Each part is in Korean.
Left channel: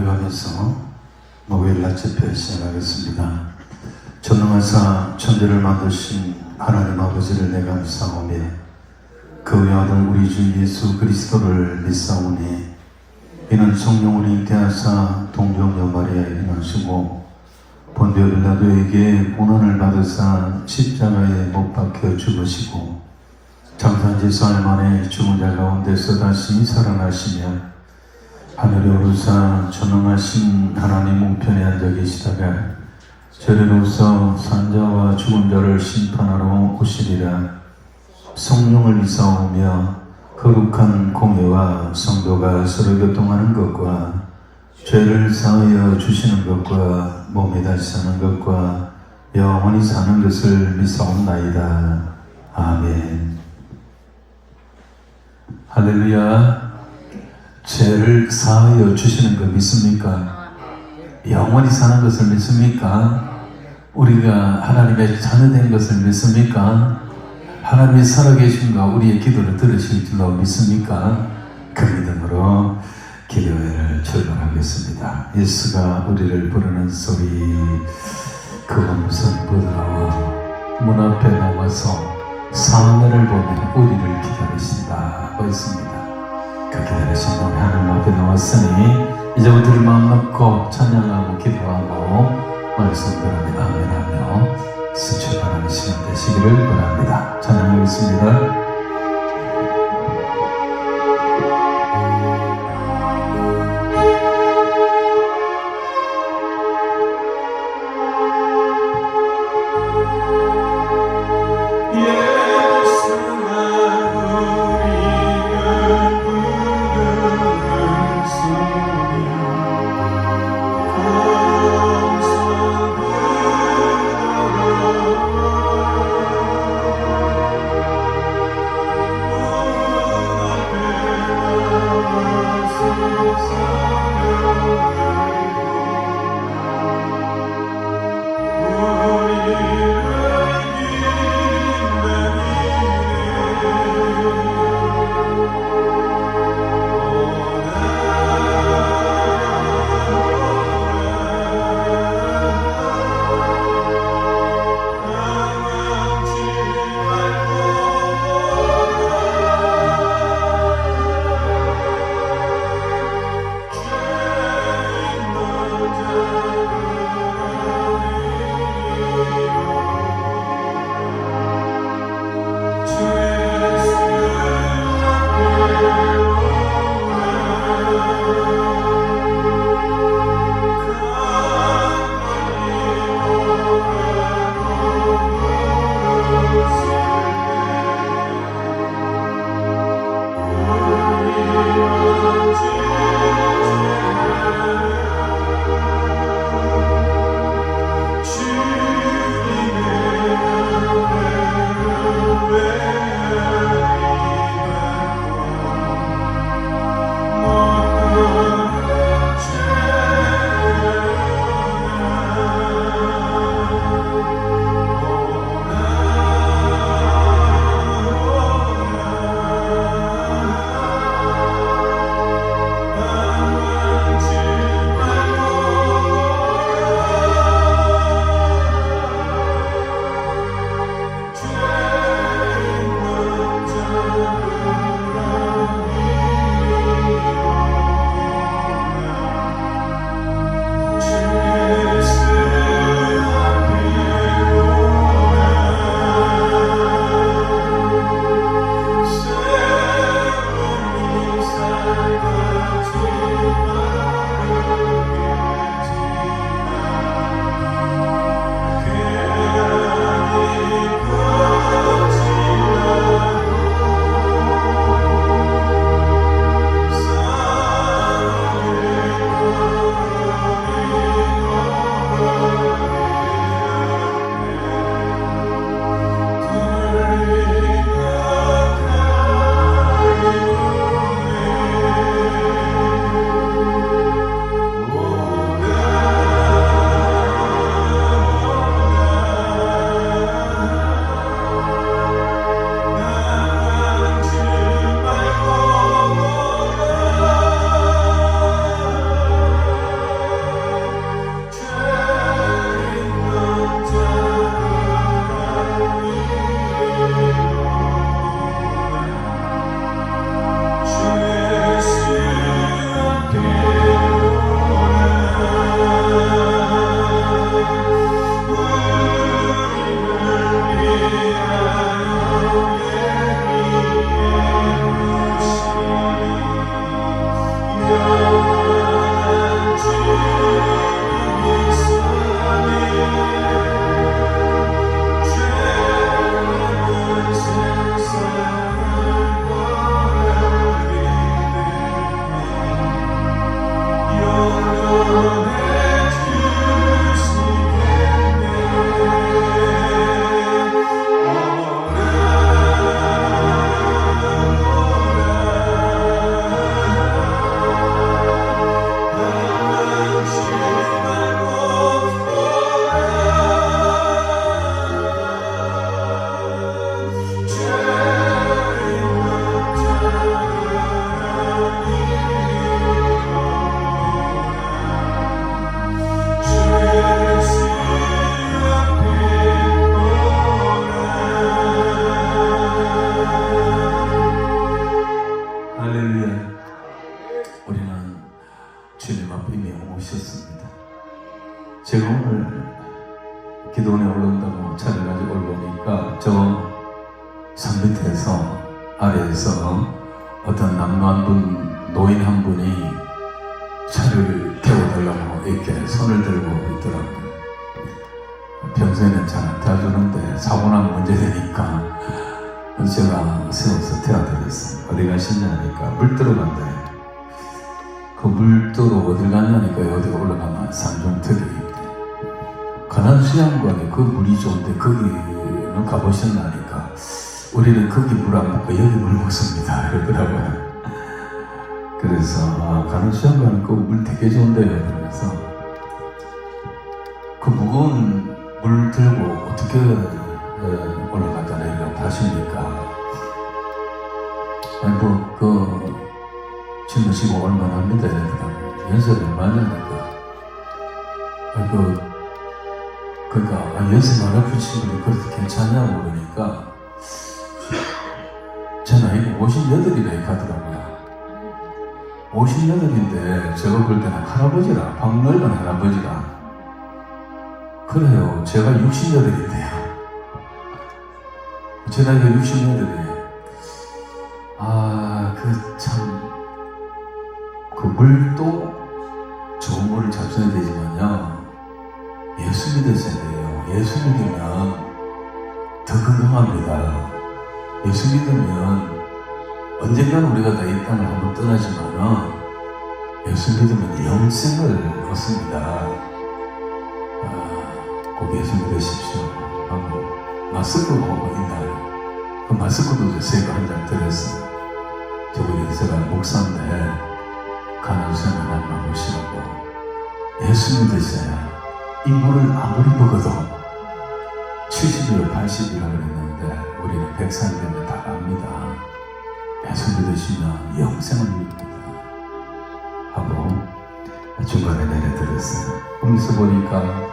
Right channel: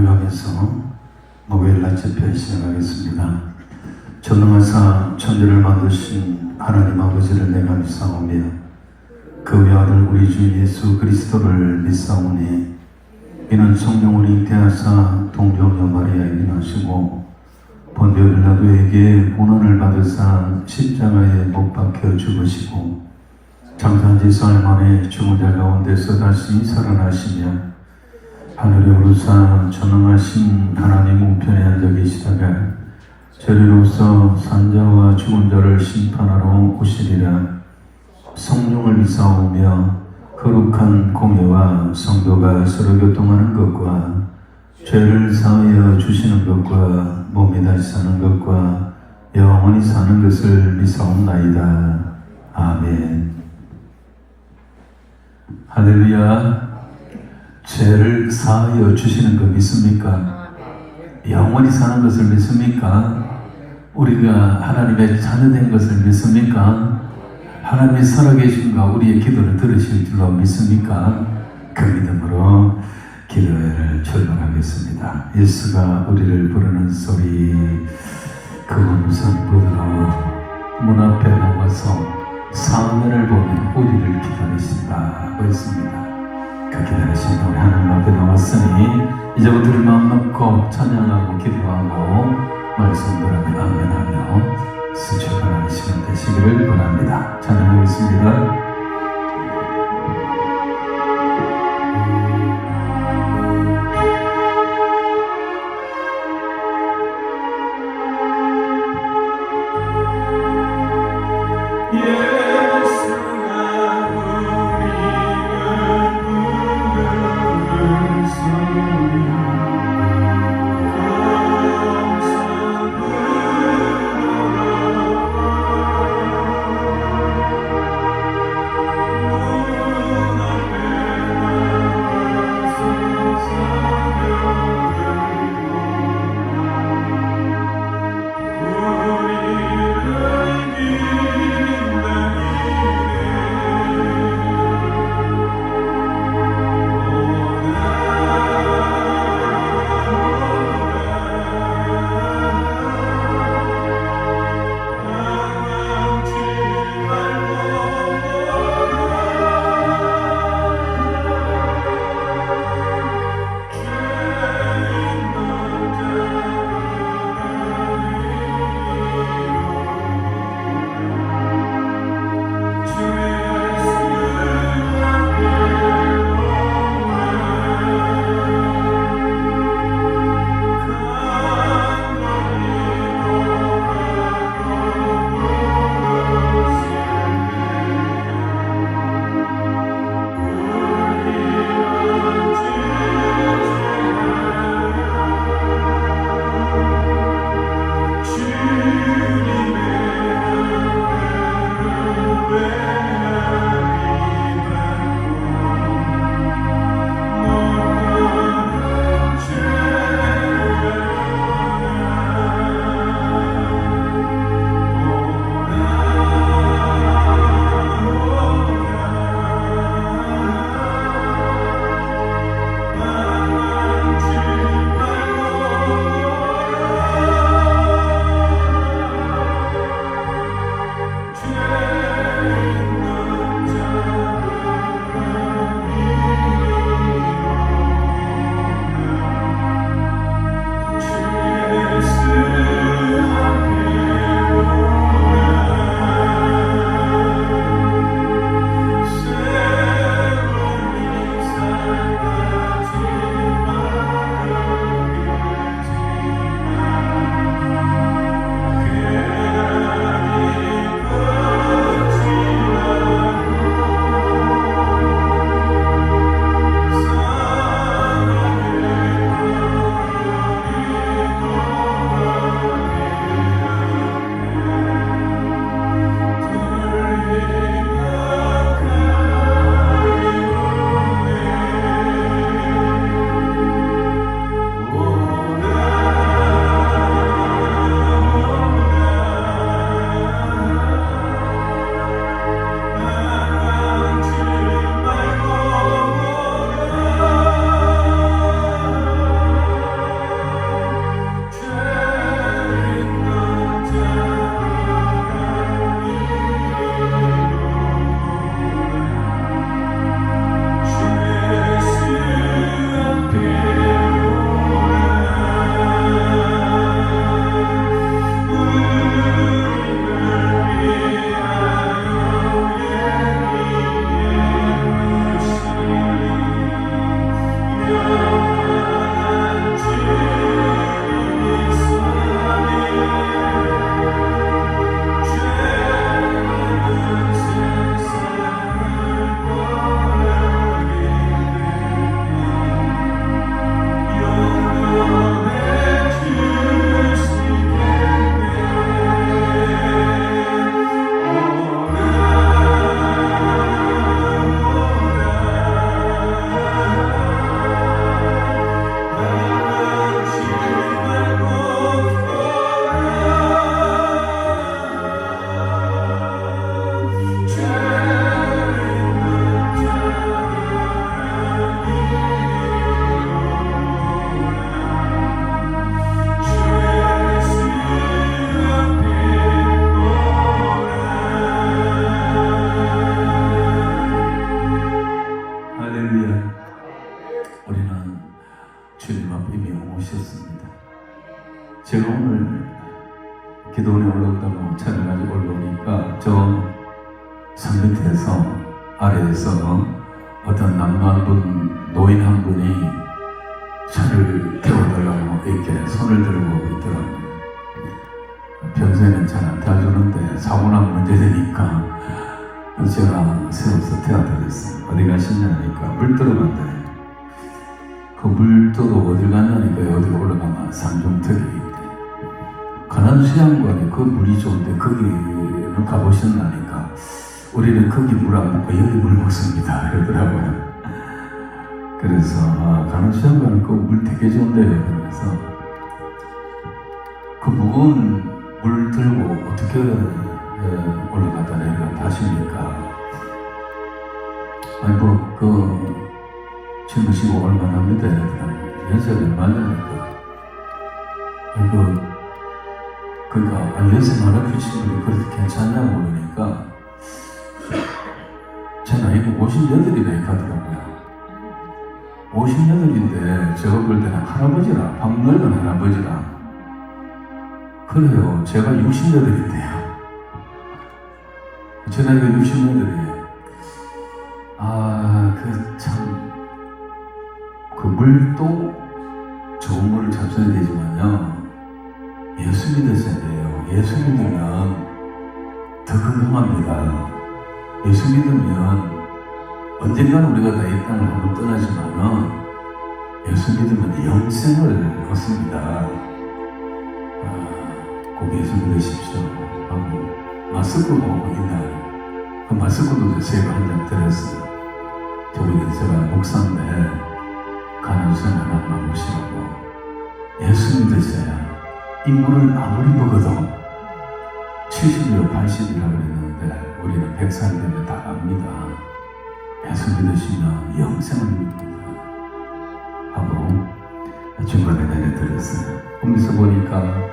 고백하면서 목요일 집회 시작하겠습니다. 전능하사 천지를 만드신 하나님 아버지를 내가 믿사오며 그 외아들 우리 주 예수 그리스도를 믿사오니 이는 성령을 잉태하사 동정녀 마리아에 낳으시고 본디오 빌라도에게 고난을 받으사 십자가에 못 박혀 죽으시고 장사한 지 사흘 만에 죽은 자 가운데서 다시 살아나시며 하늘에 오르사 전능하신 하나님 우편에 앉아 계시다가 저리로서 산자와 죽은 자를 심판하러 오시리라. 성령을 믿사오며 거룩한 공의와 성도가 서로 교통하는 것과 죄를 사하여 주시는 것과 몸이 다시 사는 것과 영원히 사는 것을 믿사옵나이다. 아멘. 할렐루야. 죄를 사하여 주시는 것 믿습니까? 영원히 사는 것을 믿습니까? 우리가 하나님의 자녀된 것을 믿습니까? 하나님이 살아계신가 우리의 기도를 들으실 줄로 믿습니까? 그 믿음으로 기도를 출발하겠습니다. 예수가 우리를 부르는 소리, 그 음성 부드러워 문 앞에 나와서 사면을 보며 우리를 기다리신다. 옳습니다. 그 기다리신 분 하나님 앞에 나왔으니 이제부터 우리 마음 놓고 찬양하고 기도하고 말씀 들으며 아멘하며 수출하는 시간 되시기를 바랍니다. 찬양하겠습니다. 주님 앞에 이미 오셨습니다. 제가 오늘 기도원에 올라온다고 차를 가지고 올라오니까 저 산 밑에서 아래에서 어떤 남노한 분, 노인 한 분이 차를 태워달라고 이렇게 손을 들고 있더라고요. 평소에는 잘 안 타주는데 사고나면 문제 되니까 제가 세워서 태워드렸어요. 어디 가시냐 하니까 물 들어간다. 그 물 들어 어딜 가냐니까 여기 올라가면 산중턱이 있대. 가난 수양관에 그 물이 좋은데 거기는 가보셨나니까 우리는 거기 물 안 먹고 여기 물 먹습니다. 그러더라고요. 그래서 가난 수양관에 그 물 되게 좋은데요. 그래서 그 무거운 물 들고 어떻게 올라가다 내려갔다 하십니까? 아이고 그 지무시고 얼마나 합니다. 연세를 얼마나 아이고 그러니까 연세 많아 계신 분이 그렇게 괜찮냐고 그러니까 제 나이가 58이라 이렇게 하더라고요. 58인데 제가 볼 때는 할아버지라 박넓은 할아버지라 그래요. 제가 68인데요. 제 나이가 68이에요. 그 물도 좋은 물을 잡숴야 되지만요. 예수 믿으셔야 돼요. 예수 믿으면 더 건강합니다. 예수 믿으면 언젠가 우리가 다 이 땅을 한번 떠나지만은 예수 믿으면 영생을 얻습니다. 꼭 예수 믿으십시오. 하고 마스크가 있나요? 그 마스크도 제가 한 장 드렸어요. 저 우리 이스라엘 목사인데 가는 손을 한번 보시라고. 예수 믿으셔야 이 물을 아무리 먹어도 70일, 80일이라고 그랬는데 우리는 100살 되면 다 갑니다. 예수 믿으시면 영생입니다. 하고 중간에 내려드렸어요. 거기서 보니까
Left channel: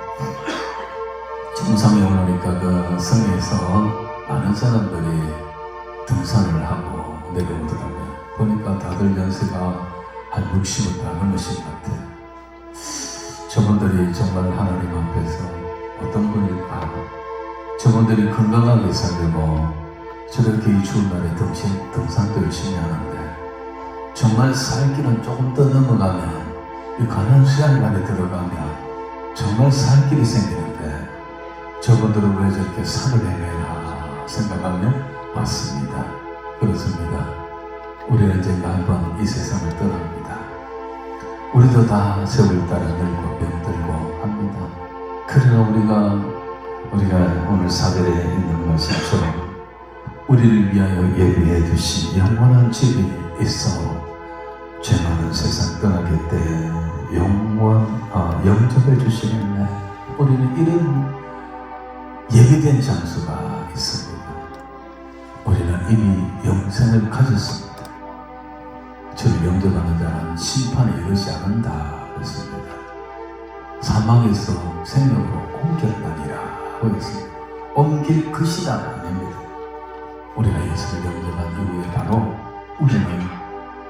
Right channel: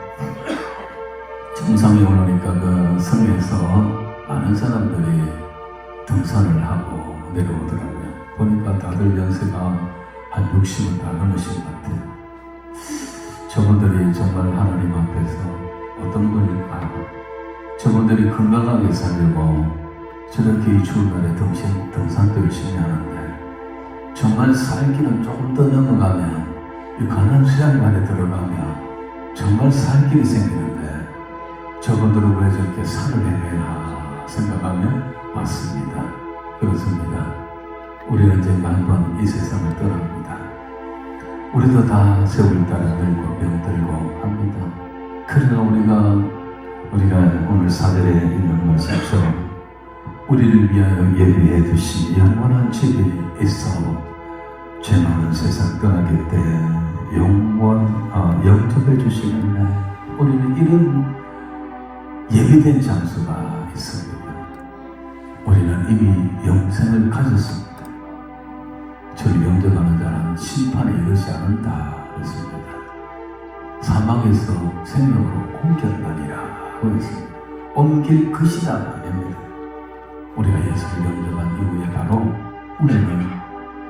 정상에 오니까 그 성에서 많은 사람들이 등산을 하고 내려오더라고요. 보니까 다들 연세가 한 60가 넘으신 것 같아요. 저분들이 정말 하나님 앞에서 어떤 분일까? 저분들이 건강하게 살고 저렇게 이 추운 날에 등산도 열심히 하는데 정말 살기는 조금 더 넘어가면 이 가난 수양관에 들어가면 정말 살 길이 생기는데 저분들은 왜 저렇게 산을 헤매나 생각하면 맞습니다. 그렇습니다. 우리는 이제 한번 이 세상을 떠납니다. 우리도 다 세월 따라 늙고 병들고 합니다. 그러나 우리가 오늘 사절에 있는 것처럼 우리를 위하여 예비해 두신 영원한 집이 있어 죄 많은 세상 떠나기 때에 영접해 주시는 날 우리는 이런 예비된 장소가 있습니다. 우리는 이미 영생을 가졌습니다. 저를 영접하는 자는 심판에 이르지 않는다 했습니다. 사망에서 생명으로 옮겼다니라 하였습니다. 옮길 것이다 아닙니다. 우리가 예수를 영접한 이후에 바로 우리는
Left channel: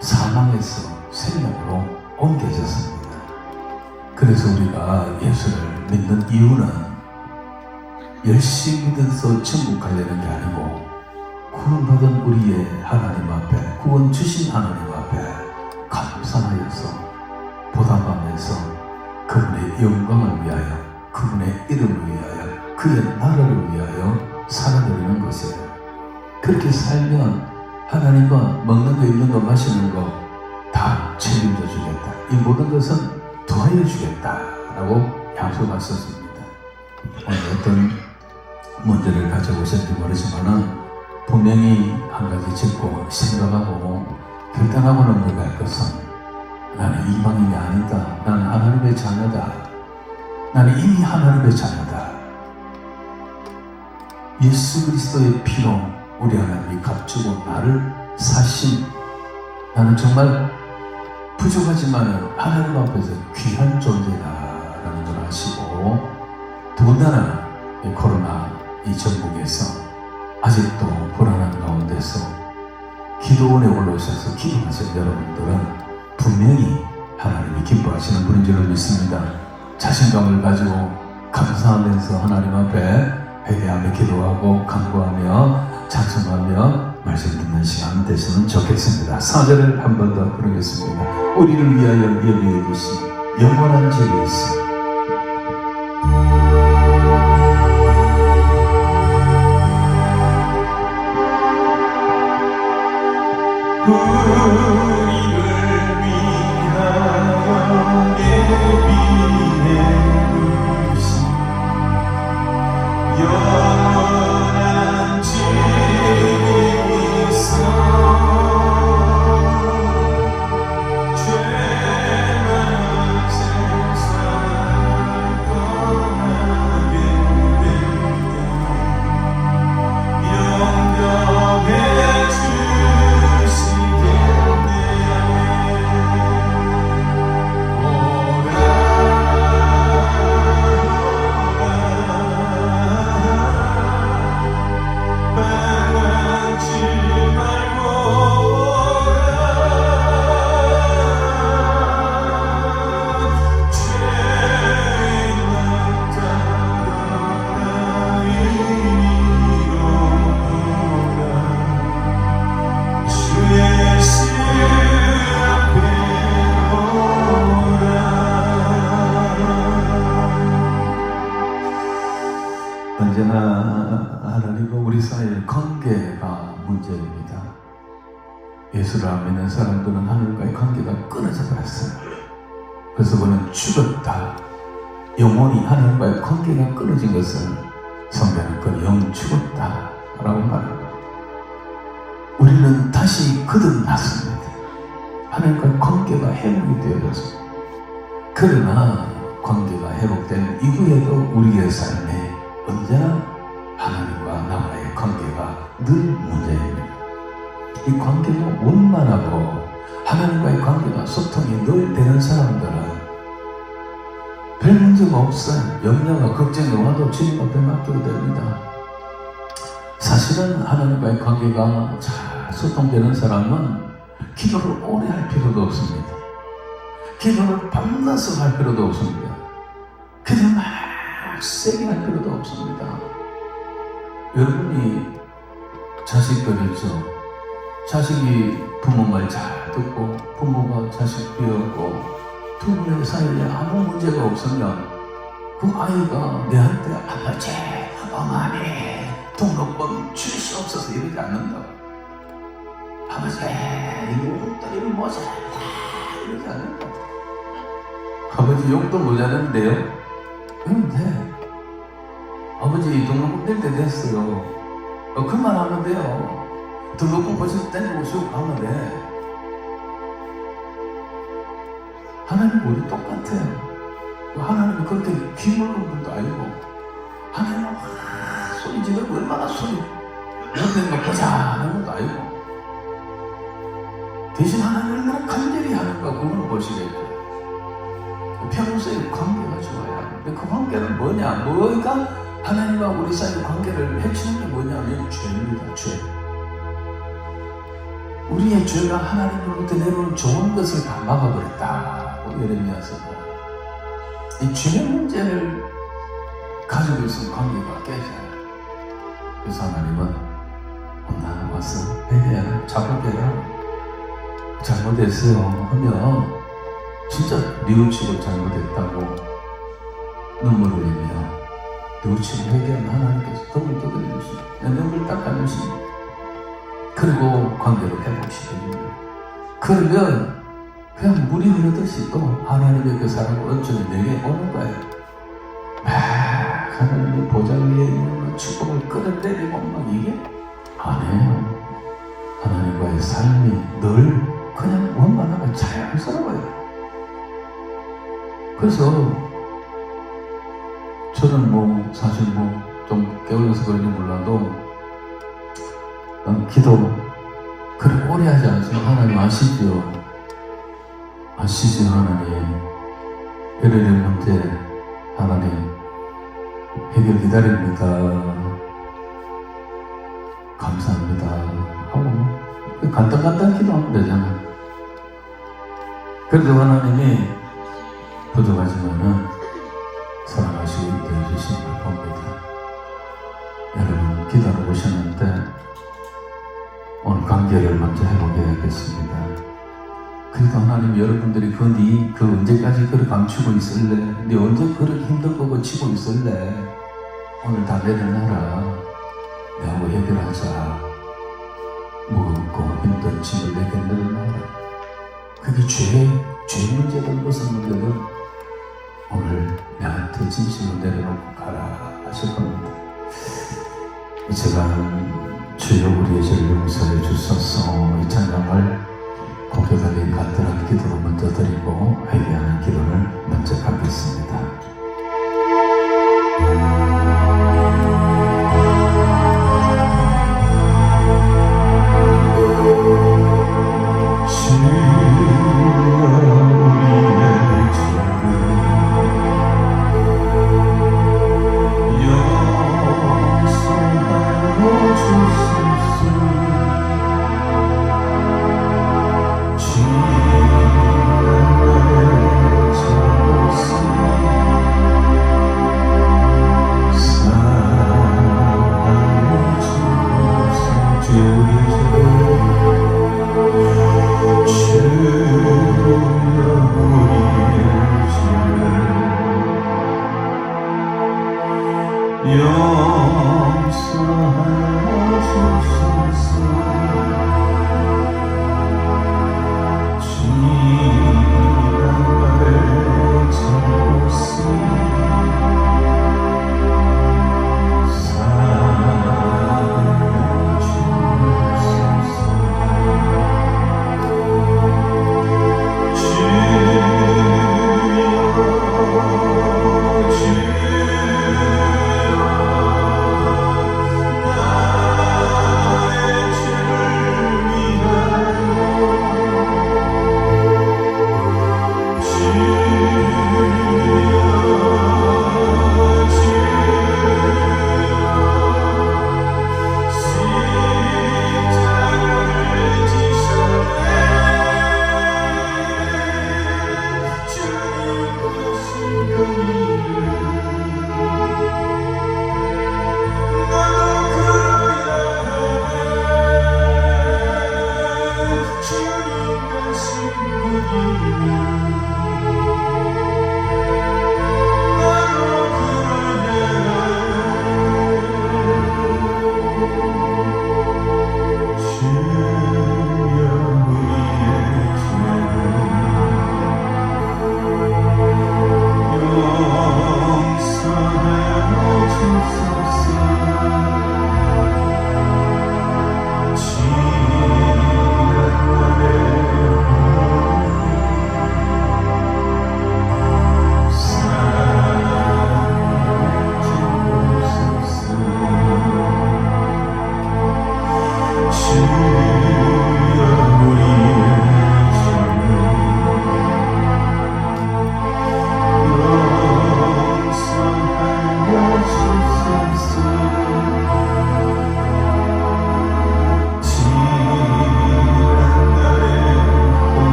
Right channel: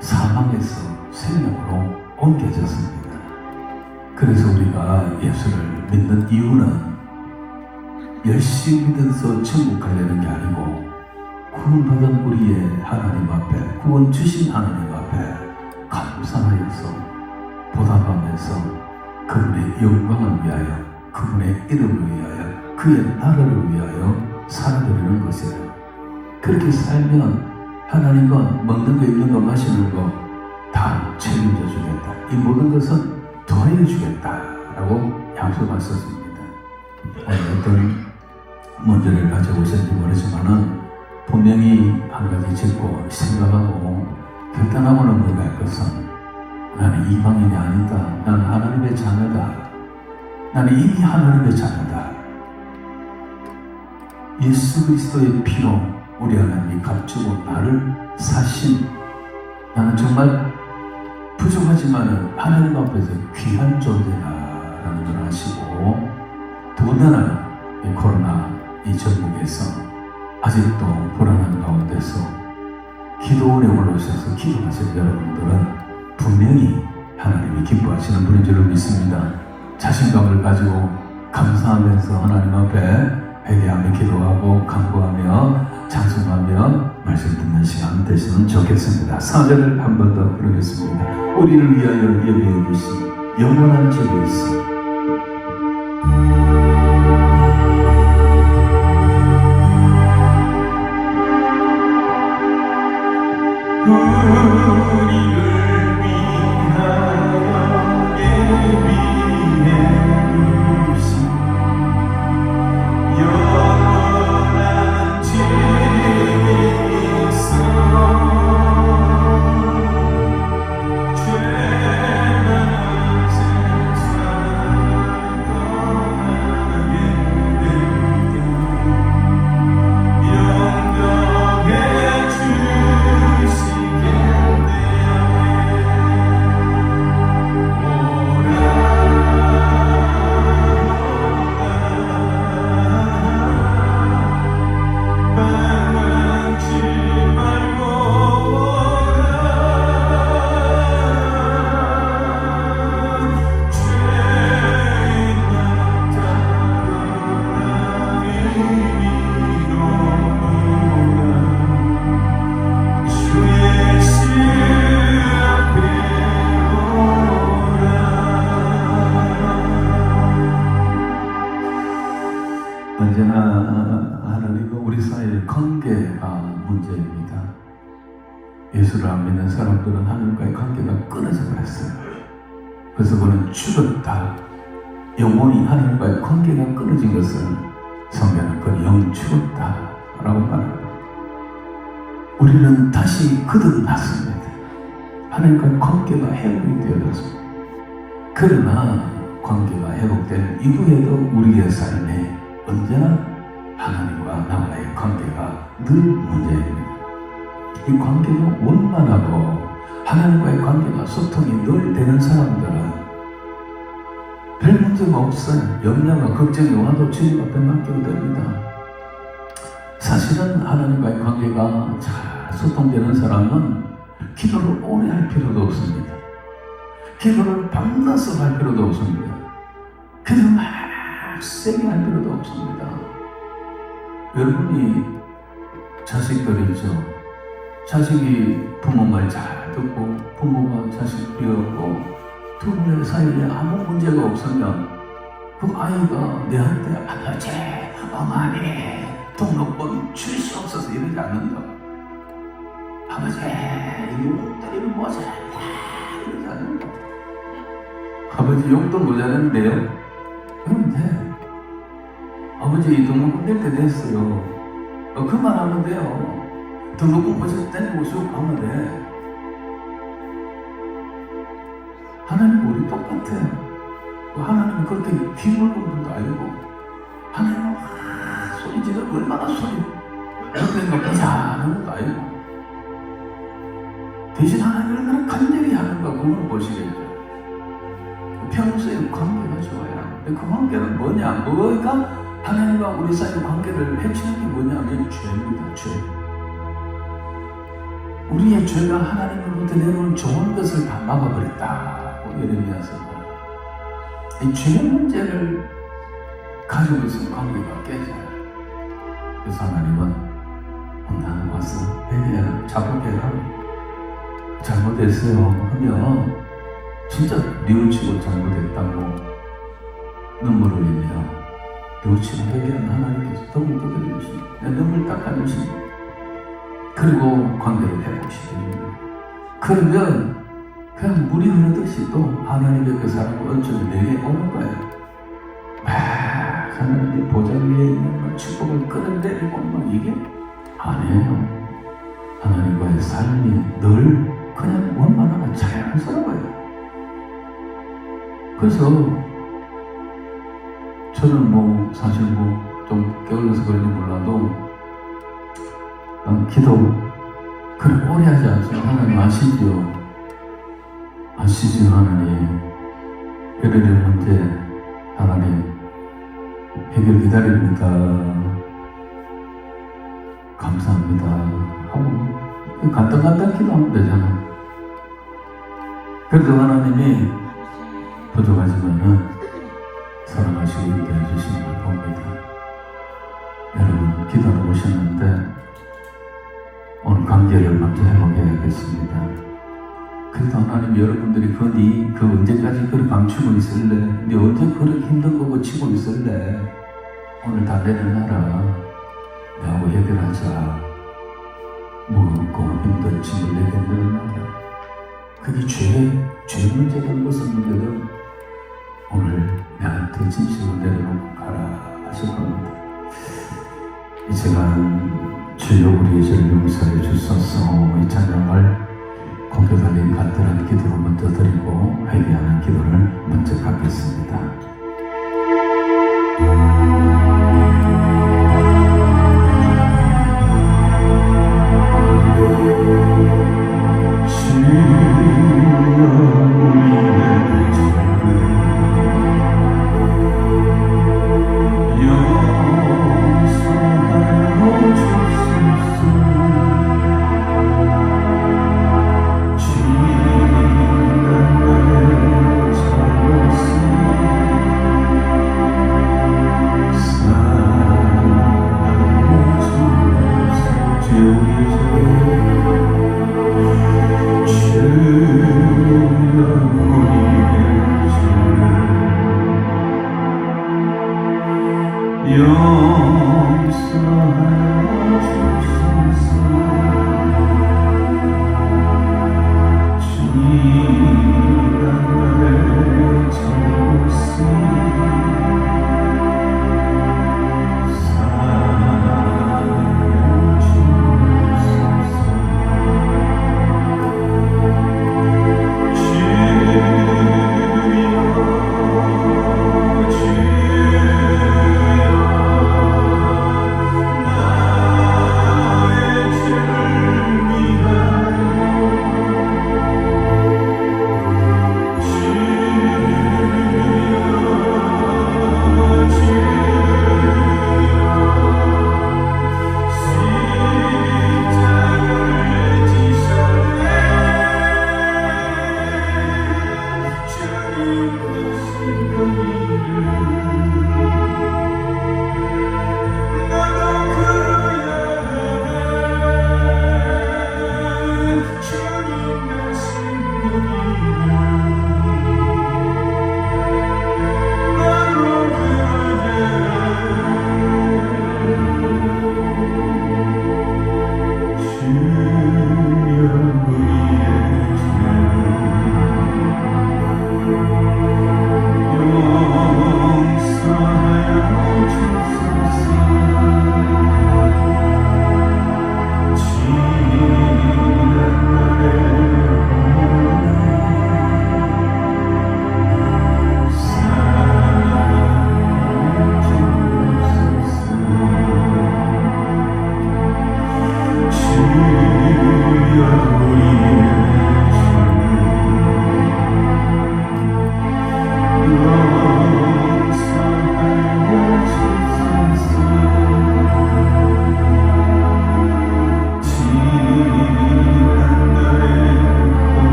사망에서 생명으로 옮겨졌습니다. 그래서 우리가 예수를 믿는 이유는 열심히 믿어서 천국 가려는 게 아니고 구원받은 우리의 하나님 앞에 구원 주신 하나님 앞에 감사하여서 보답하면서 그분의 영광을 위하여 그분의 이름을 위하여 그의 나라를 위하여 살아가려는 것이에요. 그렇게 살면 하나님과 먹는 거 입는 거 마시는 거 다 책임져 주겠다. 이 모든 것은 더하여 주겠다라고 약속하셨습니다. 어떤 문제를 가져오실지 모르지만은 분명히 한 가지 짚고 생각하고 결단하고는 넘어갈 것은 나는 이방인이 아니다. 나는 하나님의 자녀다. 나는 이미 하나님의 자녀다. 예수 그리스도의 피로 우리 하나님이 값주고 나를 사신 나는 정말 부족하지만 하나님 앞에서 귀한 존재다라는 걸 아시고 더군다나 이 코로나 이 전국에서 아직도 불안한 가운데서 기도원에 올라오셔서 기도하신 여러분들은 분명히 하나님이 많이 기뻐하시는 분인 줄 믿습니다. 자신감을 가지고 감사하면서 하나님 앞에 회개하며 기도하고 간구하며 찬송하며 말씀 듣는 시간 되시면 좋겠습니다. 4절을 한 번 더 부르겠습니다. 우리를 위하여 예비해 주신 영원한 죄가 있어 우리를 위하여 예비해 주신 영원한 죄가 있어 죄만 세상을 떠나게 영영해 언제나 하나님과 우리 사이의 관계가 문제입니다. 예수를 안 믿는 사람들은 하나님과의 관계가 끊어져 버렸어요. 그래서 그는 죽었다. 영원히 하나님과의 관계가 끊어진 것을 성경은 그 영 죽었다 라고 말합니다. 우리는 다시 거듭났습니다. 하나님과의 관계가 회복이 되어졌습니다. 그러나 관계가 회복된 이후에도 우리의 삶에 언제나 하나님과 나와의 관계가 늘 문제입니다. 이 관계가 원만하고 하나님과의 관계가 소통이 늘 되는 사람들은 별 문제가 없어요. 염려와 걱정이 와도 주님 앞에 맡기게 됩니다. 사실은 하나님과의 관계가 잘 소통되는 사람은 기도를 오래 할 필요도 없습니다. 기도를 밤낮을 할 필요도 없습니다. 기도를 막 세게 할 필요도 없습니다. 여러분이 자식들이죠. 자식이 부모 말 잘 듣고 부모가 자식 비웠고 두 분의 사이에 아무 문제가 없으면 그 아이가 내한테 아버지, 어머니 등록금 줄 수 없어서 이러지 않는다고. 아버지 이거 뭐지? 이러지 않는다고. 아버지 용돈 모자랐는데요? 그런데 아버지 등록금 낼 때 됐어요. 그만 하면 돼요. 등록금 벌써 떼내고 쉬고 하면 돼. 하나님 우리 똑같아요. 하나님은 그렇게 비밀로운 분도 아니고 하나님은 소리 지르고 얼마나 소리 그렇게 가자는 것도 아니고 대신 하나님을 그냥 간절히 하는가 그걸 보시겠죠. 평소에 관계가 좋아요. 그 관계는 뭐냐? 뭐가 하나님과 우리 사이의 관계를 해치는 게 뭐냐면 죄입니다. 죄. 우리의 죄가 하나님으로부터 내놓은 좋은 것을 다 막아버렸다. 예레미야서 이 죄의 문제를 가지고 있으면 관계가 깨져요. 그래서 하나님은 나는 와서 회개하라, 자복해라. 잘못했어요 하면 진짜 뉘우치고 잘못했다고 눈물을 흘리며 뉘우치고 회개하는 하나님께서 덕을 뜯어주시고 내 눈을 닦아주시고 그리고 관계를 회복시킵니다. 그러면 그냥 물이 흐르듯이 또 하나님의 그 사랑과 은총이 내게 오는 거예요. 막 하나님의 보좌 위에 있는 축복을 끌어내리고 막 이게 아니에요. 하나님과의 삶이 늘 그냥 원만하고 자연스러워요. 그래서 저는 뭐 사실 뭐 좀 깨울려서 그런지 몰라도 기도 그렇게 오래 하지 않지만 하나님 아시죠? 아시죠 하나님. 예레미야 문제 하나님 해결 기다립니다. 감사합니다 하고 간단간단 기도하면 되잖아요. 그래도 하나님이 부족하지만은 사랑하시고 있게 해주시는 걸 봅니다. 여러분 기도하고 오셨는데 오늘 관계를 먼저 회복해야겠습니다. 그래도 하나님 여러분들이 그 언제까지 그렇게 감추고 있을래? 네 언제 그렇게 힘든 거 고치고 있을래? 오늘 달려내놔라. 내하고 해결하자. 무겁고 힘든 짐을 내게 내려놔라. 그게 죄 문제라는 것은 문제는 오늘 내한테 진실로 내려놓고 가라 하실 겁니다. 제가 주여 우리의 죄를 용서해 주소서 이 찬양을 고개 돌린 간절한 기도로 먼저 드리고 회개하는 기도를 먼저 갖겠습니다.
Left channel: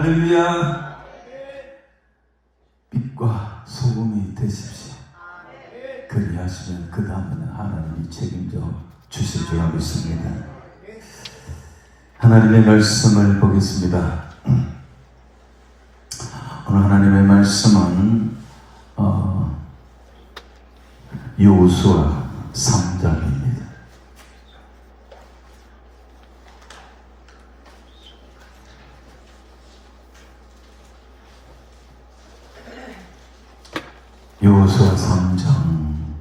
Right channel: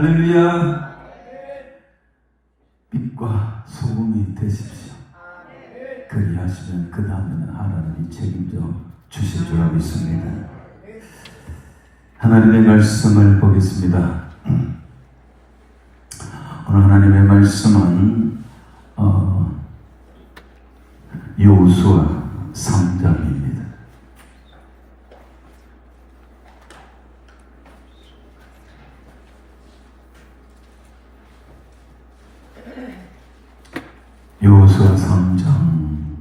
할렐루야. 빛과 소금이 되십시오. 그리하시면 그 다음에는 하나님이 책임져 주실 줄 믿습니다. 하나님의 말씀을 보겠습니다. 오늘 하나님의 말씀은 여호수아 3장입니다. 여호수아 3장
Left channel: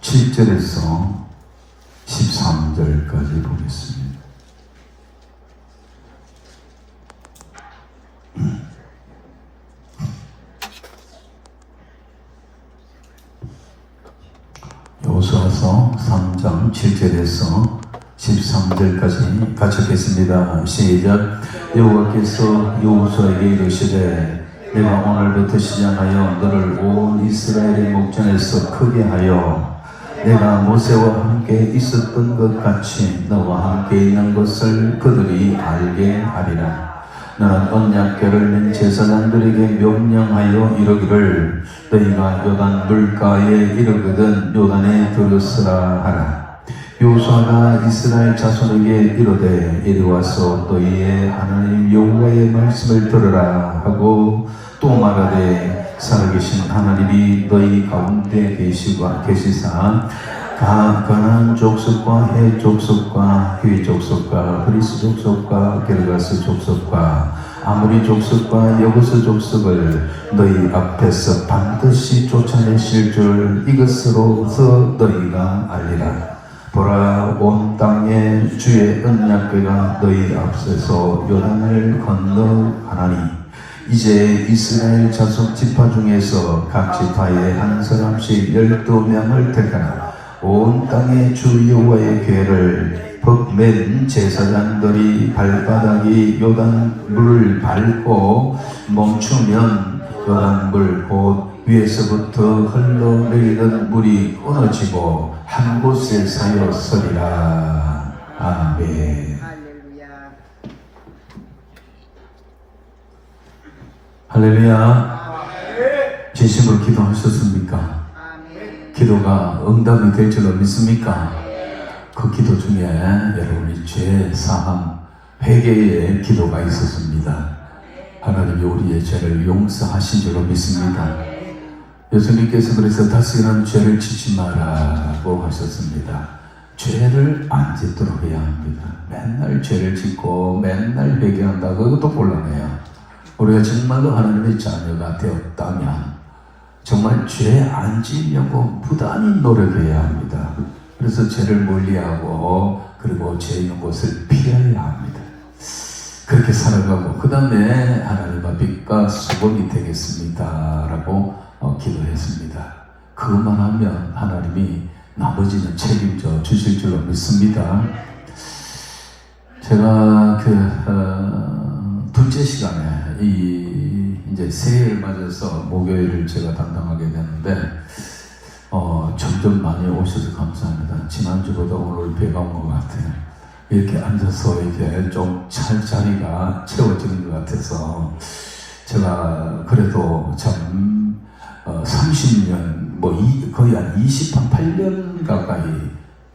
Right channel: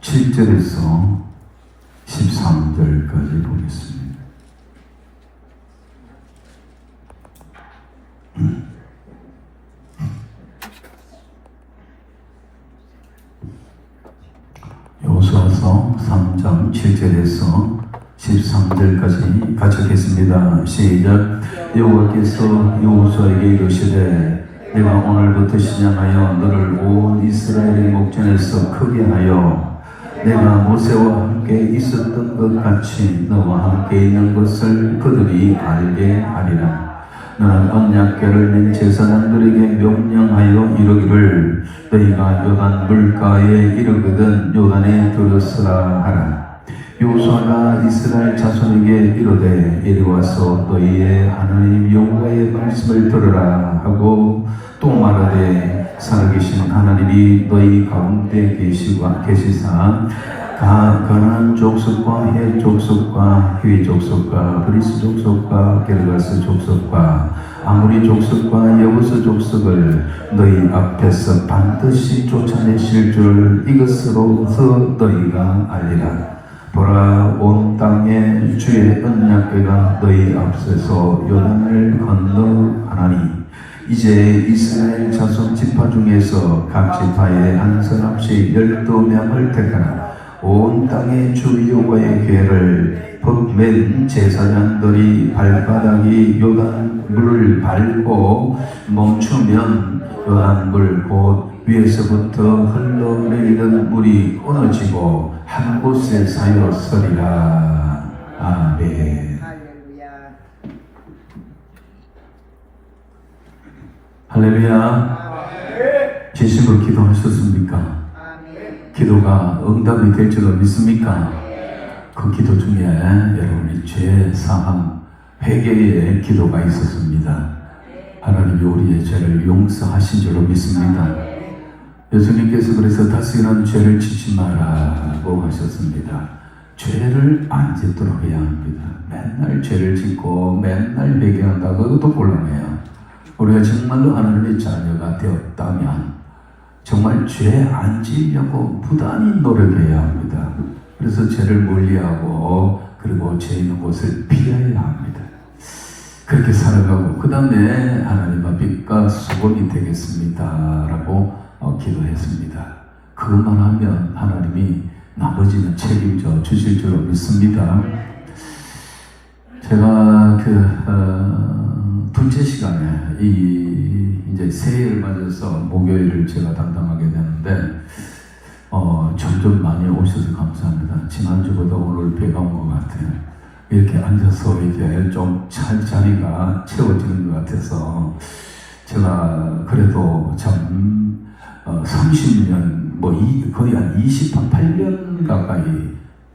7절에서 13절까지 보겠습니다. 여호수아서 3장 7절에서 13절까지 같이 읽겠습니다. 시작. 여호와께서 여호수아에게 이르시되 내가 오늘부터 시작하여 너를 온 이스라엘의 목전에서 크게 하여 내가 모세와 함께 있었던 것 같이 너와 함께 있는 것을 그들이 알게 하리라. 너는 언약궤를 맨 제사장들에게 명령하여 이르기를 너희가 요단 물가에 이르거든 요단에 들어서라 하라. 여호수아가 이스라엘 자손에게 이르되 이리 와서 너희의 하나님 여호와의 말씀을 들으라 하고 또 말하되 살아계신 하나님이 너희 가운데 계시사 가나안 족속과 헷 족속과 휘 족속과 브리스 족속과 게르가스 족속과 아모리 족속과 여부스 족속을 너희 앞에서 반드시 쫓아내실 줄 이것으로서 너희가 알리라. 보라, 온 땅에 주의 언약궤가 너희 앞서서 요단을 건너가나니 이제 이스라엘 자손 지파 중에서 각 지파에 한 사람씩 12명을 택하라. 온 땅의 주 여호와의 궤를 법맨 제사장들이 발바닥이 요단물을 밟고 멈추면 요단물 곧 위에서부터 흘러내리는 물이 끊어지고 한 곳에 사여 서리라. 아멘. 할렐루야. 진심으로 기도하셨습니까? 기도가 응답이 될 줄을 믿습니까? 그 기도 중에 여러분의 죄 사함 회개의 기도가 있었습니다. 하나님이 우리의 죄를 용서하신 줄로 믿습니다. 예수님께서 그래서 다시는 죄를 짓지 마라고 하셨습니다. 죄를 안 짓도록 해야 합니다. 맨날 죄를 짓고 맨날 회개한다. 그것도 곤란해요. 우리가 정말로 하나님의 자녀가 되었다면 정말 죄 안 지으려고 부단히 노력해야 합니다. 그래서 죄를 멀리하고 그리고 죄 있는 곳을 피해야 합니다. 그렇게 살아가고 그 다음에 하나님의 빛과 수건이 되겠습니다 라고 기도했습니다. 그것만 하면 하나님이 나머지는 책임져 주실 줄 믿습니다. 제가 둘째 시간에 이제 새해를 맞아서 목요일을 제가 담당하게 되는데 점점 많이 오셔서 감사합니다. 지난주보다 오늘 배가 온 것 같아요. 이렇게 앉아서 이제 좀 자리가 채워지는 것 같아서 제가 그래도 참 30년 거의 한 28년 가까이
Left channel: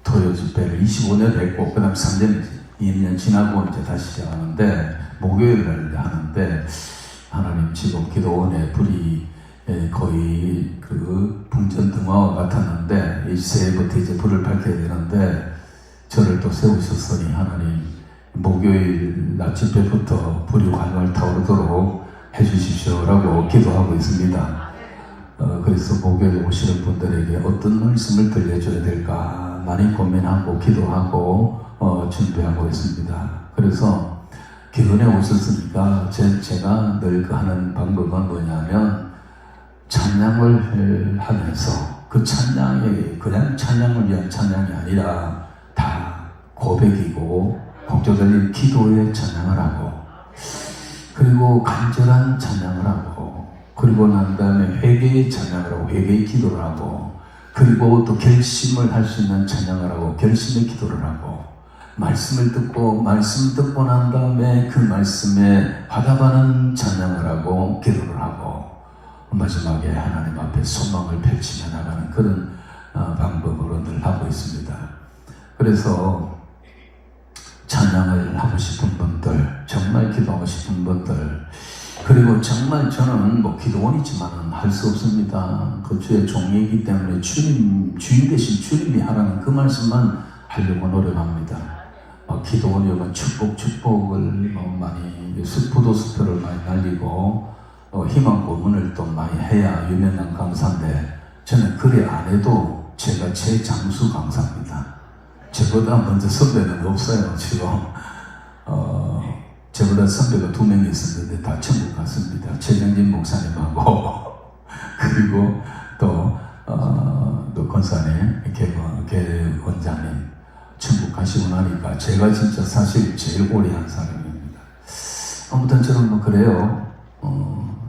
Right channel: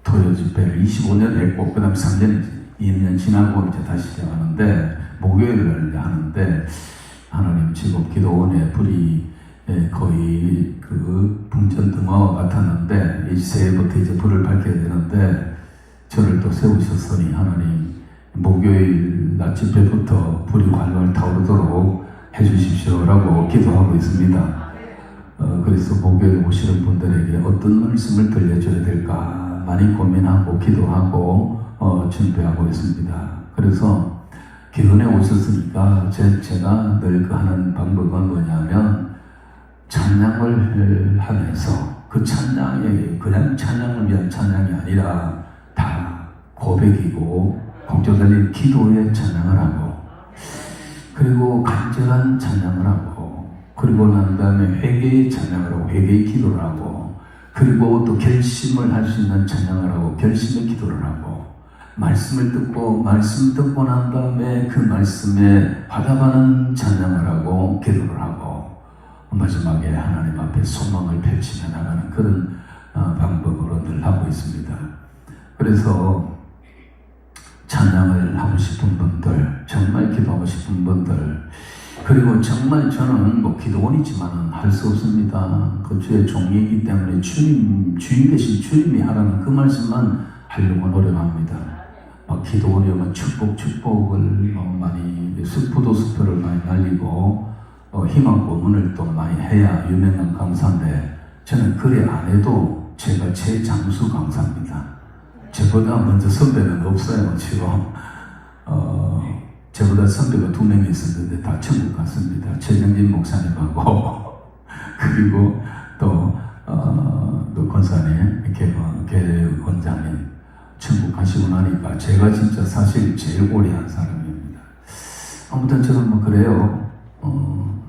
토요 집회를 25년 했고 그 다음 3년 2년 지나고 이제 다시 시작하는데 목요일을 하는데 하나님 지금 기도원의 불이 거의 그 풍전등화와 같았는데 이 새해부터 이제 불을 밝혀야 되는데 저를 또 세우셨으니 하나님 목요일 낮 집회부터 불이 활활 타오르도록 해주십시오라고 기도하고 있습니다. 그래서 목요일 오시는 분들에게 어떤 말씀을 들려줘야 될까 많이 고민하고 기도하고 준비하고 있습니다. 그래서 기도에 오셨으니까 제가 늘 하는 방법은 뭐냐면 찬양을 하면서 그 찬양이 그냥 찬양을 위한 찬양이 아니라 다 고백이고 복잡한 기도의 찬양을 하고 그리고 간절한 찬양을 하고 그리고 난 다음에 회개의 찬양을 하고 회개의 기도를 하고 그리고 또 결심을 할 수 있는 찬양을 하고 결심의 기도를 하고 말씀을 듣고 말씀 듣고 난 다음에 그 말씀에 화답하는 찬양을 하고 기도를 하고 마지막에 하나님 앞에 소망을 펼치며 나가는 그런 방법으로 늘 하고 있습니다. 그래서 찬양을 하고 싶은 분들, 정말 기도하고 싶은 분들, 그리고 정말 저는 뭐 기도원이지만 할 수 없습니다. 그 주의 종이기 때문에 주인 되신 주님이 하라는 그 말씀만 하려고 노력합니다. 기도원이면 축복을 많이 부도스프를 많이 날리고 희망 고문을 또 많이 해야 유명한 강사인데 저는 그래 안 해도 제가 최장수 강사입니다. 저보다 먼저 선배는 없어요. 지금 저보다 선배가 2명이 있었는데 다 천국 갔습니다. 최병진 목사님하고 그리고 또 권사님, 개원장님 천국 가시고 나니까 제가 진짜 사실 제일 오래 한 사람입니다. 아무튼 저는 뭐 그래요.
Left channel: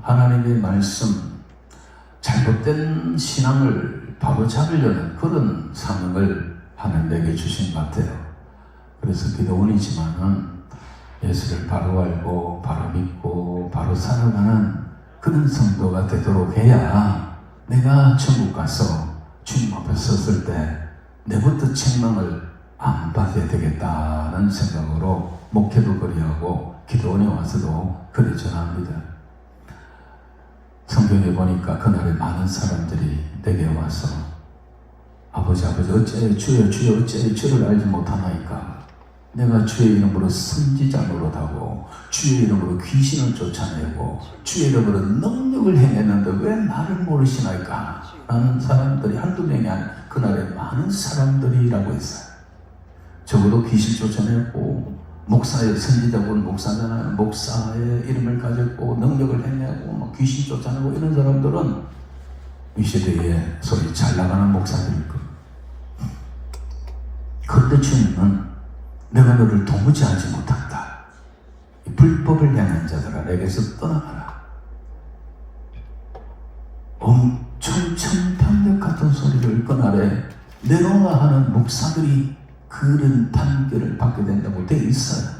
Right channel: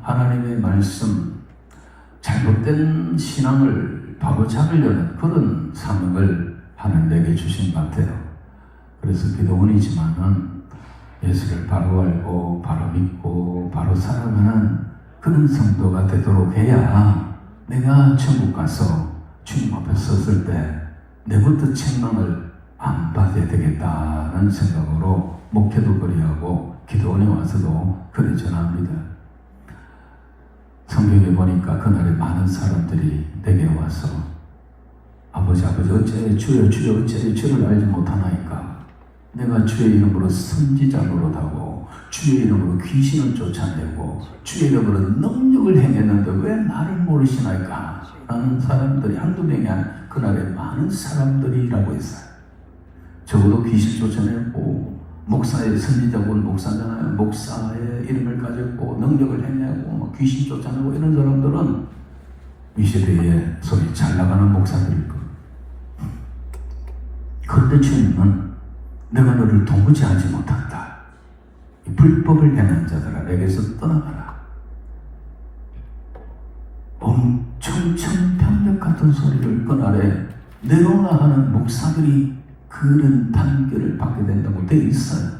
하나님의 말씀, 잘못된 신앙을 바로 잡으려는 그런 사명을 하나님 내게 주신 것 같아요. 그래서 기도원이지만은 예수를 바로 알고 바로 믿고 바로 살아가는 그런 성도가 되도록 해야 내가 천국 가서 주님 앞에 섰을 때 내부터 책망을 안 받아야 되겠다는 생각으로 목회도 그리하고 기도원에 와서도 그리 전합니다. 성경에 보니까 그날에 많은 사람들이 내게 와서 아버지 어째 주여 어째 주를 알지 못하나이까. 내가 주의 이름으로 선지자 노릇하고 주의 이름으로 귀신을 쫓아내고 주의 이름으로 능력을 행했는데 왜 나를 모르시나이까 라는 사람들이 한두 명이 아닌 그날에 많은 사람들이라고 했어요. 적어도 귀신 쫓아내고 목사의 선지자분 목사잖아요. 목사의 이름을 가졌고 능력을 행하고 귀신 쫓아내고 이런 사람들은 이 시대에 소리 잘 나가는 목사들일 거예요. 그런데 주님은 내가 너를 도무지 하지 못한다. 이 불법을 행한 자들아 내게서 떠나가라. 엄청 천편력 같은 소리를 그날에 내놓으라 하는 목사들이 그런 판결을 받게 된다고 되어 있어요.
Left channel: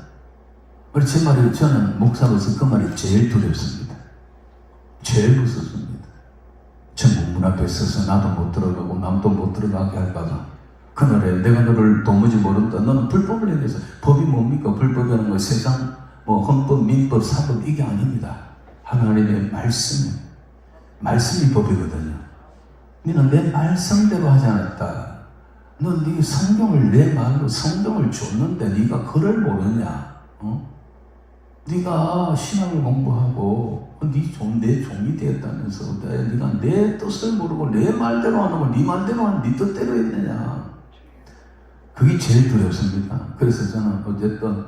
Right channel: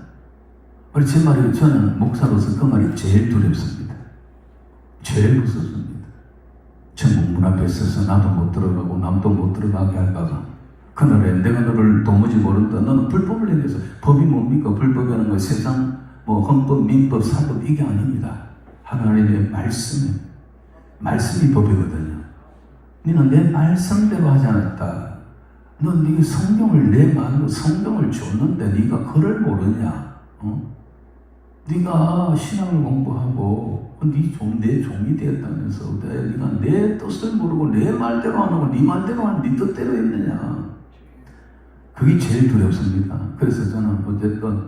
제 말을 저는 목사로서 그 말이 제일 두렵습니다. 제일 무섭습니다. 천국 문 앞에 있어서 나도 못 들어가고 남도 못 들어가게 할까봐 그날에 내가 너를 도무지 모른다. 너는 불법을 행해서 법이 뭡니까? 불법이라는 건 세상 헌법, 민법, 사법 이게 아닙니다. 하나님의 말씀이 법이거든요. 너는 내 말씀대로 하지 않았다. 넌 네 성경을 내 말로 성경을 줬는데 네가 글을 모르냐? 네가 신학을 공부하고 내 종이 되었다면서 네가 내 뜻을 모르고 내 말대로 하는 건 네 말대로 하는 네 뜻대로 했느냐? 그게 제일 두렵습니다. 그래서 저는 어쨌든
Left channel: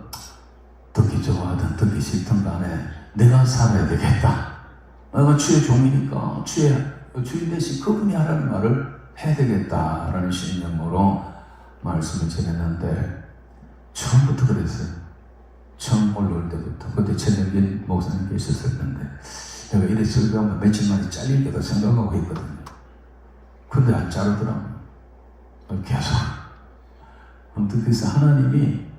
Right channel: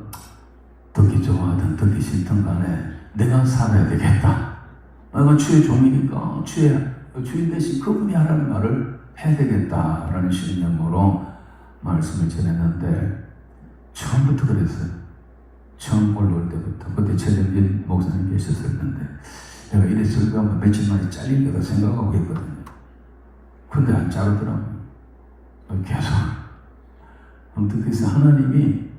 듣기 좋아하든 듣기 싫든 간에 내가 살아야 되겠다. 내가 주의 종이니까 주인 대신 그분이 하라는 말을 해야 되겠다라는 신념으로 말씀을 전했는데 처음부터 그랬어요. 처음 올라올 때부터. 그때 최정진 목사님 계셨었는데 내가 이랬을까 며칠 만에 잘릴 거다 생각하고 있거든요. 근데 안 자르더라고요. 계속. 아무튼 그래서 하나님이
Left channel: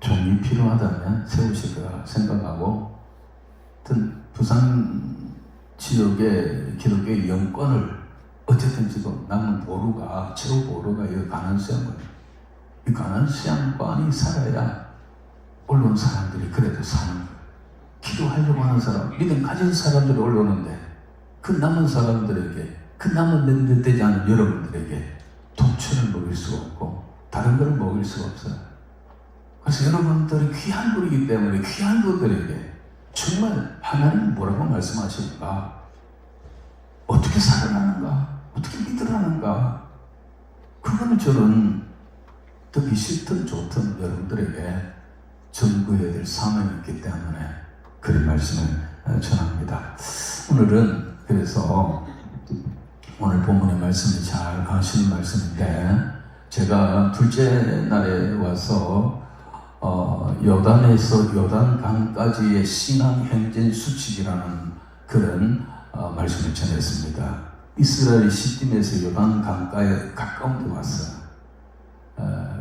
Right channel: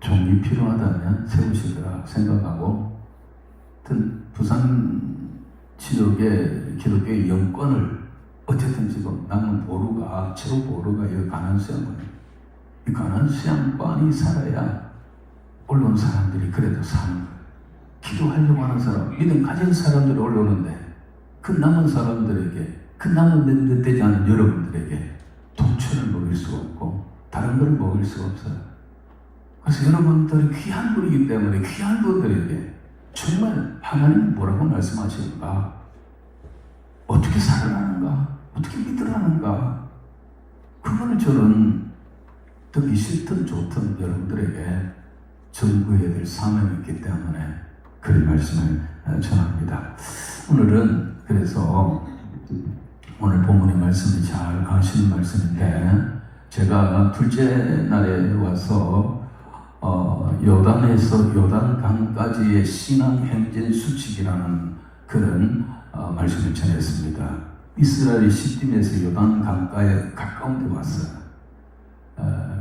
종이 필요하다면 세우시리라 생각하고 부산 기독교의 영권을 어쨌든 지금 나는 최고 보루가 이 가난수양권이에요. 이 가난수양권이 살아야 언론 사람들이 그래도 사는 거예요. 기도하려고 하는 사람, 믿음 가진 사람들이 올라오는데 그 남은 사람들에게, 그 남은 되지 않은 여러분들에게 독초를 먹일 수 없고 다른 걸 먹일 수 없어요. 그래서 여러분들이 귀한 분이기 때문에 귀한 분들에게 정말 하나님은 뭐라고 말씀하시는가? 어떻게 살아가는가? 어떻게 믿으라는가? 그거는 저는 듣기 싫든 좋든 여러분들에게 전구해야 될 사명이 있기 때문에 그런 말씀을 전합니다. 오늘은 그래서 오늘 본문의 말씀이 잘 가시는 말씀인데 제가 둘째 날에 와서 요단강까지의 신앙 행진 수칙이라는 그런 말씀을 전했습니다. 이스라엘이 시딤에서 요단강가에 가까운 데 왔어요.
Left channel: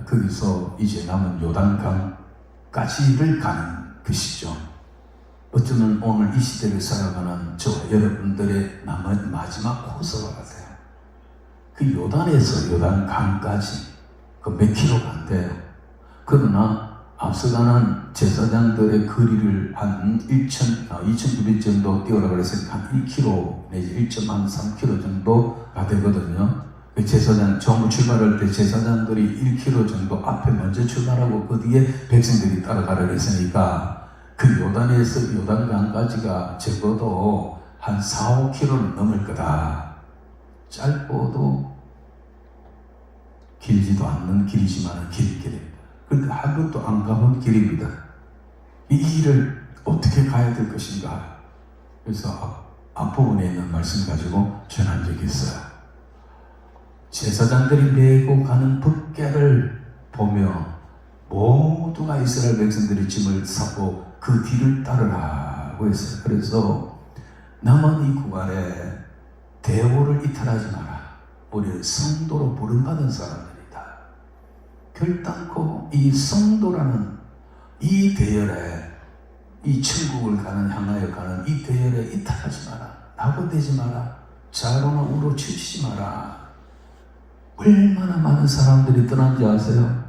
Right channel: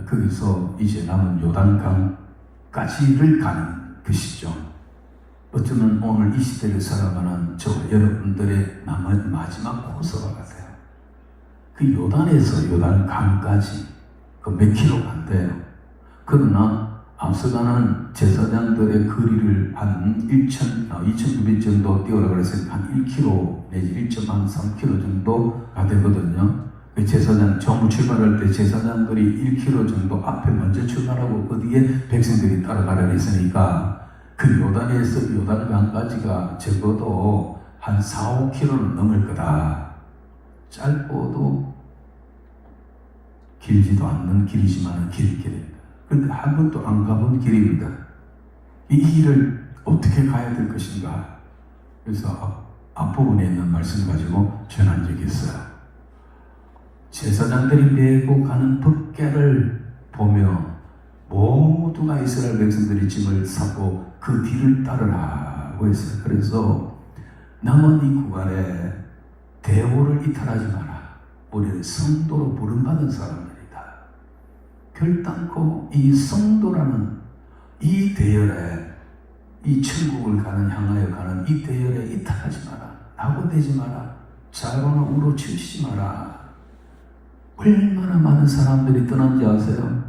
거기서 이제 남은 요단강까지를 가는 것이죠. 어쩌면 오늘 이 시대를 살아가는 저 여러분들의 남은 마지막 코스와 같아요. 그 요단에서 요단강까지 그 몇 킬로가 안 돼요. 그러나 앞서가는 제사장들의 거리를 한 2,200 정도 뛰어라고 해서 한 1km 내지 1.3km 정도가 되거든요. 그 제사장 처음 출발할 때 제사장들이 1km 정도 앞에 먼저 출발하고 그 뒤에 백성들이 따라가려고 했으니까 그 요단에서 요단강까지가 적어도 한 4, 5km는 넘을 거다. 짧고도 길지도 않는 길이지만 길 길입니다. 그런데 한 번도 안 가본 길입니다. 이 길을 어떻게 가야 될 것인가? 그래서 앞부분에 있는 말씀 가지고 전한 적이 있어요. 제사장들이 메고 가는 덮개를 보며 모두가 이스라엘 백성들이 짐을 싸고 그 뒤를 따르라고 했어요. 그래서 남은 이 구간에 대오를 이탈하지 마라. 우리는 성도로 부름받은 사람들이다. 결단코 이 성도라는 이 대열에, 이 천국을 향하여 가는 이 대열에 이탈하지 마라. 낙오되지 마라. 좌로나 우로 치우치지 마라. 얼마나 많은 사람들이 떠난지 아세요?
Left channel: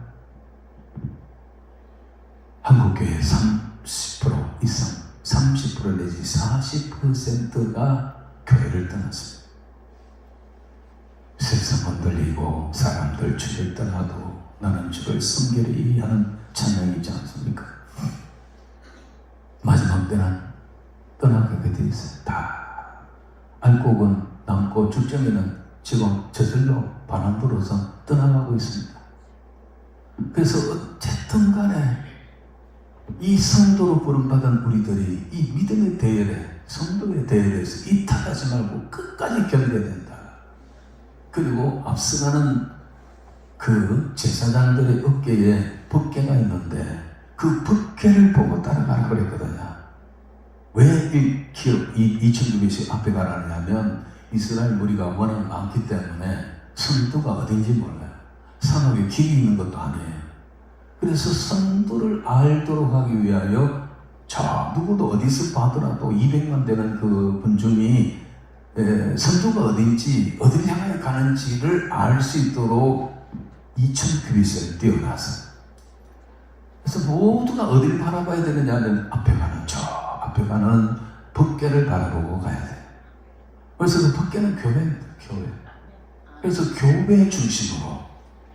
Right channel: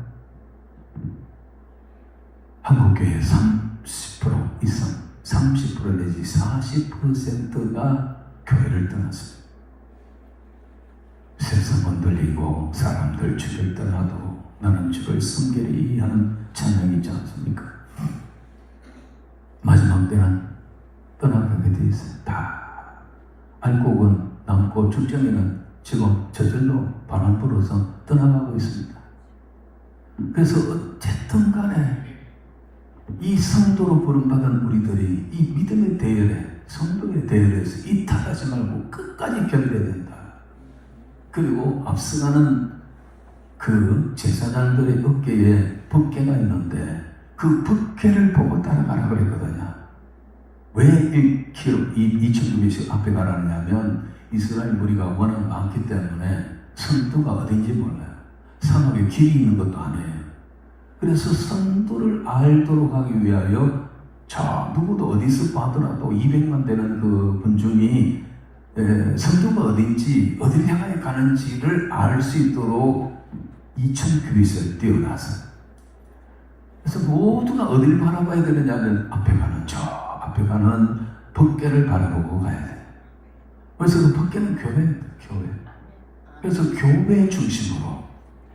한국교회 30% 이상, 30% 내지 40%가 교회를 떠났습니다. 세상 흔들리고 사람들 주를 떠나도 나는 주를 섬기리 하는 찬양이 있지 않습니까? 마지막 때는 떠나가게 돼 있어요. 다 알곡은 남고 출정이는 지금 저절로 바람 불어서 떠나가고 있습니다. 그래서 어쨌든 간에 이 성도로 부름받은 우리들이 이 믿음의 대열에, 성도의 대열에서 이탈하지 말고 끝까지 견뎌야 된다. 그리고 앞서가는 그 제사장들의 어깨에 덮개가 있는데 그 덮개를 보고 따라가라 그랬거든요. 왜 1km, 2,900씩 앞에 가라냐면 이스라엘 무리가 워낙 많기 때문에 선두가 어딘지 몰라요. 사막에 길이 있는 것도 아니에요. 그래서 선두를 알도록 하기 위하여 자 누구도 어디서 봐더라도 200만 되는 그 군중이 선두가 어딘지 어디를 향해 가는지를 알 수 있도록 2,000규빗을 띄워놨어요. 그래서 모두가 어디를 바라봐야 되느냐면 앞에 가는 저 앞에 가는 덮개를 바라보고 가야 돼요. 그래서 그 덮개는 교회입니다. 교회. 그래서 교회 중심으로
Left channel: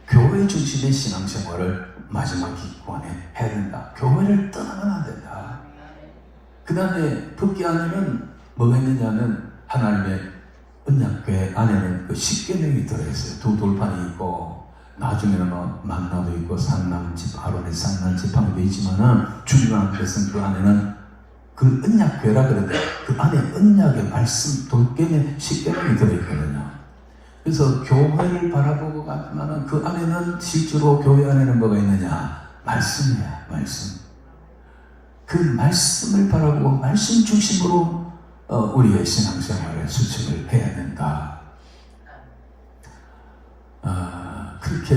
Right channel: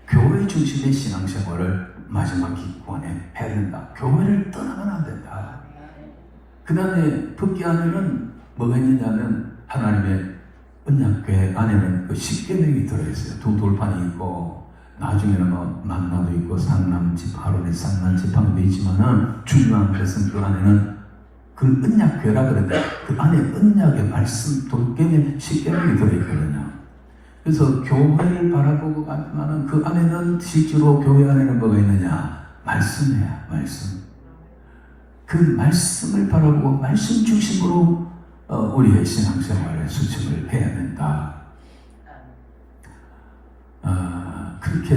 교회 중심의 신앙생활을 마지막 기간에 해야 된다. 교회를 떠나면 안 된다. 그 다음에 덮개 안에는 뭐가 있느냐면 하나님의 언약궤 안에는 그 십계명이 들어있어요. 두 돌판이 있고 나중에는 만나도 있고 상남집, 아론의 상남지팡이도 있지만은 중요한 것은 그 안에는 그 언약궤라 그러는데 그 안에 언약의 말씀 돌개의 십계명이 들어있거든요. 그래서 교회를 바라보고 가지만은 그 안에는 실제로 교회 안에는 뭐가 있느냐? 말씀이야, 말씀. 그 말씀을 바라보고 말씀 중심으로 우리의 신앙생활을 수행을 해야 된다. 그렇게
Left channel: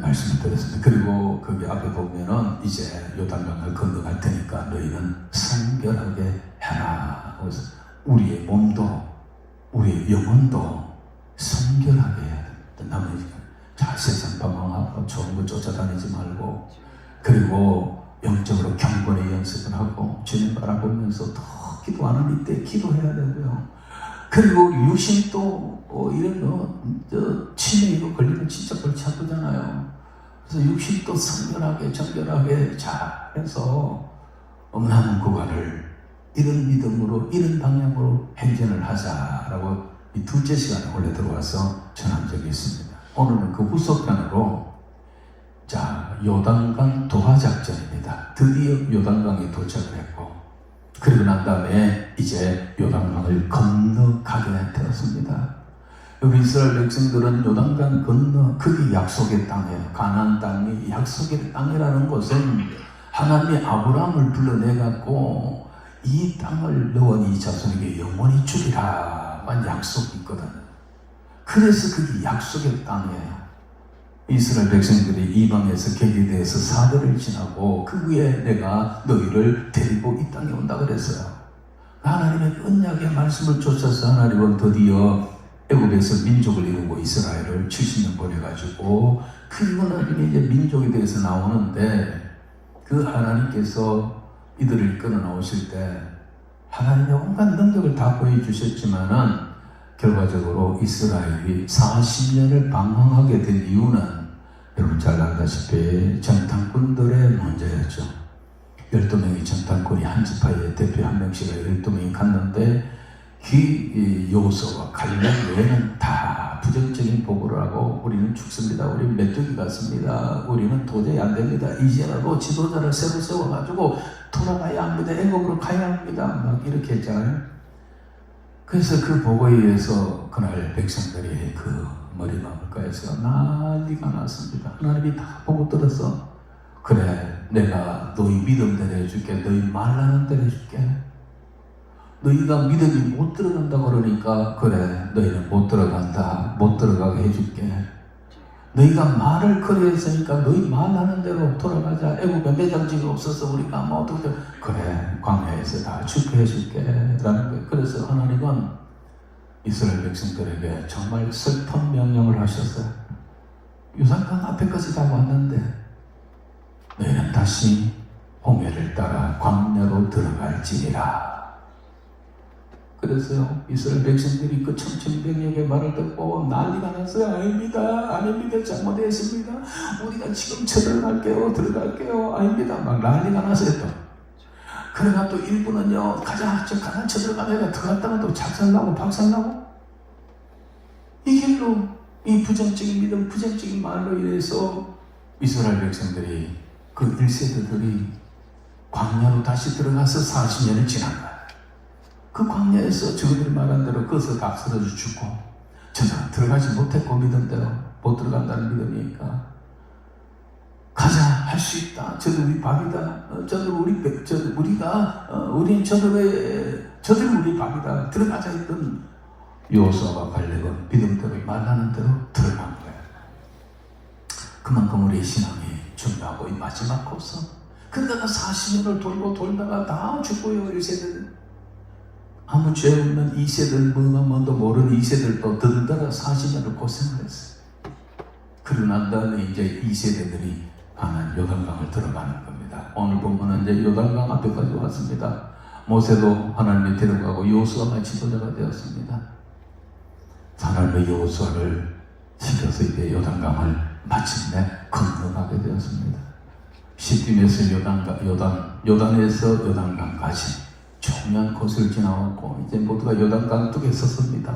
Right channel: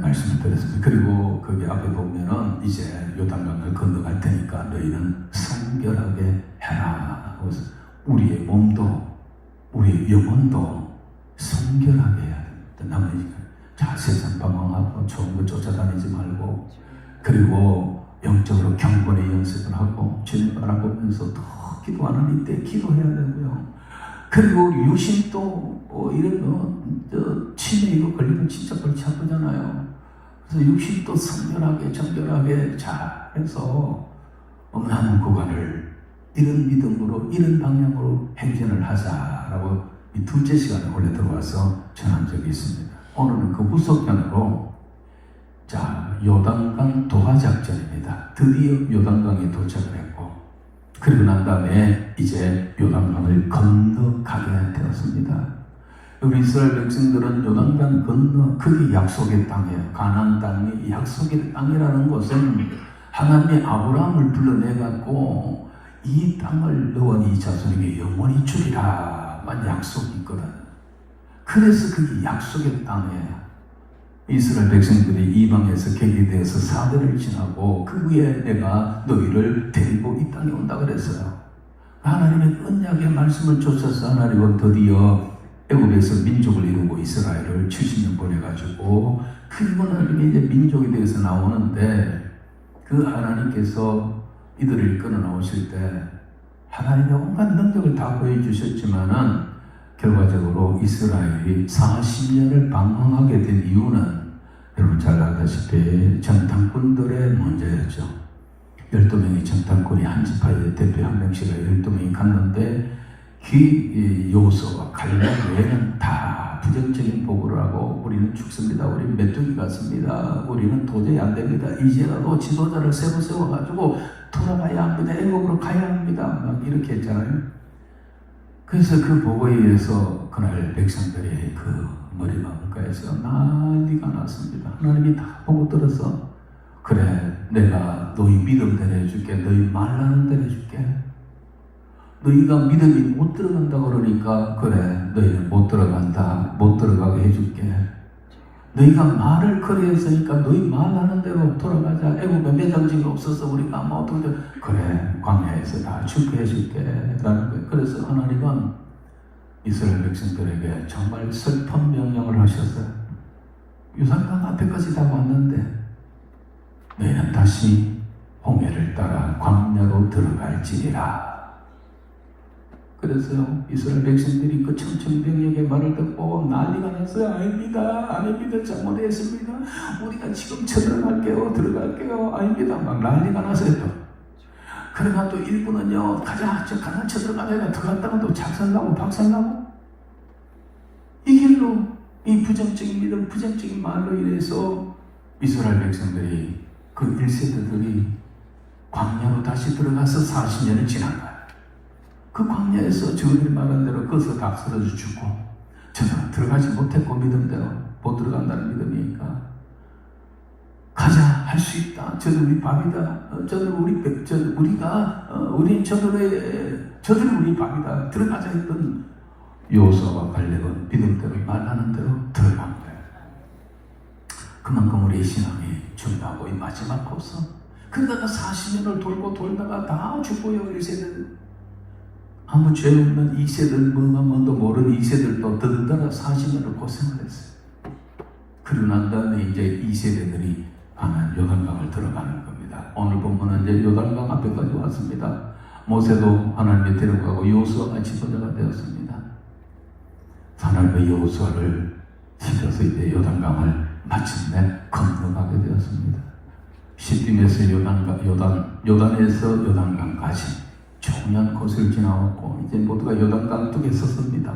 말씀을 드렸습니다. 그리고 거기 앞에 보면은 이제 요단강을 건너갈 테니까 너희는 성결하게 해라. 그래서 우리의 몸도 우리의 영혼도 성결하게 해야 된다. 나머지 자 세상 방황하고 좋은 거 쫓아다니지 말고 그리고 영적으로 경건의 연습을 하고 주님 바라보면서 더 기도하는 이때 기도해야 되고요. 그리고 우리 육신도 이런 치매로 걸리면 진짜 골치 아프잖아요. 그래서 육신도 성결하게 정결하게 잘해서 남은 구간을 이런 믿음으로 이런 방향으로 행진을 하자라고 이 둘째 시간에 원래 들어와서 전한 적이 있습니다. 오늘은 그 후속편으로 자 요단강 도하작전입니다. 드디어 요단강에 도착을 했고 그리고 난 다음에 이제 요단강을 건너가게 되었습니다. 우리 이스라엘 백성들은 요단강 건너 그게 약속의 땅이에요. 가나안 땅이 약속의 땅이라는 것은 하나님이 아브라함을 불러내갖고 이 땅을 너와 네 자손에게 영원히 주리라만 약속이 있거든. 그래서 그게 약속의 땅이에요. 이스라엘 백성들이 이방에서 격리되어서 사흘을 지나고 그 후에 내가 너희를 데리고 이 땅에 온다 그랬어요. 하나님의 언약의 말씀을 쫓아서 하나님은 드디어 애굽에서 민족을 이루고 이스라엘을 70년 보내가지고 그 하나님이 이제 민족에 대해서 나오는데 그 하나님께서 이들을 끌어 나오실 때 하나님의 온갖 능력을 다 보여주셨지만은 결과적으로 이스라엘이 40년을 방황하게 된 이유는 여러분 잘 알다시피 정탐꾼들의 문제였죠. 12명의 정탐꾼이 한 지파의 대표 한 명씩을 12명이 갔는데 이 여호수아와 갈렙 외에는 다 부정적인 보고를 하고 우리는 죽습니다. 우리 메뚜기 같습니다. 우리는 도저히 안 됩니다. 이제라도 지도자를 새로 세워가지고 돌아가야 합니다. 애굽으로 가야 합니다. 막 이렇게 했잖아요. 그래서 그 보고에 의해서 그날 백성들이 그 머리나무가에서 난리가 났습니다. 하나님이 다 보고 들어서 그래 내가 너희 믿음대로 해줄게. 너희 말하는 대로 해줄게. 너희가 믿음이 못 들어간다 그러니까 그래 너희는 못 들어간다. 못 들어가게 해줄게. 너희가 말을 거리했으니까 너희 말하는 대로 돌아가자. 애국에 매장지가 없어서 우리가 뭐 어떻게 그래 광야에서 다 축복해줄게 라는 거예요. 그래서 하나님은 이스라엘 백성들에게 정말 슬픈 명령을 하셨어요. 유산강 앞에까지 다 왔는데 너희는 다시 홍해를 따라 광야로 들어갈지니라. 그래서요 이스라엘 백성들이 그 천천병력의 말을 듣고 난리가 났어요. 아닙니다 잘못했습니다. 우리가 지금 쳐들어갈게요 들어갈게요. 아닙니다 막 난리가 났어요. 또 그러면 또 일부는요 가자 쳐들어가다가 들어갔다가 또 작살나고 박살나고 이 길로 이 부정적인 믿음 부정적인 말로 인해서 이스라엘 백성들이 그 1세대들이 광야로 다시 들어가서 40년이 지난 거예요. 그 광야에서 저들이 말한 대로 거기서 다 쓰러져 죽고 저는 들어가지 못했고 믿음대로 못 들어간다는 믿음이니까 가자 할 수 있다. 저들 우리 밥이다. 저들 우리 밥이다. 들어가자 했던 여호수아와 갈렙은 믿음대로 말하는 대로 들어간 거예요. 그만큼 우리 신앙이 중요하고 이 마지막 코스. 그러다가 40년을 돌고 돌다가 다 죽고요 1세대들. 아무 죄 없는 2세들 뭐도 모르는 2세들도 들더라 40년을 고생을 했어요. 그러고 난 다음에 이제 2세대들이 하나님 요단강을 들어가는 겁니다. 오늘 보면 이제 요단강 앞에까지 왔습니다. 모세도 하나님이 데려가고 여호수아가 지도자가 되었습니다. 하나님의 여호수아를 시켜서 이제 요단강을 마침내 건너가게 되었습니다. 시딤에서 요단에서 요단강까지 조그만 곳을 지나왔고 이제 모두가 요단강 쪽에 섰습니다.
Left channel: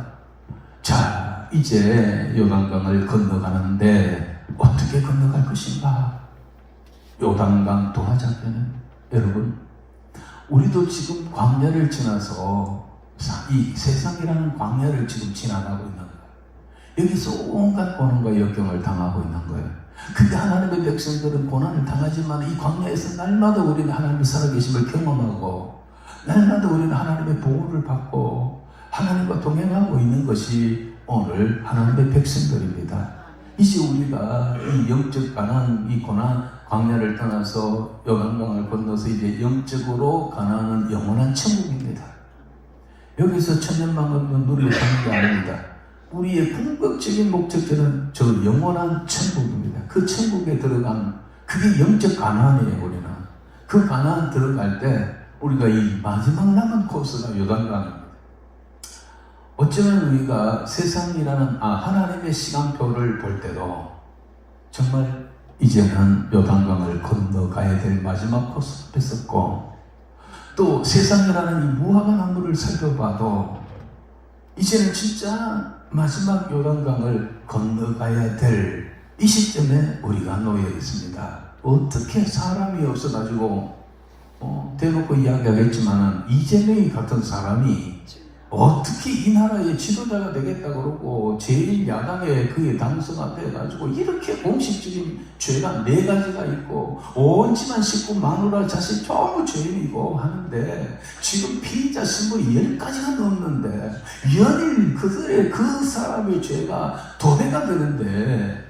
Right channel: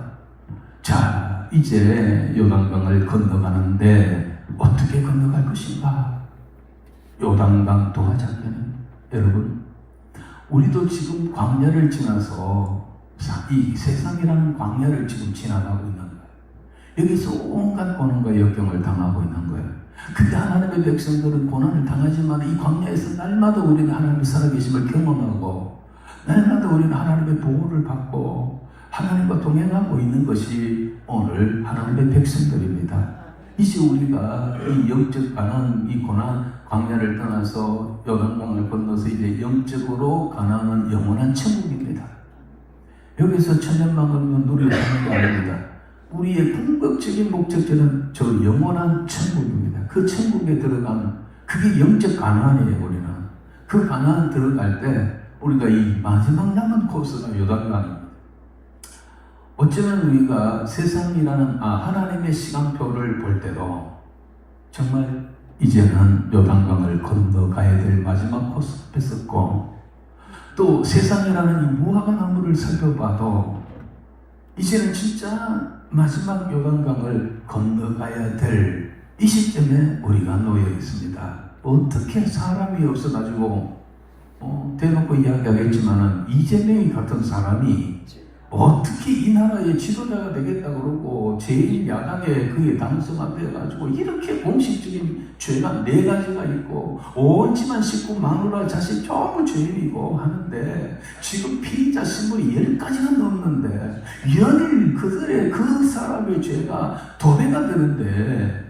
자 이제 요단강을 건너가는데 어떻게 건너갈 것인가? 요단강 동화장면은 여러분 우리도 지금 광야를 지나서 이 세상이라는 광야를 지금 지나가고 있는 거예요. 여기서 온갖 고난과 역경을 당하고 있는 거예요. 근데 하나님의 백성들은 고난을 당하지만 이 광야에서 날마다 우리는 하나님의 살아계심을 경험하고 날마다 우리는 하나님의 보호를 받고 하나님과 동행하고 있는 것이 오늘 하나님의 백성들입니다. 이제 우리가 이 영적 가난, 이 고난, 광야를 떠나서 요단강을 건너서 이제 영적으로 가난한 영원한 천국입니다. 여기서 천년만금도 누리고 있는 게 아닙니다. 우리의 궁극적인 목적지는 저 영원한 천국입니다. 그 천국에 들어가는 그게 영적 가난이에요. 우리는 그 가난 들어갈 때 우리가 이 마지막 남은 코스가 요단강입니다. 어쩌면 우리가 세상이라는 하나님의 시간표를 볼 때도 정말 이제는 요단강을 건너가야 될 마지막 코스 뺐었고 또 세상이라는 이 무화과 나무를 살펴봐도 이제는 진짜 마지막 요단강을 건너가야 될 이 시점에 우리가 놓여 있습니다. 어떻게 사람이 없어가지고 대놓고 이야기하겠지만은 이재명이 같은 사람이 어떻게 이 나라의 지도자가 되겠다 그러고 제1야당에 그의 당선 앞에 해가지고 이렇게 공식적인 죄가 4가지가 있고 온 집안 식구 마누라 자식 전부 죄인이고 하는데 지금 피의자 신분이 10가지가 넘는데 연일 그 사람의 죄가 도배가 되는데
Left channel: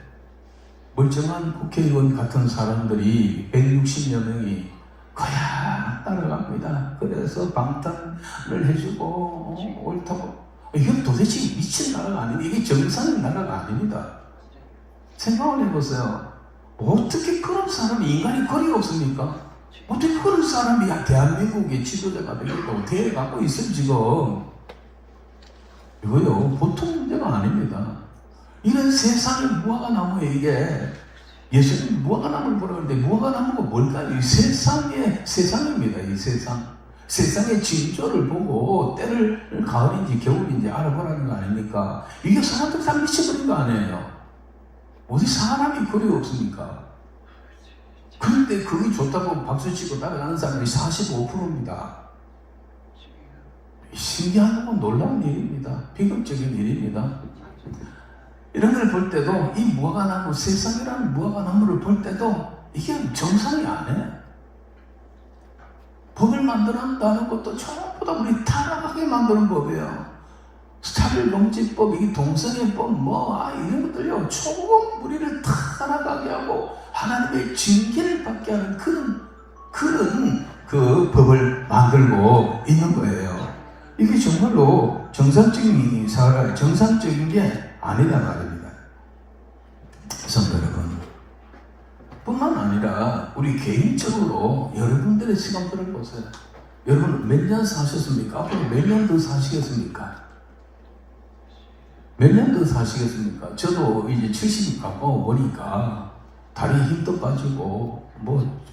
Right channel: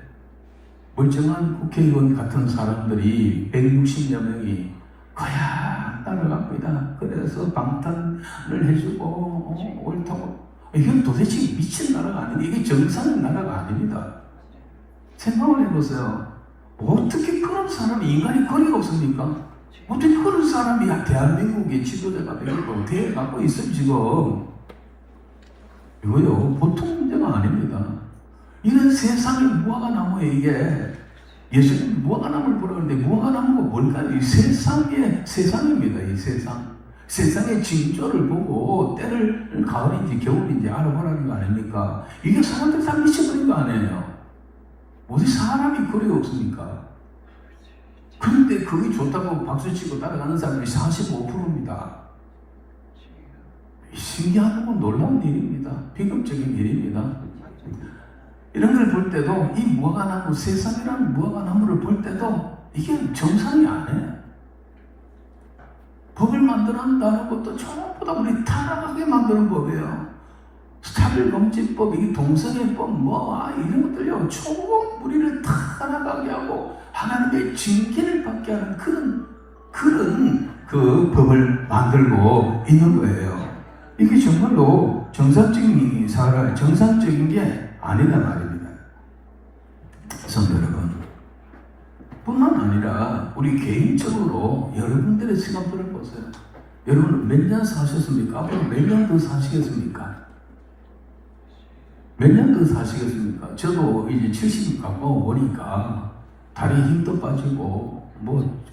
멀쩡한 국회의원 같은 사람들이 160여 명이 거야 따라갑니다. 그래서 방탄을 해주고 옳다고. 이건 도대체 미친 나라가 아닌데 이게 정상의 나라가 아닙니다. 생각을 해보세요. 어떻게 그런 사람이 인간이 거리가 없습니까? 어떻게 그런 사람이 대한민국의 지도자가 되고 대에 갖고 있을 지금 이거요 보통 문제가 아닙니다. 이런 세상의 무화과나무에게 예수님이 무화과나무를 보라는데 무화과나무가 뭘까요? 이 세상입니다. 이 세상의 징조를 보고 때를 가을인지 겨울인지 알아보라는 거 아닙니까? 이게 사람들 다 미쳐버린 거 아니에요? 어디 사람이 거리가 없습니까? 그런데 그게 좋다고 박수치고 따라가는 사람이 45%입니다. 신기하고 놀라운 일입니다. 비극적인 일입니다. 이런 걸 볼 때도 이 무화과나무, 세상이라는 무화과나무를 볼 때도 이게 정상이 아니에요. 법을 만들어낸다는 것도 전부 다 우리 타락하게 만드는 법이에요. 차별금지법, 이게 동성애법, 이런 것들요, 조금 우리를 타락하게 하고 하나님의 징계를 받게 하는 그런 그 법을 만들고 있는 거예요. 이게 정말로 정상적인 게 아니다 말입니다. 성도 여러분, 뿐만 아니라 우리 개인적으로 여러분들의 시간들을 보세요. 여러분 몇 년 사셨습니까? 앞으로 몇 년 더 사시겠습니까? 몇 년 더 사시겠습니까? 저도 이제 70 가고 보니까 다리 힘도 빠지고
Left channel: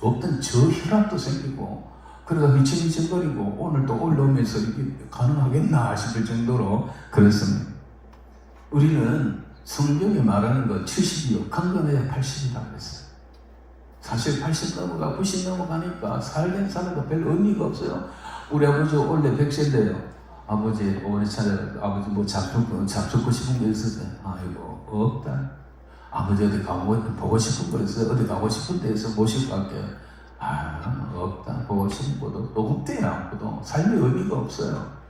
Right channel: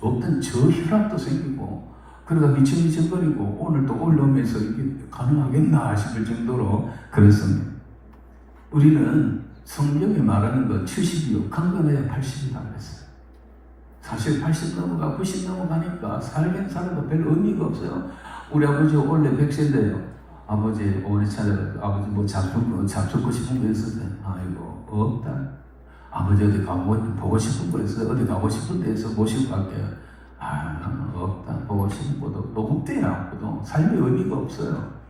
없던 저혈압도 생기고 그러다 미쳐거리고 오늘 또 올라오면서 이게 가능하겠나 싶을 정도로 그렇습니다. 우리는 성경에 말하는 거 70이요. 강건해야 80이라고 그랬어요. 사실 80 넘어가 90 넘어가니까 살긴 살아도 별 의미가 없어요. 우리 아버지 원래 100세인데요. 아버지 오래 아버지 잡수고 싶은 거 있었어요. 아이고 없다. 아버지 어디 가고 보고 싶은 거 있어요. 어디 가고 싶은 데에서 모시고 갈게요. 없다. 보고 싶은 것도 노국대야. 삶의 의미가 없어요.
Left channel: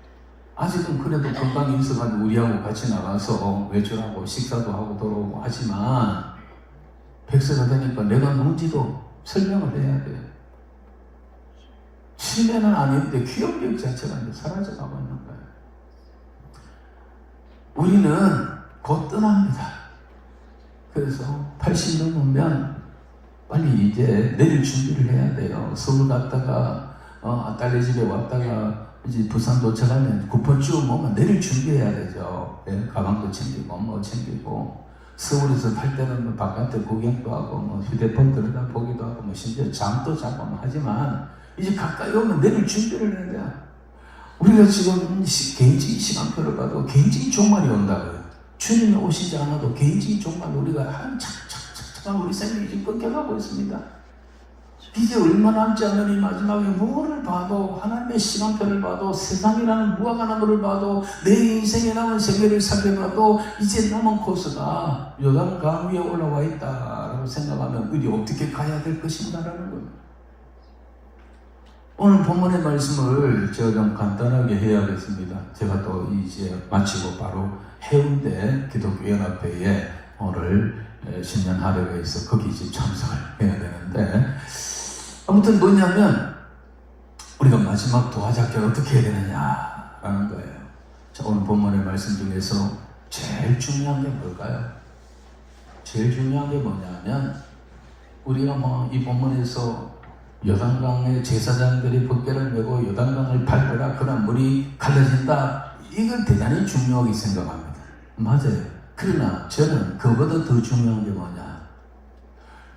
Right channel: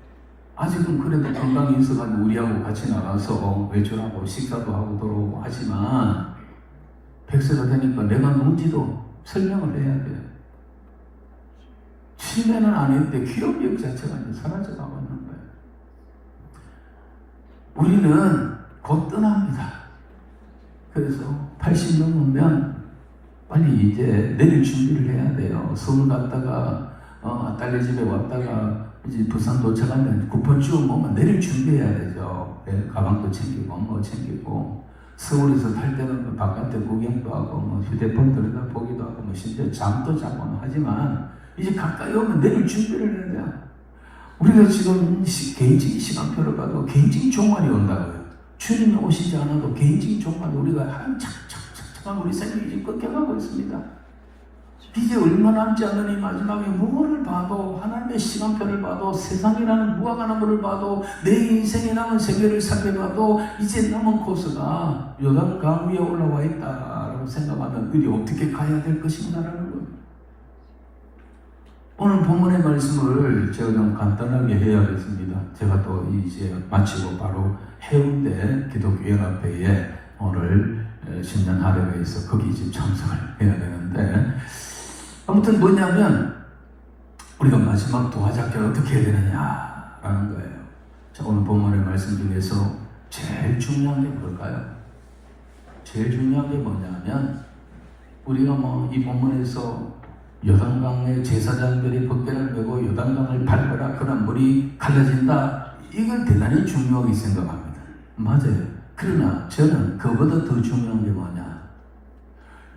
아직은 그래도 건강이 있어가지고 우리하고 같이 나가서 외출하고 식사도 하고 돌아오고 하지만 100세가 되니까 내가 뭔지도 설명을 해야 돼요. 치매는 아닌데 기억력 자체가 이제 사라져가고 있는 거예요. 우리는 곧 떠납니다. 그래서 80 넘으면 빨리 이제 내릴 준비를 해야 돼요. 서울 갔다가 딸네 집에 왔다가 이제 부산 도착하면 구포쭉 오면 내릴 준비해야 되죠. 가방도 챙기고 챙기고 서울에서 탈 때는 바깥에 구경도 하고 휴대폰 들여다 보기도 하고 심지어 잠도 자고 하지만 이제 가까이 오면 내릴 준비를 해야 돼요. 우리가 지금 개인적인 시간표를 가도 개인적인 종말이 온다고요. 주님이 오시지 않아도 개인적인 종말이 우리가 착착착착 우리 생명이 지금 꺾여가고 있습니다. 이제 얼마 남지 않는 이 마지막에 무엇을 봐도 하나님의 시간표를 봐도 세상이라는 무화과나무를 봐도 내 인생에 남은 세계를 살펴봐도 이제 남은 코스가 요단강 위에 올라와 있다라고 생각하면 우리 어떻게 가야 될 것인가라는 거예요. 오늘 본문의 말씀을 제가 좀 간단하게 해야겠습니다. 제가 또 이제 마치고 바로 해운대 기독교연합회에 오늘 신년 하루가 있어 거기 지금 참석을 해야 되는데 아무튼 뭐냐면 우리가 마지막 도화잡기 어떻게 해야 되느냐라는 거예요. 자, 오늘 본문의 말씀 중에서 제일 중요한 게 뭘까요? 제일 중요한 게 뭐냐면 우리가 이 본문에서 요단강의 제사장들이 벗개를 메고 요단강을 밟아라 그런 물이 갈라진다. 이걸 대단히 중요하게 생각합니다. 맞아요. 그러나 저는 그보다 더 중요한 게 뭐냐?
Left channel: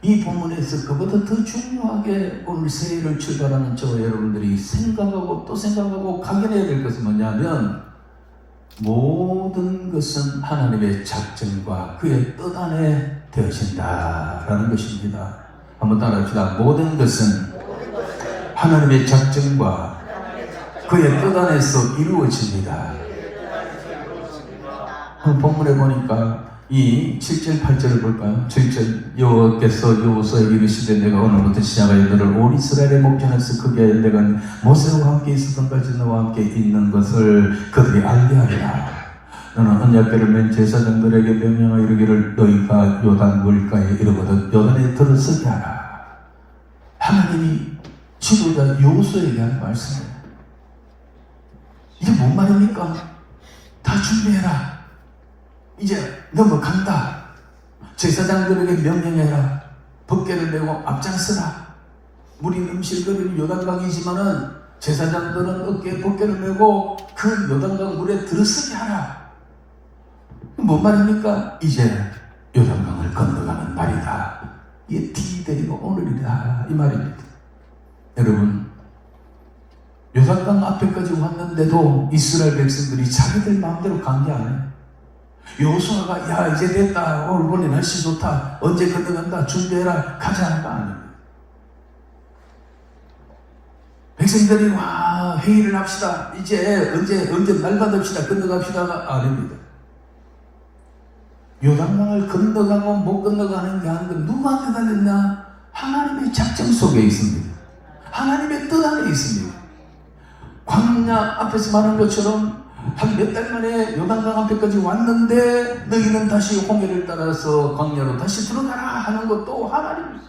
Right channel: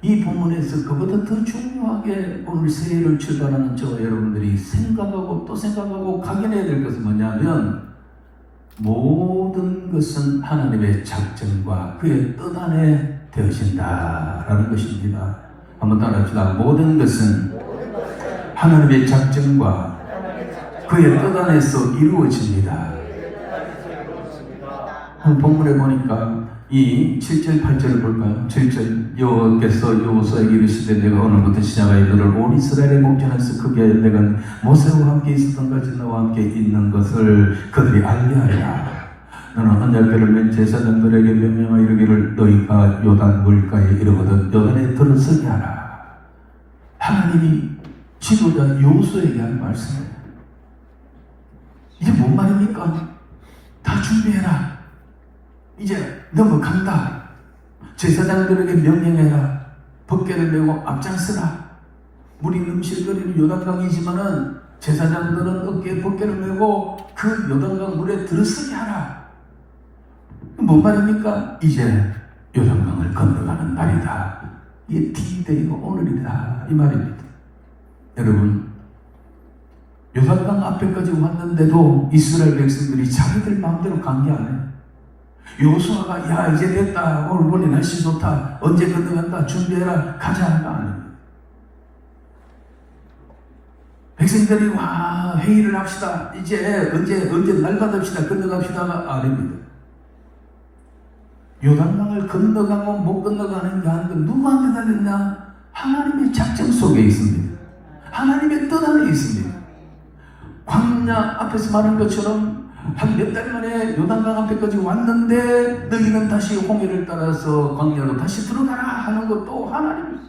이 본문에서 그보다 더 중요하게 오늘 새해를 출발하는 저와 여러분들이 생각하고 또 생각하고 각인해야 될 것은 뭐냐면 모든 것은 하나님의 작정과 그의 뜻 안에 되어진다라는 것입니다. 한번 따라합시다. 모든 것은 하나님의 작정과 그의 뜻 안에서 이루어집니다. 본문에 보니까 이 7절 8절을 볼까요? 7절 여호와께서 여호수아에게 이르시되 내가 오늘부터 시작하여 너를 온 이스라엘의 목전에서 크게 하여 내가 모세와 함께 있었던 같이 너와 함께 있는 것을 그들이 알게 하리라. 너는 언약궤를 맨 제사장들에게 명령하여 이르기를 너희가 요단 물가에 이르거든 요단에 들어서게 하라. 하나님이 지도자 요수에게 한 말씀이에요. 이게 뭔 말입니까? 다 준비해라. 이제 넘어간다. 제사장들에게 명령해라. 법궤를 메고 앞장서라. 물이 넘실거리는 요단강이지만은 제사장들은 어깨에 법궤를 메고 그 요단강 물에 들어서게 하라. 뭔 말입니까? 이제 요단강을 건너가는 날이다. 이게 D-Day가 오늘이다 이 말입니다. 여러분, 요단강 앞에까지 왔는데도 이스라엘 백성들이 자기들 마음대로 간 게 아니에요. 요수아가 야 이제 됐다, 오늘 보니 날씨 좋다, 언제 건너간다, 준비해라, 가자가 아니에요. 백성들이 와 회의를 합시다, 이제 언제 날 받읍시다, 건너갑시다가 아닙니다. 요단강을 건너가고 못 건너가는 게 아닌데 누구한테 달렸냐? 하나님의 작정 속에 있습니다. 하나님의 뜻 안에 있습니다. 광야 앞에서 말한 것처럼 한 몇 달 만에 요단강 앞에까지 왔는데 너희는 다시 홍해를 따라서 광야로 다시 들어가라 하는 것도 하나님입니다.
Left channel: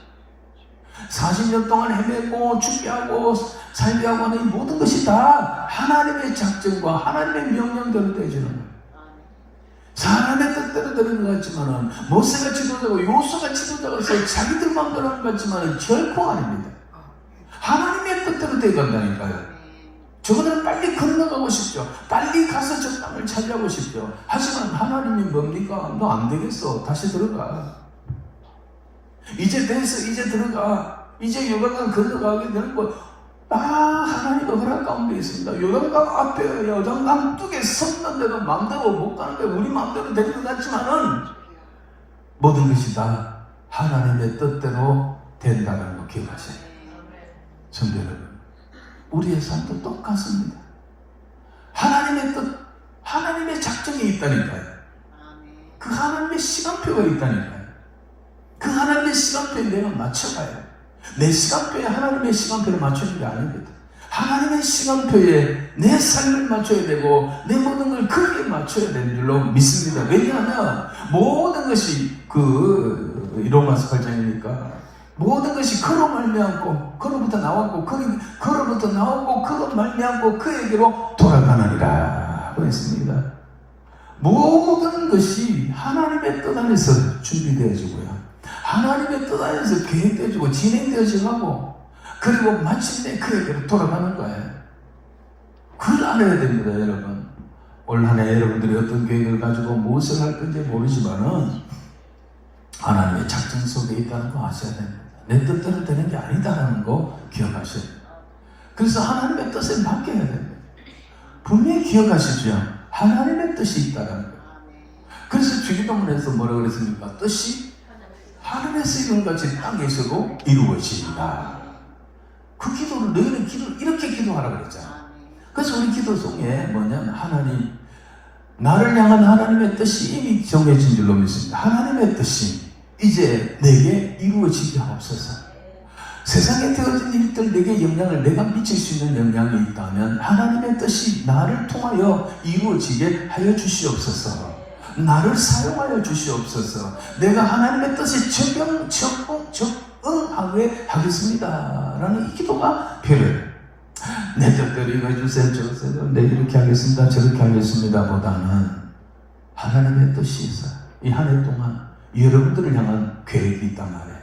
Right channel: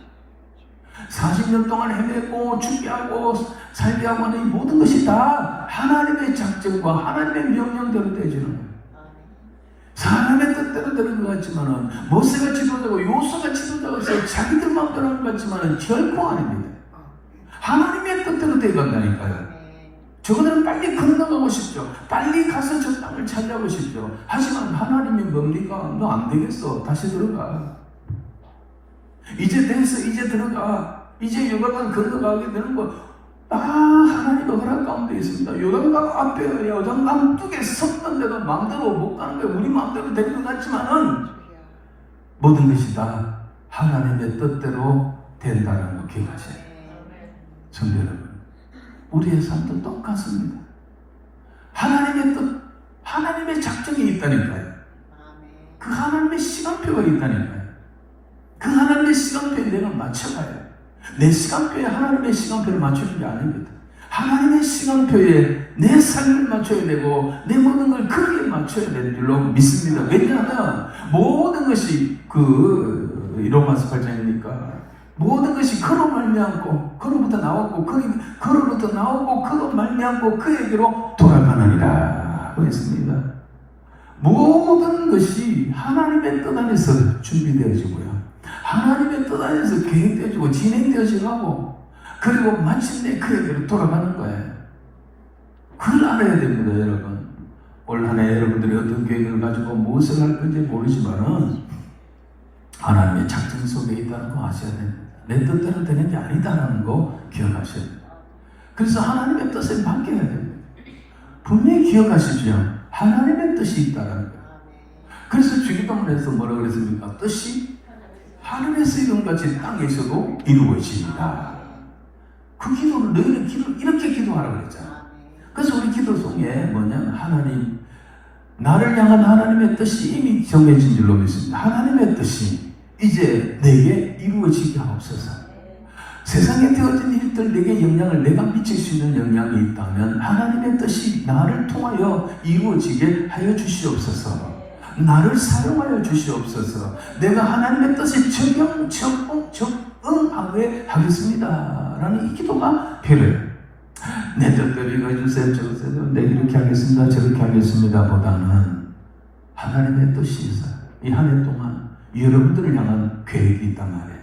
40년 동안 헤매고 준비하고 살게 하고 하는 모든 것이 다 하나님의 작정과 하나님의 명령대로 되어지는 거예요. 사람의 뜻대로 되는 것 같지만은 모세가 지도자고 요수가 지도자로서 자기들 마음대로 하는 것 같지만은 결코 아닙니다. 하나님의 뜻대로 되어간다니까요. 저거는 빨리 건너가고 싶죠. 빨리 가서 저 땅을 차지하고 싶죠. 하지만 하나님이 뭡니까? 너 안 되겠어. 다시 들어가. 이제 됐어. 이제 들어가. 이제 요단강 건너가게 되는 거 하나님의 허락 가운데 있습니다. 요단강 앞에 요단강 뚝에 섰는데도 마음대로 못 가는 거예요. 우리 마음대로 될 것 같지만은 모든 것이 다 하나님의 뜻대로 된다는 거 기억하세요. 성도 여러분, 우리의 삶도 똑같습니다. 하나님의 뜻, 하나님의 작정이 있다니까요. 그 하나님의 시간표가 있다니까요. 그 하나님의 시간표에 내가 맞춰가요. 내 시간표에 하나님의 시간표를 맞추는 게 아닙니다. 하나님의 시간표에 내 삶을 맞춰야 되고 내 모든 걸 거기에 맞춰야 되는 줄로 믿습니다. 왜냐하면 모든 것이 로마서 8장이니까 모든 것이 그로 말미암고 그로부터 나왔고 그로부터 나오고 그로 말미암고 그에게로 돌아가느니라 하고 했습니다. 모든 것이 하나님의 뜻 안에서 준비되어지고요. 하나님의 뜻 안에서 계획되어지고 진행되어지고 그리고 마침내 그에게로 돌아가는 거예요. 그걸 알아야 됩니다, 여러분. 올 한 해 여러분들이 어떤 계획을 가지고 무엇을 할 건지 모르지만은 하나님의 작정 속에 있다는 거 아셔야 됩니다. 내 뜻대로 되는 게 아니다라는 거 기억하셔야 돼요. 그래서 하나님의 뜻에 맡겨야 됩니다. 분명히 기억하시죠? 하나님의 뜻이 있다는 거. 그래서 주기도문에서 뭐라고 그랬습니까? 뜻이 하늘에서 이룬 같이 땅에서도 이루어집니다. 그 기도는 너희는 이렇게 기도하라고 그랬잖아. 그래서 우리 기도송에 뭐냐면 하나님, 나를 향한 하나님의 뜻이 이미 정해진 줄로 믿습니다. 하나님의 뜻이 이제 내게 이루어지게 하옵소서. 세상에 되어진 일들 내게 영향을 내가 미칠 수 있는 영향이 있다면 하나님의 뜻이 나를 통하여 이루어지게 하여 주시옵소서. 나를 사용하여 주시옵소서. 내가 하나님의 뜻에 적응하게 하겠습니다 라는 이 기도가 필요해요. 내 뜻대로 이거 해주세요, 저주세요, 내 이렇게 하겠습니다, 저렇게 하겠습니다 보다는 하나님의 뜻이 있어요. 이 한 해 동안 여러분들을 향한 계획이 있단 말이에요.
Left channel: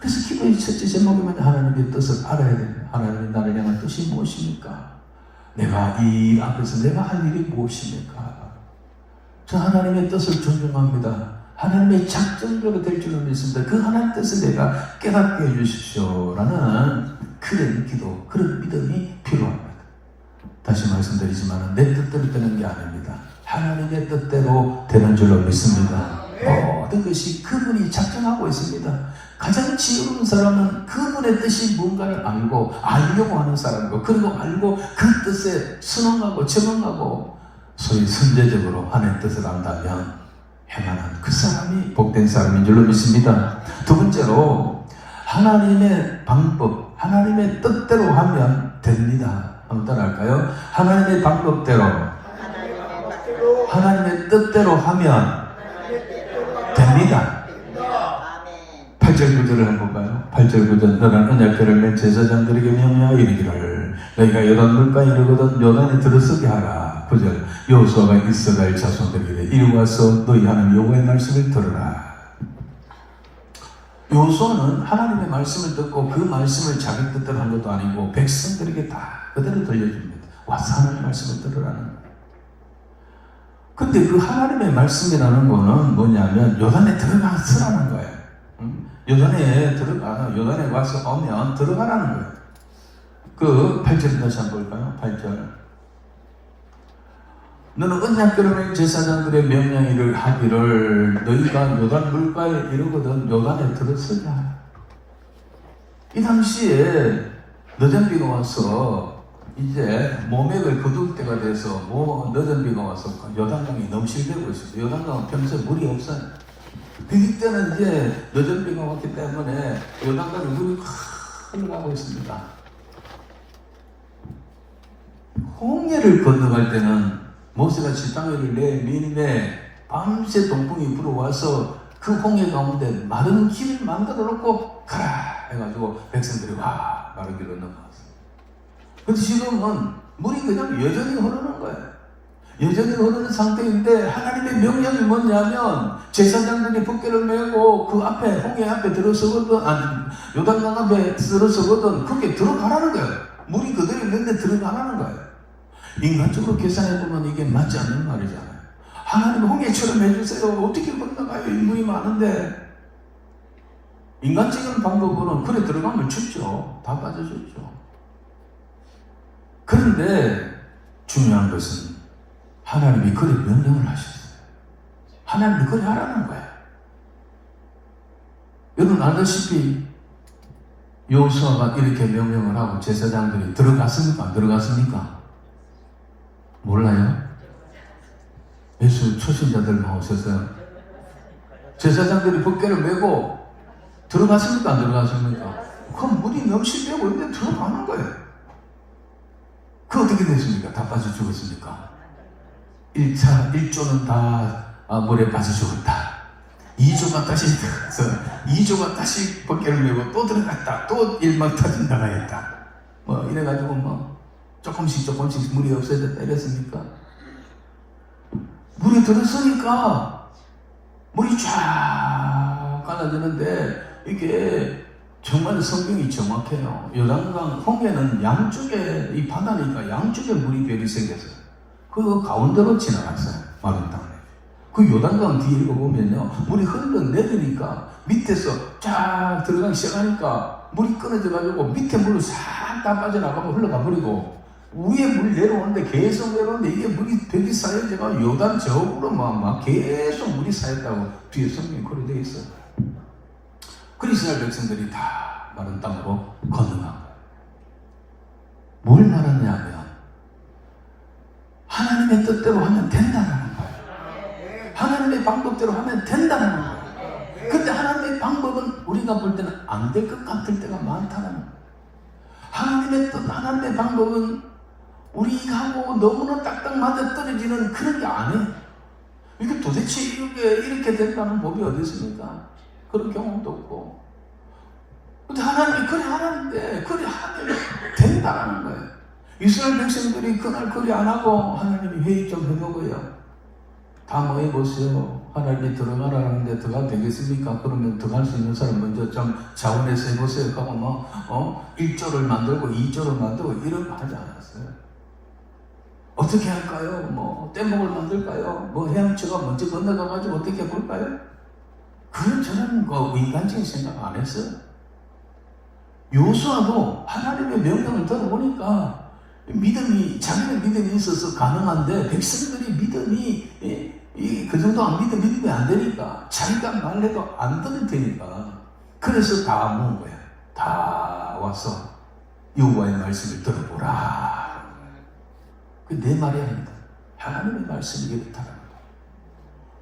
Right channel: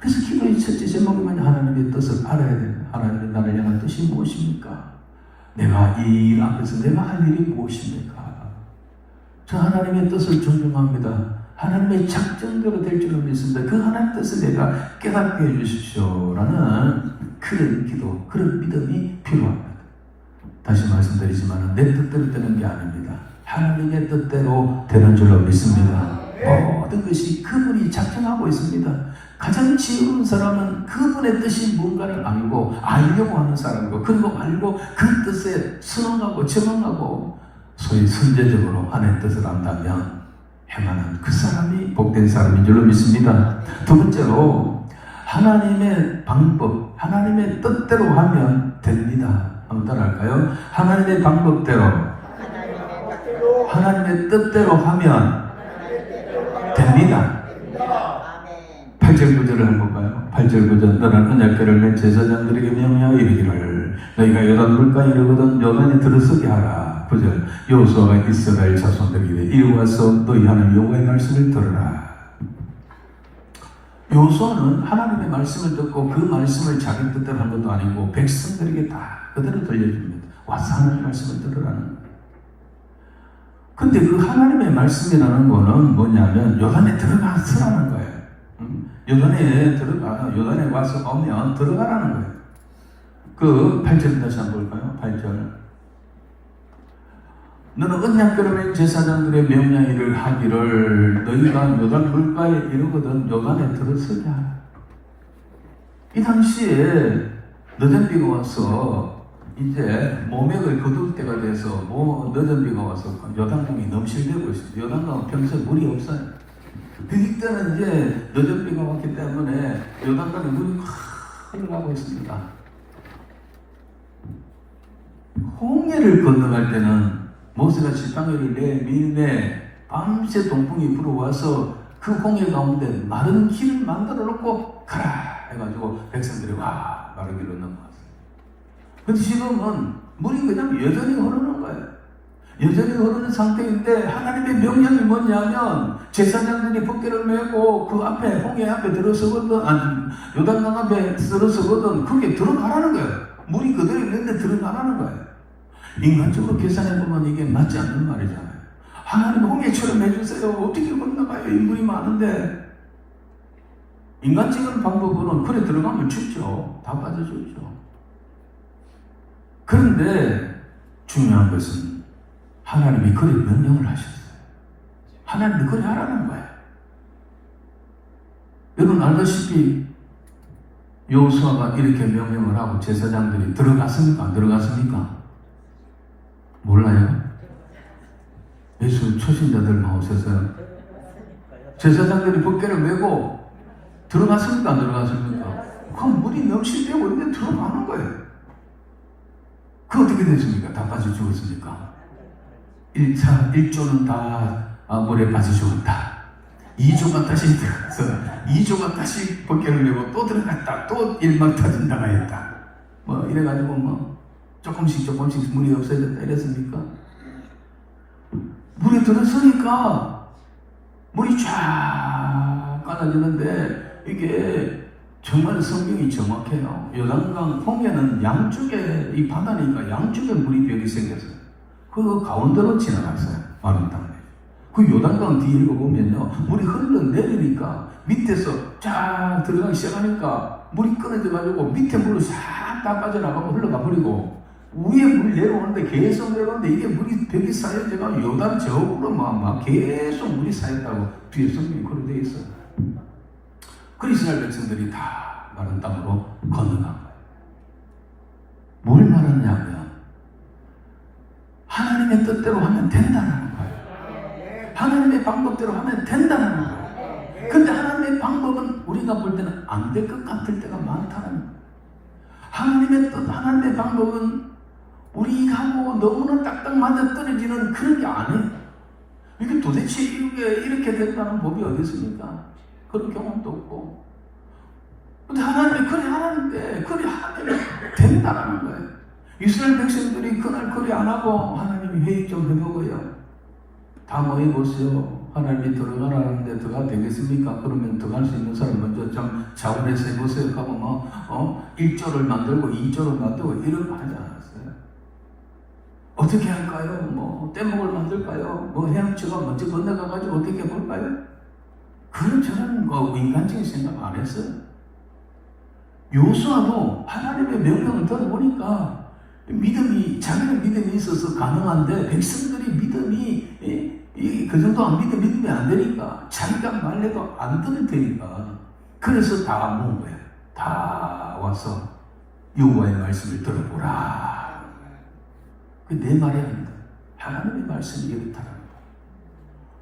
그래서 기도의 첫째 제목은 하나님의 뜻을 알아야 돼요. 하나님이 나를 향한 뜻이 무엇입니까? 내가 이 일 앞에서 내가 할 일이 무엇입니까? 저 하나님의 뜻을 존중합니다. 하나님의 작정대로 될 줄을 믿습니다. 그 하나님의 뜻을 내가 깨닫게 해주십시오 라는 그런 기도, 그런 믿음이 필요합니다. 다시 말씀드리지만 내 뜻대로 되는 게 아닙니다. 하나님의 뜻대로 되는 줄로 믿습니다. 모든 것이 그분이 작정하고 있습니다. 가장 지혜로운 사람은 그분의 뜻이 뭔가를 알고 알려고 하는 사람이고, 그리고 알고 그 뜻에 순응하고 적응하고 소위 선제적으로 하나님의 뜻을 안다면 행하는 그 사람이 복된 사람인 줄로 믿습니다. 두 번째로 하나님의 방법, 하나님의 뜻대로 하면 됩니다. 한번 따라할까요? 하나님의 방법대로 하나님의 뜻대로 하면 됩니다. 8절 9절을 해볼까요? 8절 9절 너는 언약궤를 맨 제사장들에게 명령하여 이르기를 너희가 요단 물가에 이르거든 요단에 들어서게 하라. 9절 여호수아가 이스라엘 자손들에게 이리 와서 너희 하나님 여호와의 말씀을 들으라. 여호수아는 하나님의 말씀을 듣고 그 말씀을 자기 뜻대로 한 것도 아니고 백성들에게 다 그대로 들려줍니다. 와서 하나님의 말씀을 들으라는 거예요. 근데 그 하나님의 말씀이라는 거는 뭐냐면 요단에 들어가서라는 거예요. 요단에 와서 오면 들어가라는 거예요. 그 8절 다시 한번 볼까요? 8절 너는 언약궤를 제사장들의 명령을 하기를 너희가 요단 물가에 이르거든 요단에 들어서라. 이 당시에 늦은 비가 와서 이제 모맥을 거둘 때가 돼서 늦은 비가 와서 요단강이 넘실대고 있어요. 요단강은 평소에 물이 없어요. 그때는 이제 늦은 비가 왔기 때문에 요단강에 물이 확 흘러가고 있습니다. 홍해를 건너갈 때는 모세가 지팡이를 내밀매 밤새 동풍이 불어와서 그 홍해 가운데 마른 길을 만들어 놓고 가라 해가지고 백성들이 와 마른 길로 넘어갔어요. 근데 지금은 물이 그냥 여전히 흐르는 거예요. 여전히 흐르는 상태인데 하나님의 명령이 뭐냐면 제사장들이 붓개를 메고 그 앞에 홍해 앞에 들어서거든 요단강 앞에 들어서거든 거기에 들어가라는 거예요. 물이 그대로 있는데 들어가라는 거예요. 인간적으로 계산해보면 이게 맞지 않는 말이잖아요. 하나님 홍해처럼 해주세요. 어떻게 건너가요? 물이 많은데. 인간적인 방법으로는 그래 들어가면 죽죠. 다 빠져주죠. 그런데 중요한 것은 하나님이 그래 명령을 하셨어요. 하나님이 그래 하라는 거예요. 여러분 알다시피 여호수아가 이렇게 명령을 하고 제사장들이 들어갔습니까? 안 들어갔습니까? 몰라요? 예수 초신자들 나오셔서 제사장들이 붓개를 메고 들어갔습니까? 안 들어갔습니까? 그럼 물이 넘실대고 있는데 들어가는 거예요. 그 어떻게 됐습니까? 다 빠져 죽었습니까? 1조는 다 물에 빠져 죽었다. 2조가 다시 들어가서 2조가 다시 붓개를 메고 또 들어갔다. 또 일막 터진다가 했다. 이래가지고 조금씩 물이 없어졌다 이랬습니까? 물이 들어서니까 물이 쫙 갈라지는데 이게 정말 성경이 정확해요. 요단강 홍해는 양쪽에 이 바다니까 양쪽에 물이 벽이 생겼어요. 그 가운데로 지나갔어요. 마른 땅에. 그 요단강 뒤에 보면요 물이 흘러내리니까 밑에서 쫙 들어가기 시작하니까 물이 끊어져가지고 밑에 물이 싹 다 빠져나가고 흘러가 버리고 위에 물 내려오는데 계속 내려오는데 이게 물이 벽이 쌓여져가 요단 저으로 막 계속 물이 쌓였다고 뒤에 성경이 그렇게 되어 있어요. 그 이스라엘 백성들이 다 마른 땅으로 건너간 거예요. 뭘 말하냐면 하나님의 뜻대로 하면 된다는 거예요. 하나님의 방법대로 하면 된다는 거예요. 근데 하나님의 방법은 우리가 볼 때는 안 될 것 같을 때가 많다는 거예요. 하나님의 뜻, 하나님의 방법은 우리하고 너무나 딱딱 맞아 떨어지는 그런 게 아니에요. 이게 도대체 이렇게 됐다는 법이 어디 있습니까? 그런 경험도 없고. 근데 하나님이 그래 하나님인데 그래 하나님이 된다라는 거예요. 이스라엘 백성들이 그날 그래 안 하고 하나님이 회의 좀 해보고요. 다 모여보세요. 하나님이 들어가라는데 들어가도 되겠습니까? 그러면 들어갈 수 있는 사람 먼저 좀 자원해서 해보세요. 하고 1조를 만들고 2조를 만들고 이런 거 하지 않았어요. 어떻게 할까요? 뗏목을 만들까요? 헤엄치가 먼저 건너가가지고 어떻게 해볼까요? 그런 저는 인간적인 생각 안 했어요. 요수아도 하나님의 명령을 들어보니까 자기는 믿음이 있어서 가능한데 백성들이 믿음이 그 정도 안 믿음이 안 되니까 자기가 말해도 안 들으니까 그래서 다 모은 거예요. 다 와서 여호와의 말씀을 들어보라. 내 말이 아닙니다. 하나님의 말씀이 이렇다는 거예요.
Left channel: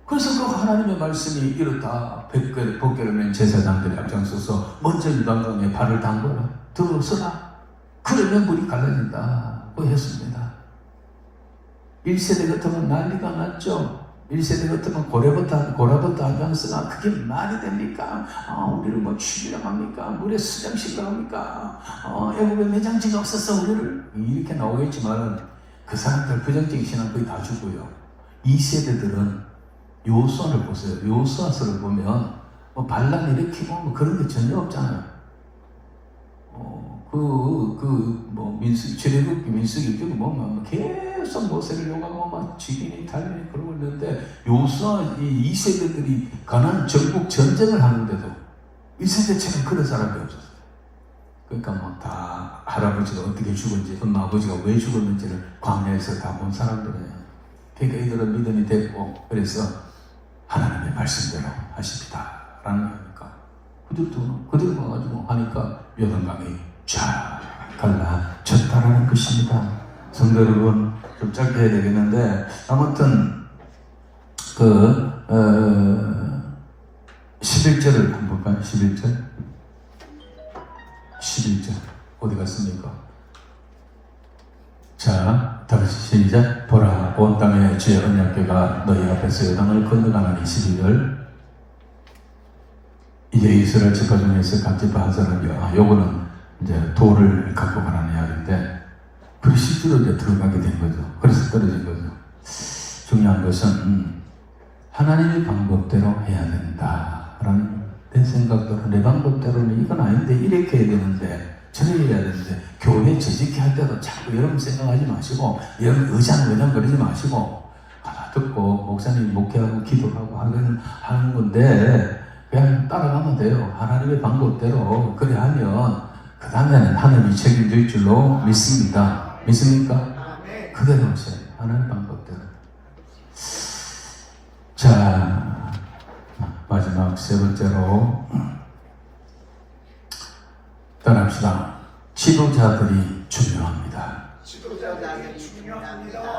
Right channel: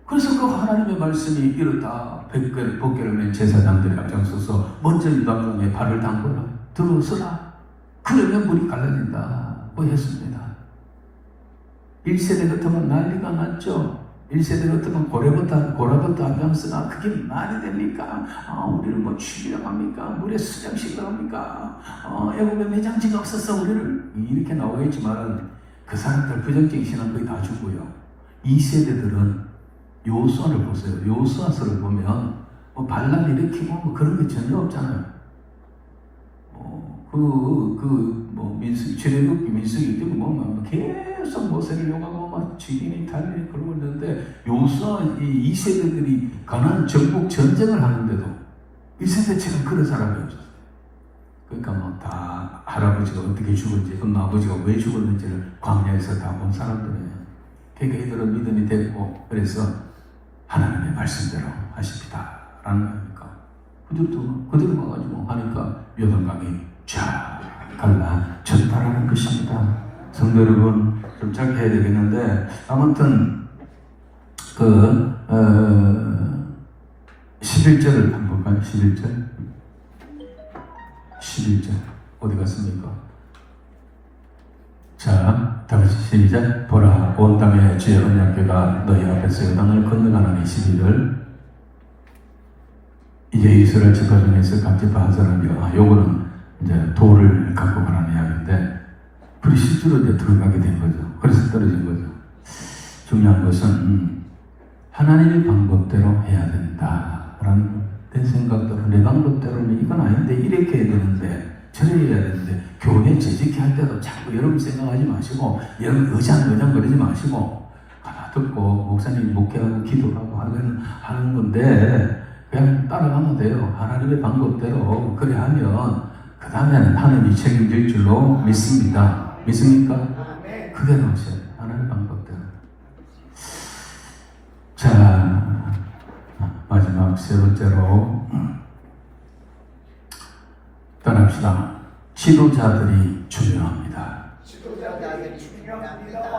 그래서 그 하나님의 말씀이 이렇다. 붓개를 맨 제사장들이 앞장서서 먼저 요단강에 발을 담궈라. 들어서라. 그러면 물이 갈라진다. 했습니다. 1세대 같으면 난리가 났죠. 1세대 같으면 고라부터 하면서 그게 말이 됩니까? 우리를 뭐 죽이려고 합니까? 우리를 수장시키려고 합니까? 애국의 매장지가 없었어 우리를 이렇게 나오겠지만 그 사람들 부정적인 신앙 거의 다 주고요. 2세대들은 요수아를 보세요. 요수아서를 보면 반란 일으키고 뭐 그런 게 전혀 없잖아요. 출애굽기 민수기 뭐 계속 모세를 욕하고 막 죽이니 달리니 그러고 있는데 요수아 이 2세대들이 가나안 전국 전쟁을 하는데도 1세대처럼 그런 사람이 없었어요. 그러니까 뭐 다 할아버지가 어떻게 죽은지 엄마 아버지가 왜 죽었는지를 광야에서 다 본 사람들이에요. 그러니까 이들은 믿음이 됐고 그래서 하나님의 말씀대로 하십니다 라는 거니까 그들도 와가지고 하니까 요단강이 쫙 갈라졌다라는 것입니다. 성도 여러분, 좀 짧게 해야 되겠는데 아무튼 11절을 한번 볼까요? 11절 어디 갔습니까? 자, 다시 시작. 보라, 온 땅의 주의 언약궤가 너희 앞에서 요단을 건너가는 12절. 이제 이스라엘 지파 중에서 각 지파 한 사람이요. 요거는 이제 돌을 갖고 가라는 이야기인데 그리 실제로 이제 들어가게 된 거죠. 그래서 떨어진 거죠. 중요한 것은 하나님의 방법대로 해야 된다라는 내 생각대로 내 방법대로는 이건 아닌데 이렇게 해야 되는데 저렇게 해야 되는데 교회 재직히 할 때도 자꾸 여러분 생각하지 마시고 여러분 의장 그러지 마시고 가다 듣고 목사님 목회하고 기도하고 하는 건데 그냥 따라가면 돼요. 하나님의 방법대로 그래 하면 그 다음에는 하나님이 책임질 줄로 믿습니다. 믿습니까? 그대로 하세요. 하나님의 방법대로. 자, 마지막 세 번째로 따라합시다. 지도자들이 중요합니다.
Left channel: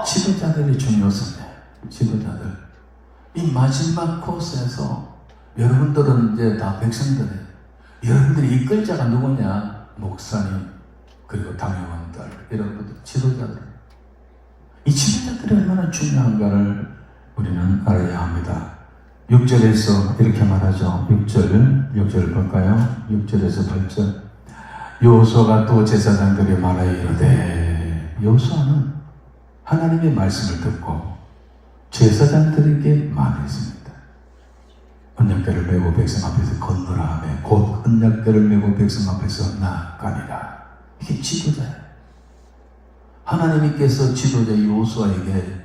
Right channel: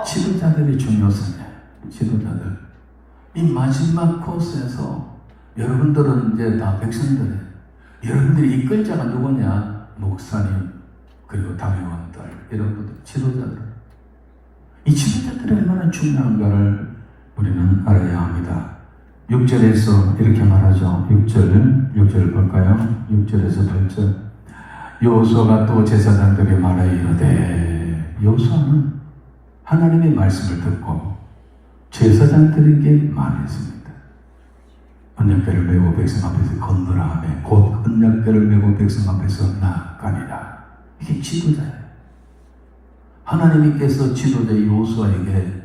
지도자들이 중요성이에요. 지도자들. 이 마지막 코스에서 여러분들은 이제 다 백성들이에요. 여러분들이 이끌 자가 누구냐? 목사님, 그리고 당회원들, 여러분들, 지도자들. 이 지도자들이 얼마나 중요한가를 우리는 알아야 합니다. 6절에서 이렇게 말하죠. 6절 볼까요? 6절에서 8절. 여호수아가 또 제사장들에게 말하여 이르되, 여호수아는 하나님의 말씀을 듣고 제사장들에게 말했습니다. 언약궤를 메고 백성 앞에서 건너라 하며 곧 언약궤를 메고 백성 앞에서 나아가니라. 이게 지도자예요. 하나님께서 지도자 여호수아에게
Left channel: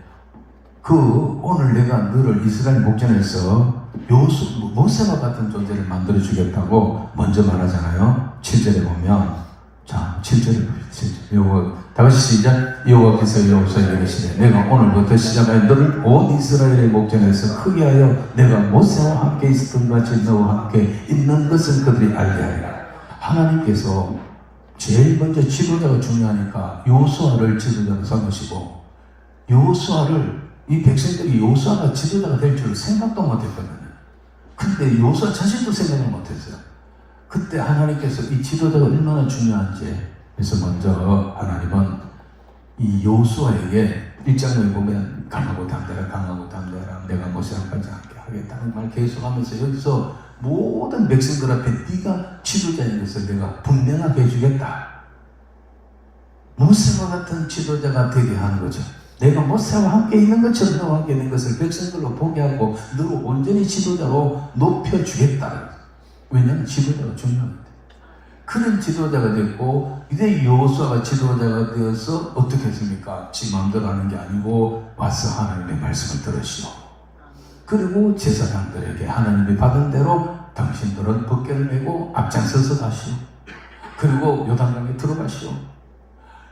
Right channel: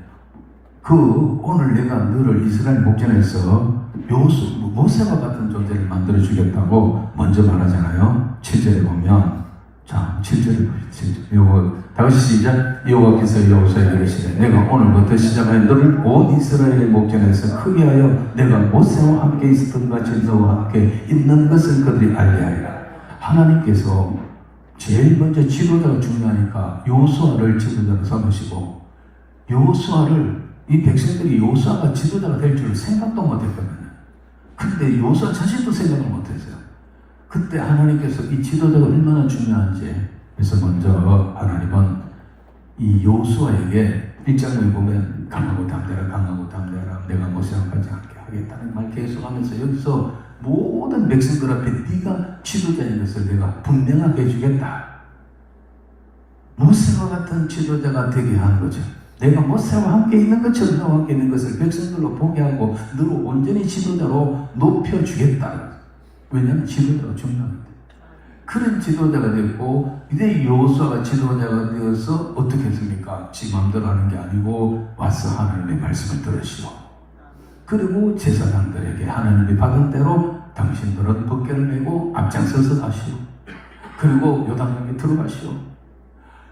오늘 내가 너를 이스라엘 목전에서 모세와 같은 존재를 만들어 주겠다고 먼저 말하잖아요. 7절에 보면, 자 7절에 보세요. 다시 시작. 여호와께서 여호수아에게 이르시되 내가 오늘부터 시작하여 너를 온 이스라엘의 목전에서 크게 하여 내가 모세와 함께 있었던 같이 너와 함께 있는 것을 그들이 알게 하리라. 하나님께서 제일 먼저 지도자가 중요하니까 여호수아를 지도자로 삼으시고, 여호수아를 이 백성들이 여호수아가 지도자가 될 줄 생각도 못했거든요. 근데 여호수아 자신도 생각을 못했어요. 그때 하나님께서 이 지도자가 얼마나 중요한지, 그래서 먼저 하나님은 이 여호수아에게 1장을 보면 강하고 담대하라 내가 모세랑 같이 하겠다는 말 계속하면서 여기서 모든 백성들 앞에 네가 지도자인 것을 내가 분명하게 해주겠다. 모세와 같은 지도자가 되게 하는 거죠. 내가 모세와 함께 있는 것처럼 너와 함께 있는 것을 백성들로 보게 하고 너를 온전히 지도자로 높여주겠다. 왜냐하면 지도자가 중요합니다. 그런 지도자가 됐고, 이제 여호수아가 지도자가 되어서 어떻게 했습니까? 지 마음대로 하는 게 아니고 와서 하나님의 말씀을 들으시오. 그리고 제사장들에게 하나님이 받은 대로 당신들은 법궤를 메고 앞장서서 가시오. 그리고 요단강에 들어가시오.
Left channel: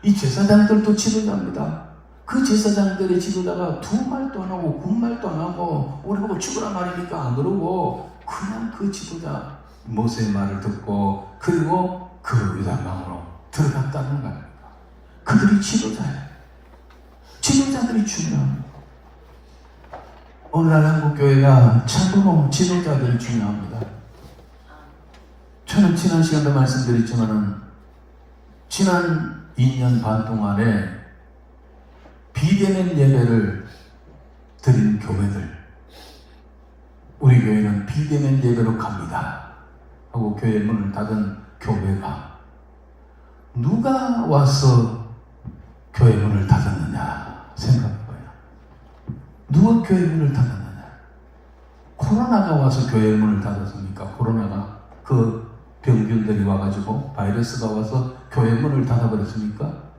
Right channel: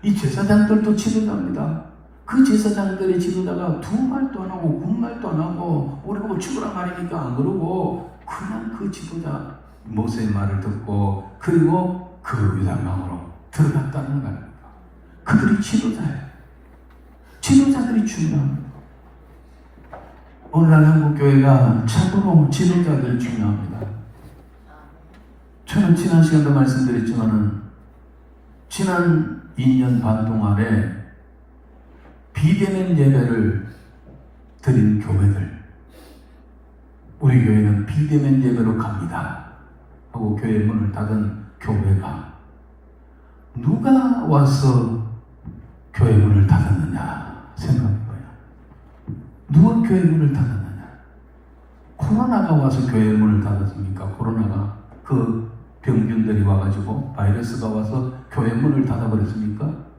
이 제사장들도 지도자입니다. 그 제사장들의 지도자가 두 말도 안 하고 군말도 안 하고 우리가 뭐 죽으라 말이니까 안 그러고 그냥 그 지도자 모세의 말을 듣고 그리고 그 요단강으로 들어갔다는 거예요. 그들이 지도자예요. 지도자들이 중요합니다. 오늘날 한국교회가 참으로 지도자들이 중요합니다. 저는 지난 시간도 말씀드렸지만은 지난 2년 반 동안에 비대면 예배를 드린 교회들, 우리 교회는 비대면 예배로 갑니다 하고 교회 문을 닫은 교회가 누가 와서 교회 문을 닫았느냐 생각해봐요. 누가 교회 문을 닫았느냐? 코로나가 와서 교회 문을 닫았습니까? 코로나가 그 병균들이 와가지고 바이러스가 와서 교회 문을 닫아버렸습니까?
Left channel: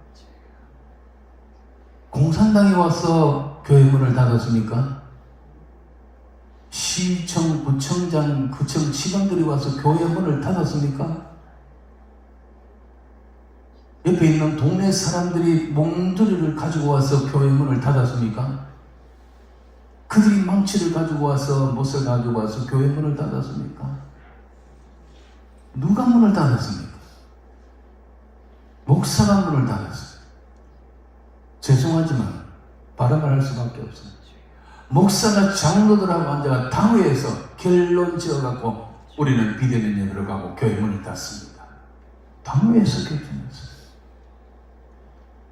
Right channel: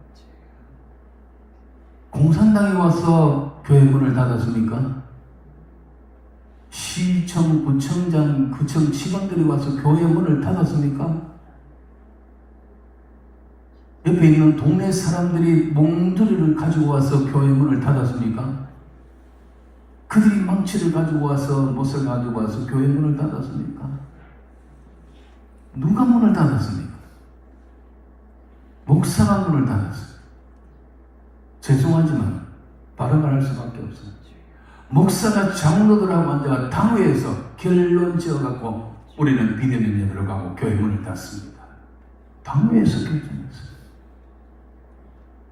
공산당이 와서 교회 문을 닫았습니까? 시청, 구청장, 구청 직원들이 와서 교회 문을 닫았습니까? 옆에 있는 동네 사람들이 몽두리를 가지고 와서 교회 문을 닫았습니까? 그들이 망치를 가지고 와서 못을 가지고 와서 교회 문을 닫았습니까? 누가 문을 닫았습니까? 목사가 문을 닫았어요. 죄송하지만 발음을 할 수밖에 없어요. 목사가 장로들하고 앉아가 당회에서 결론 지어갖고 우리는 비대면 예배로 가고 교회 문을 닫습니다. 당회에서 결정했어요.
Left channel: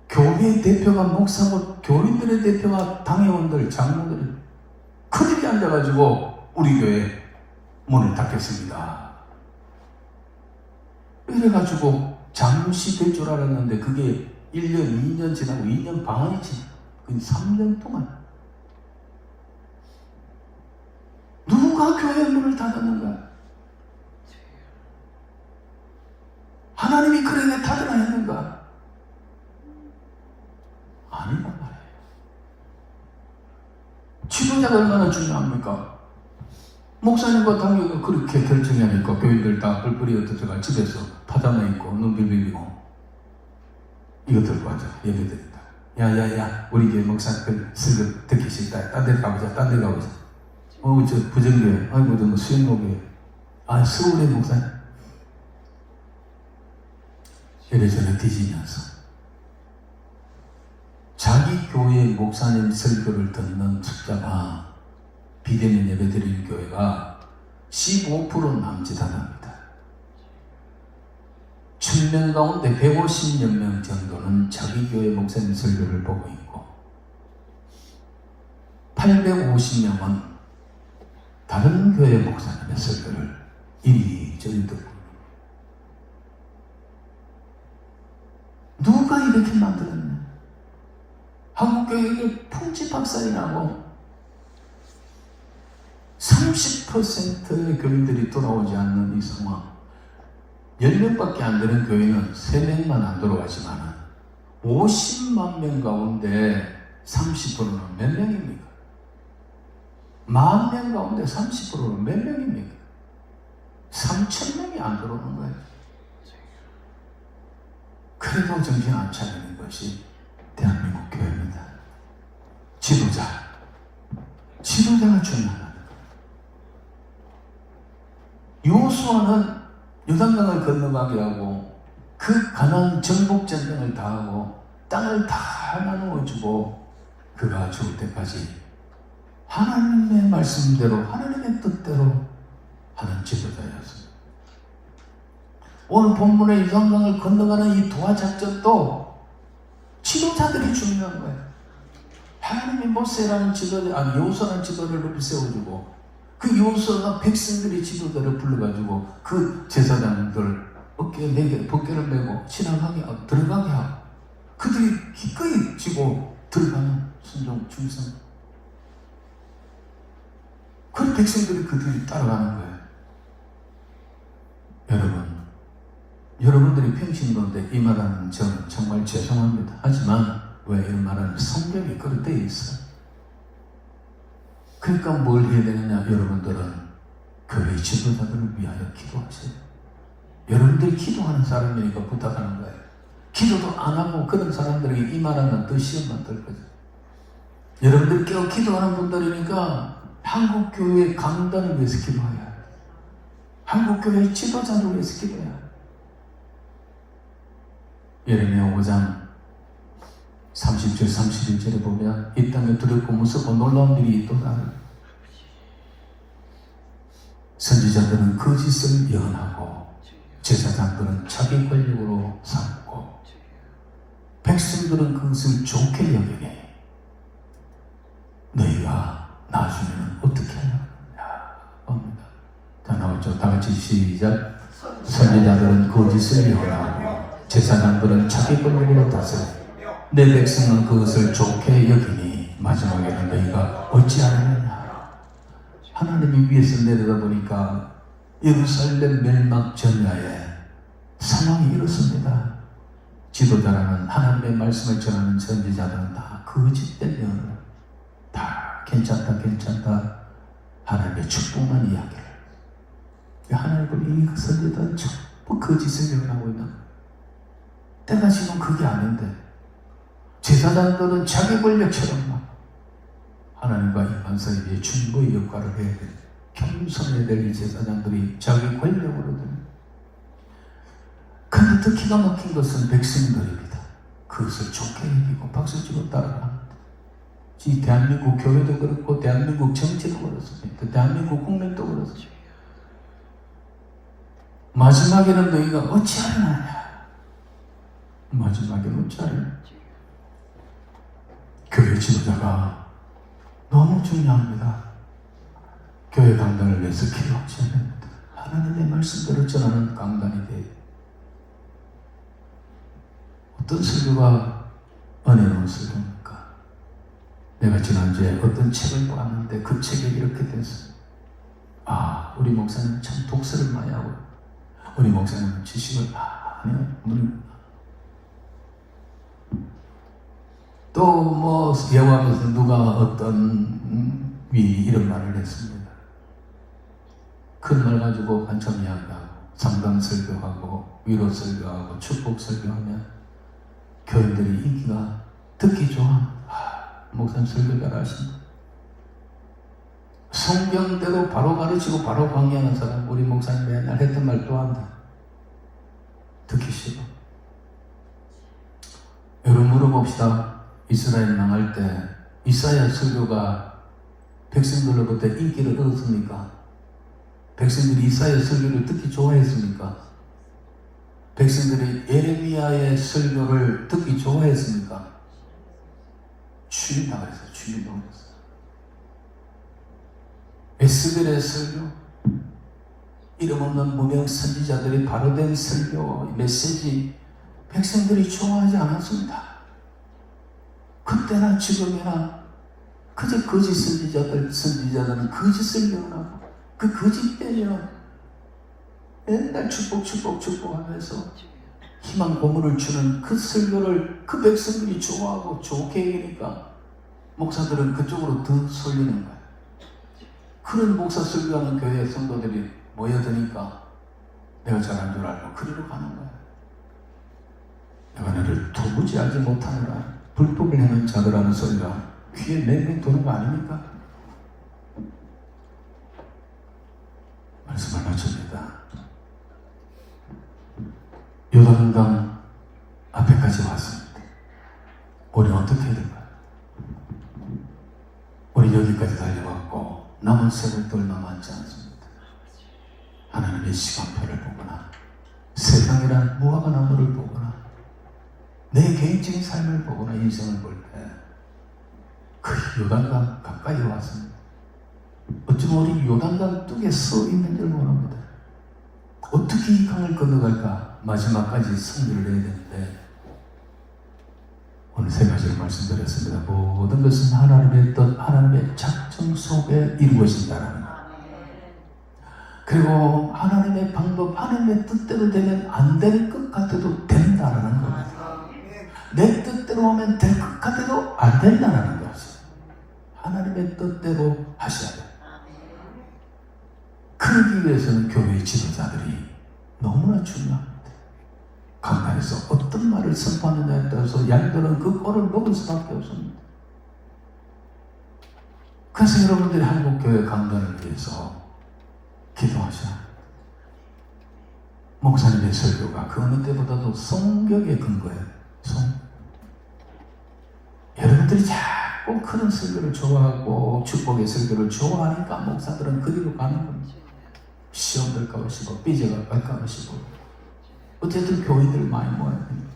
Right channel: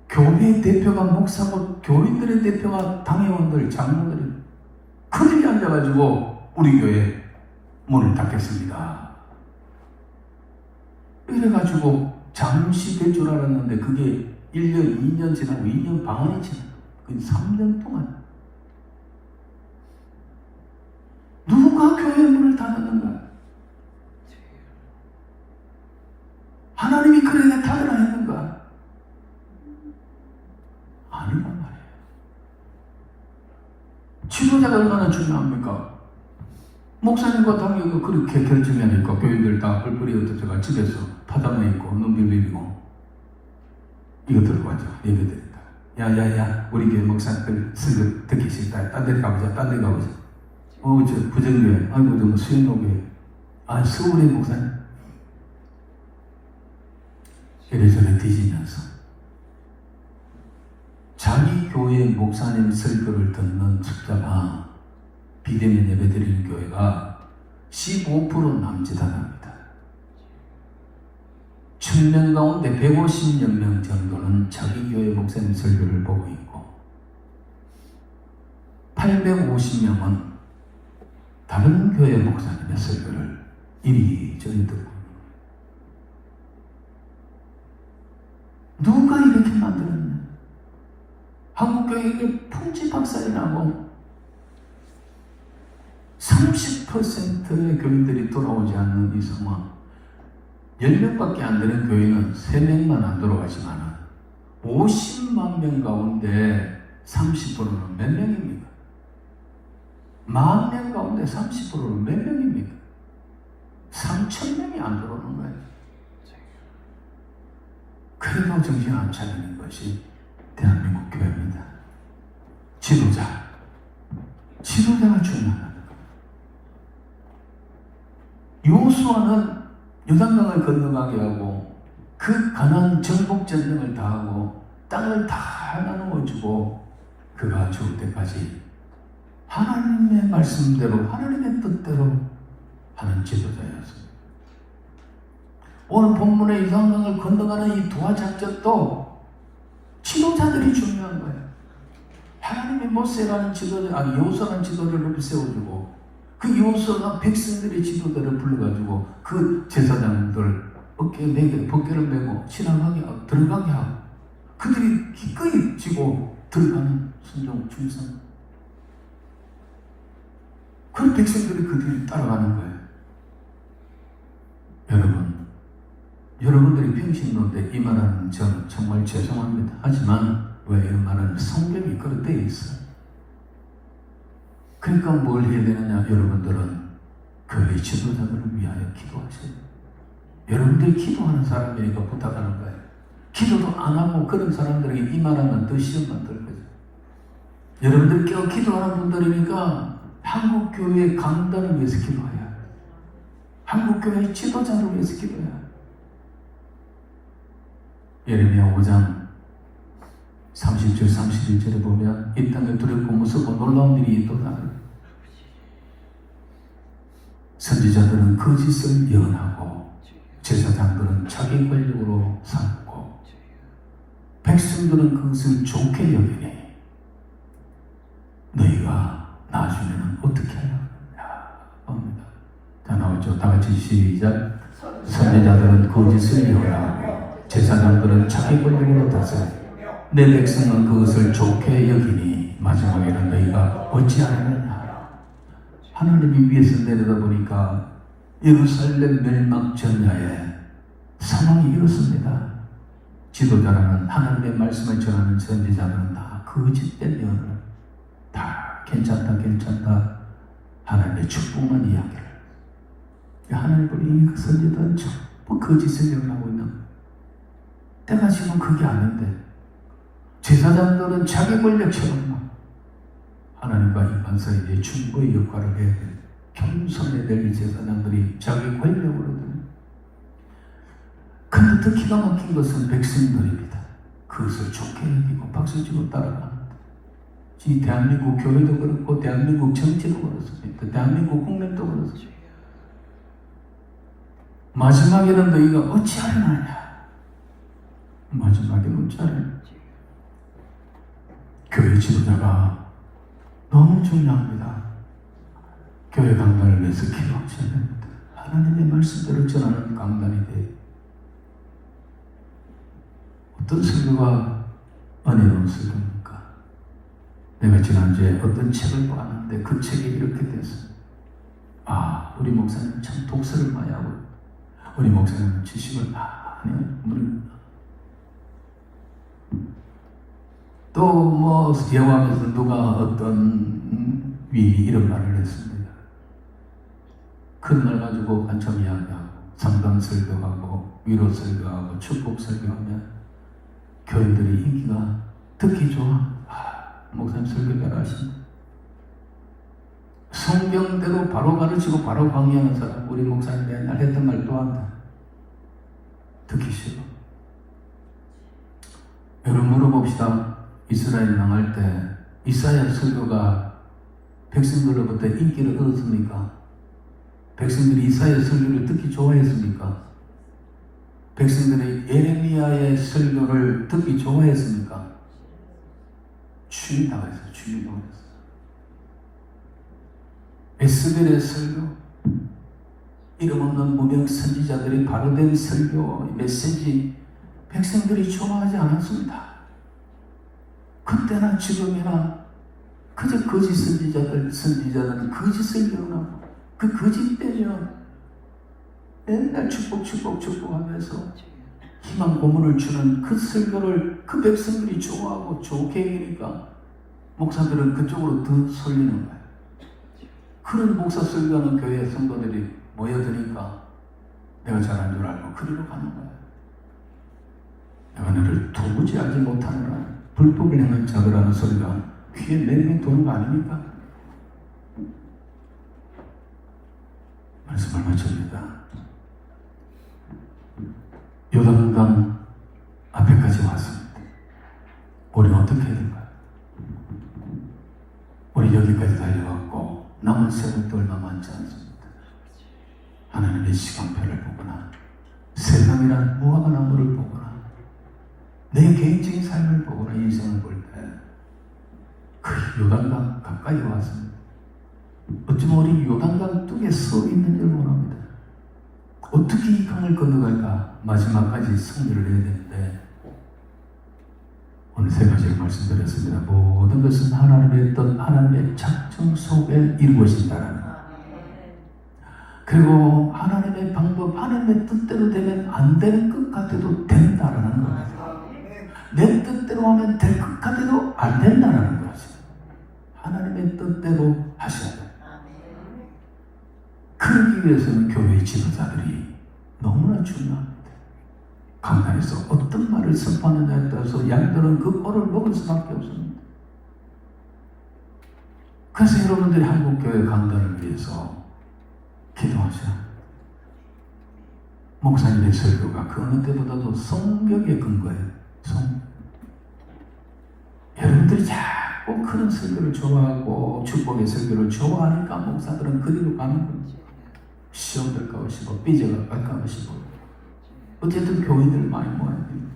교회 대표가 목사고 교인들의 대표가 당회원들, 장로들이 그들이 앉아가지고 우리 교회 문을 닫겠습니다. 이래가지고 잠시 될 줄 알았는데 그게 1년, 2년 지나고 2년 반이 지나고 3년 동안 누가 교회 문을 닫았는가? 하나님이 그에게 닫으라 했는가? 아니란 말이에요. 지도자가 얼마나 중요합니까? 목사님과 당연히 그렇게 결정하니까 교인들 다 뿔뿔이 흩어져가 집에서 파자마 입고 눈빛 비비고 이거 들고 하자. 얘기드린다. 야야야 우리 교회 목사님들 슬금 듣기 싫다. 딴 데 가보자. 딴 데 가보자. 저 부정교회. 아이고 좀 수행록이에요. 아 서울의 목사님. 이래저래 뒤지면서 자기 교회 목사님 설교를 듣는 숫자가 비대면 예배 드리는 교회가 15% 남짓합니다. 1000명 가운데 150여 명 정도는 자기 교회 목사님 설교를 보고 있고 850명은 다른 교회 목사님의 설교를 이리저리 듣고 누가 이렇게 만들었냐? 한국교회가 풍지박산이라고 30%의 교인들이 돌아오지 않는 이 상황. 10명밖에 안 되는 교회는 3명만 안 돌아가지만 50만 명 가운데 30%는 몇 명입니까? 10,000명 가운데 30%는 몇 명입니까? 3,000명이 안 돌아오는 거예요. 그래도 정신 안 차리는 것이 대한민국 교회입니다. 지도자가 중요합니다. 여호수아는 요단강을 건너가게 하고 그 가나안 정복 전쟁을 다 하고 땅을 다 나누어주고 그가 죽을 때까지 하나님의 말씀대로 하나님의 뜻대로 하는 지도자였습니다. 오늘 본문의 요단강을 건너가는 이 도하작전도 지도자들이 중요한 거예요. 하나님이 모세라는 지도자, 여호수아라는 지도자를 세워주고 그 여호수아가 백성들의 지도자를 불러가지고 그 제사장들 어깨에 매게 벗개를 메고 신앙하게 하고 들어가게 하고 그들이 기꺼이 지고 들어가는 순종 충성. 그 백성들이 그들이 따라가는 거예요. 여러분들이 평신도인데 이 말하는 저는 정말 죄송합니다. 하지만 왜 이 말하는 성경이 그렇게 돼 있어요. 그러니까 뭘 해야 되느냐? 여러분들은 교회 지도자들을 위하여 기도하세요. 여러분들이 기도하는 사람이니까 부탁하는 거예요. 기도도 안 하고 그런 사람들에게 이 말하면 더 시험만 들 거죠. 여러분들이 기도하는 분들이니까 한국교회 강단을 위해서 기도해야 해요. 한국교회 지도자를 위해서 기도해야 해요. 예레미야 5장 30절 31절에 보면 이 땅에 두렵고 무섭고 놀라운 일이 있도다. 선지자들은 거짓을 예언하고 제사장들은 자기 권력으로 삼고 백성들은 그것을 좋게 여기니 우리가 나중에는 어떻게 하냐 봅니다. 자, 나왔죠. 다 같이 시작. 선지자들은 거짓을 이루라고 제사장들은 자기 권력으로 다스려 내 백성은 그것을 좋게 여기니 마지막에는 너희가 어찌하느냐. 하나님이 위에서 내려다보니까 예루살렘 멸망 전야에 상황이 이렇습니다. 지도자라는 하나님의 말씀을 전하는 선지자들은 다 거짓된 예언을 다 괜찮다 하나님의 축복만 이야기를. 하나님은 이 선지자들은 전부 거짓을 예언하고 있는 때가 지금 그게 아닌데 제사장들은 자기 권력처럼 하나님과 인간사이에 중보의 역할을 해야 돼. 겸손해야 될 이 제사장들이 자기 권력으로. 근데 더 기가 막힌 것은 백성들입니다. 그것을 좋게 여기고 박수치고 따라갑니다. 이 대한민국 교회도 그렇고 대한민국 정치도 그렇습니다. 대한민국 국민도 그렇습니다. 마지막에는 너희가 어찌하느냐. 마지막에는 어찌하느냐. 교회 지도자가 너무 중요합니다. 교회 강단을 위해서 기도하셔야 됩니다. 하나님의 말씀대로 전하는 강단이 돼요. 어떤 설교가 은혜로운 설교입니까? 내가 지난주에 어떤 책을 봤는데 그 책에 이렇게 됐어요. 아, 우리 목사님 참 독서를 많이 하고 우리 목사님은 지식을 많이 하는 또 뭐 예화하면서 누가 어떤 위 이런 말을 했습니다. 큰 말 가지고 한참 이야기하고 상담 설교하고 위로 설교하고 축복 설교하면 교인들이 인기가 듣기 좋아. 목사님 설교 잘하시네. 성경대로 바로 가르치고 바로 강의하는 사람 우리 목사님 맨날 했던 말 또 한다. 듣기 싫어. 여러분 물어봅시다. 이스라엘 망할 때 이사야 설교가 백성들로부터 인기를 얻었습니까? 백성들이 이사야 설교를 듣기 좋아했습니까? 백성들이 예레미야의 설교를 듣기 좋아했습니까? 추인당했어요. 추인당했어요. 에스겔의 설교, 이름 없는 무명 선지자들의 바로된 설교, 메시지 백성들이 좋아하지 않았습니다. 그때나 지금이나 그저 거짓 선지자들은 거짓 설교나 그 거짓 때리나 맨날 축복하면서 희망 고문을 주는 그 설교를 그 백성들이 좋아하고 좋게 여기니까 목사들은 그쪽으로 더 쏠리는 거예요. 그런 목사 설교하는 교회 성도들이 모여드니까 내가 잘한 줄 알고 그리로 가는 거예요. 내가 너를 도무지 알지 못하느라 불법을 행한 자들하는 소리가 귀에 맹맹 도는 거 아닙니까? 말씀을 마칩니다. 요단강 앞에까지 왔습니다. 우리는 어떻게 해야 될까요? 우리 여기까지 달려왔고 남은 세월도 얼마 많지 않습니다. 하나님의 시간표를 보거나 세상이란 무화과 나무를 보거나 내 개인적인 삶을 보거나 인생을 볼 때 그 요단강 가까이 왔습니다. 어쩌면 우리 요단강 뚝에 서 있는 줄 모릅니다. 어떻게 이 강을 건너갈까? 마지막까지 승리를 해야 되는데 오늘 세 가지를 말씀드렸습니다. 모든 것은 하나님의 뜻, 하나님의 작정 속에 이루어진다는 것. 그리고 하나님의 방법, 하나님의 뜻대로 되면 안 되는 것 같아도 된다는 것. 내 뜻대로 하면 될 것 같아도 안 된다는 거죠. 하나님의 뜻대로 하셔야 돼요. 그러기 위해서는 교회의 지도자들이 너무나 중요합니다. 강단에서 어떤 말을 선포하느냐에 따라서 양들은 그 꼴을 먹을 수밖에 없습니다. 그래서 여러분들이 한국교회 강단을 위해서 기도하셔야 합니다. 목사님의 설교가 그 어느 때보다도 성경의 근거예요. 여러분들이 자꾸 그런 설교를 좋아하고 축복의 설교를 좋아하니까 목사들은 그대로 가는 거죠. 시험 될까 하시고 삐져갈까 하시고 어쨌든 교인들 많이 모아야 됩니다.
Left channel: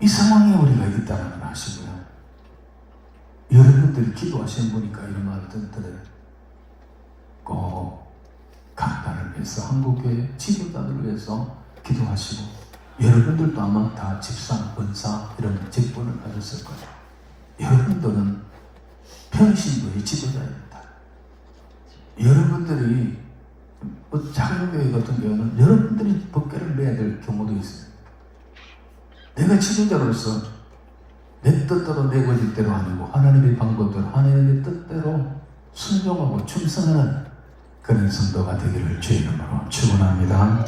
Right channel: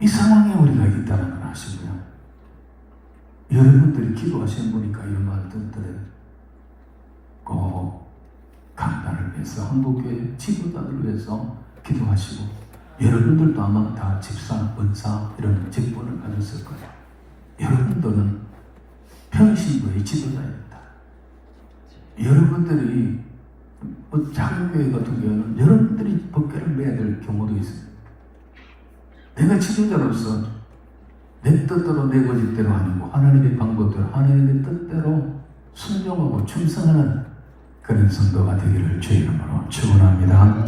이 상황에 우리가 있다는 걸 아시고요. 여러분들이 기도하시는 보니까 이런 말을 듣더래요. 꼭 간단을 위해서, 한국교회 지도자들을 위해서 기도하시고, 여러분들도 아마 다 집사, 은사 이런 직분을 가졌을 거예요. 여러분들은 평신도의 지도자입니다. 여러분들이 작은 교회 같은 경우는 여러분들이 법궤를 내야 될 경우도 있습니다. 내가 지도자로서 내 뜻대로 내 거짓대로 아니고 하나님의 방법대로 하나님의 뜻대로 순종하고 충성하는 그런 성도가 되기를 주의 이름으로 축원합니다.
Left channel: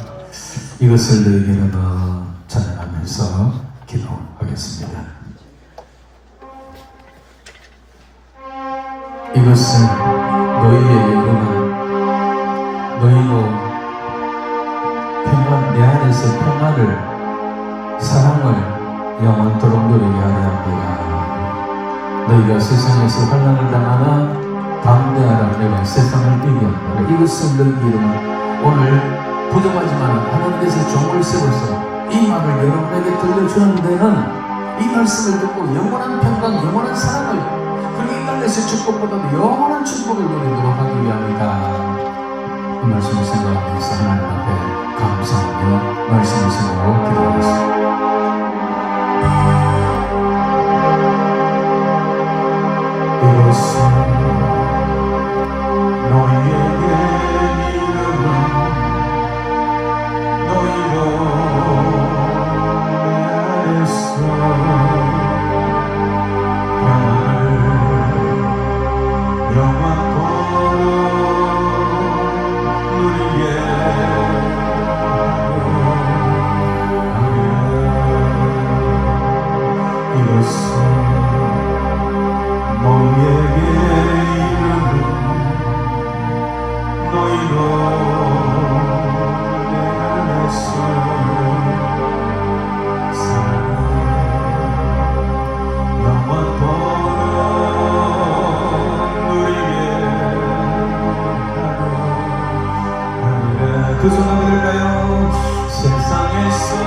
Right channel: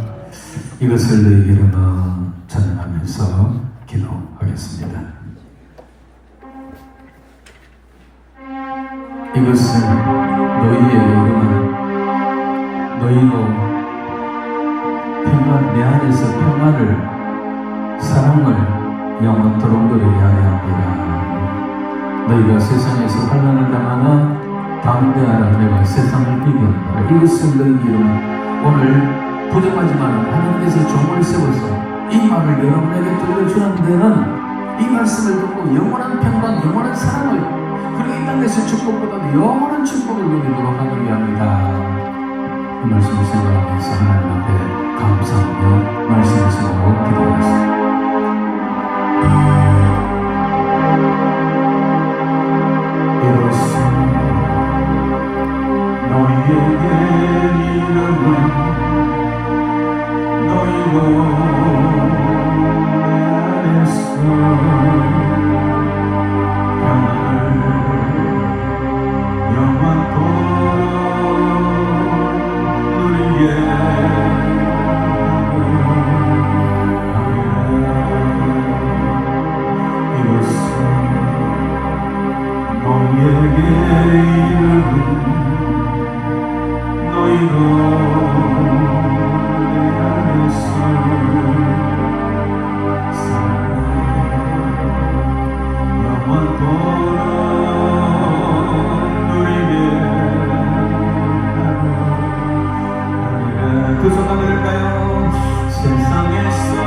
이것을 너희에게 이름으로 찬양하면서 기도하겠습니다. 이것은 너희에게 이르나 너희로 평안, 내 안에서 평안을, 사랑을 영원토록 누리게 하려 합니다. 너희가 세상에서 환난을 당하는 담대하라. 내가 세상을 비교한다. 이것은 너희들은 오늘 부족하지만 하나님께서 종을 세워서 이 말을 여러분에게 들려주는 데는 이 말씀을 듣고 영원한 평강, 영원한 사랑을, 그리고 이 땅에서 축복보다도 영원한 축복을 누리도록 하기 위함이다. 이 말씀을 생각하면서 하나님 앞에 감사하며 말씀을 생각하고 기도하겠습니다. 이것은 너희에게 이름은 너희로 내 안에서 평안을 영원토록 누리게 하리라. 이것은 너희에게 이름은 너희로 내 안에서 사랑을 영원토록 누리게 하리라. 두 손 한번 들을까요? 세상에서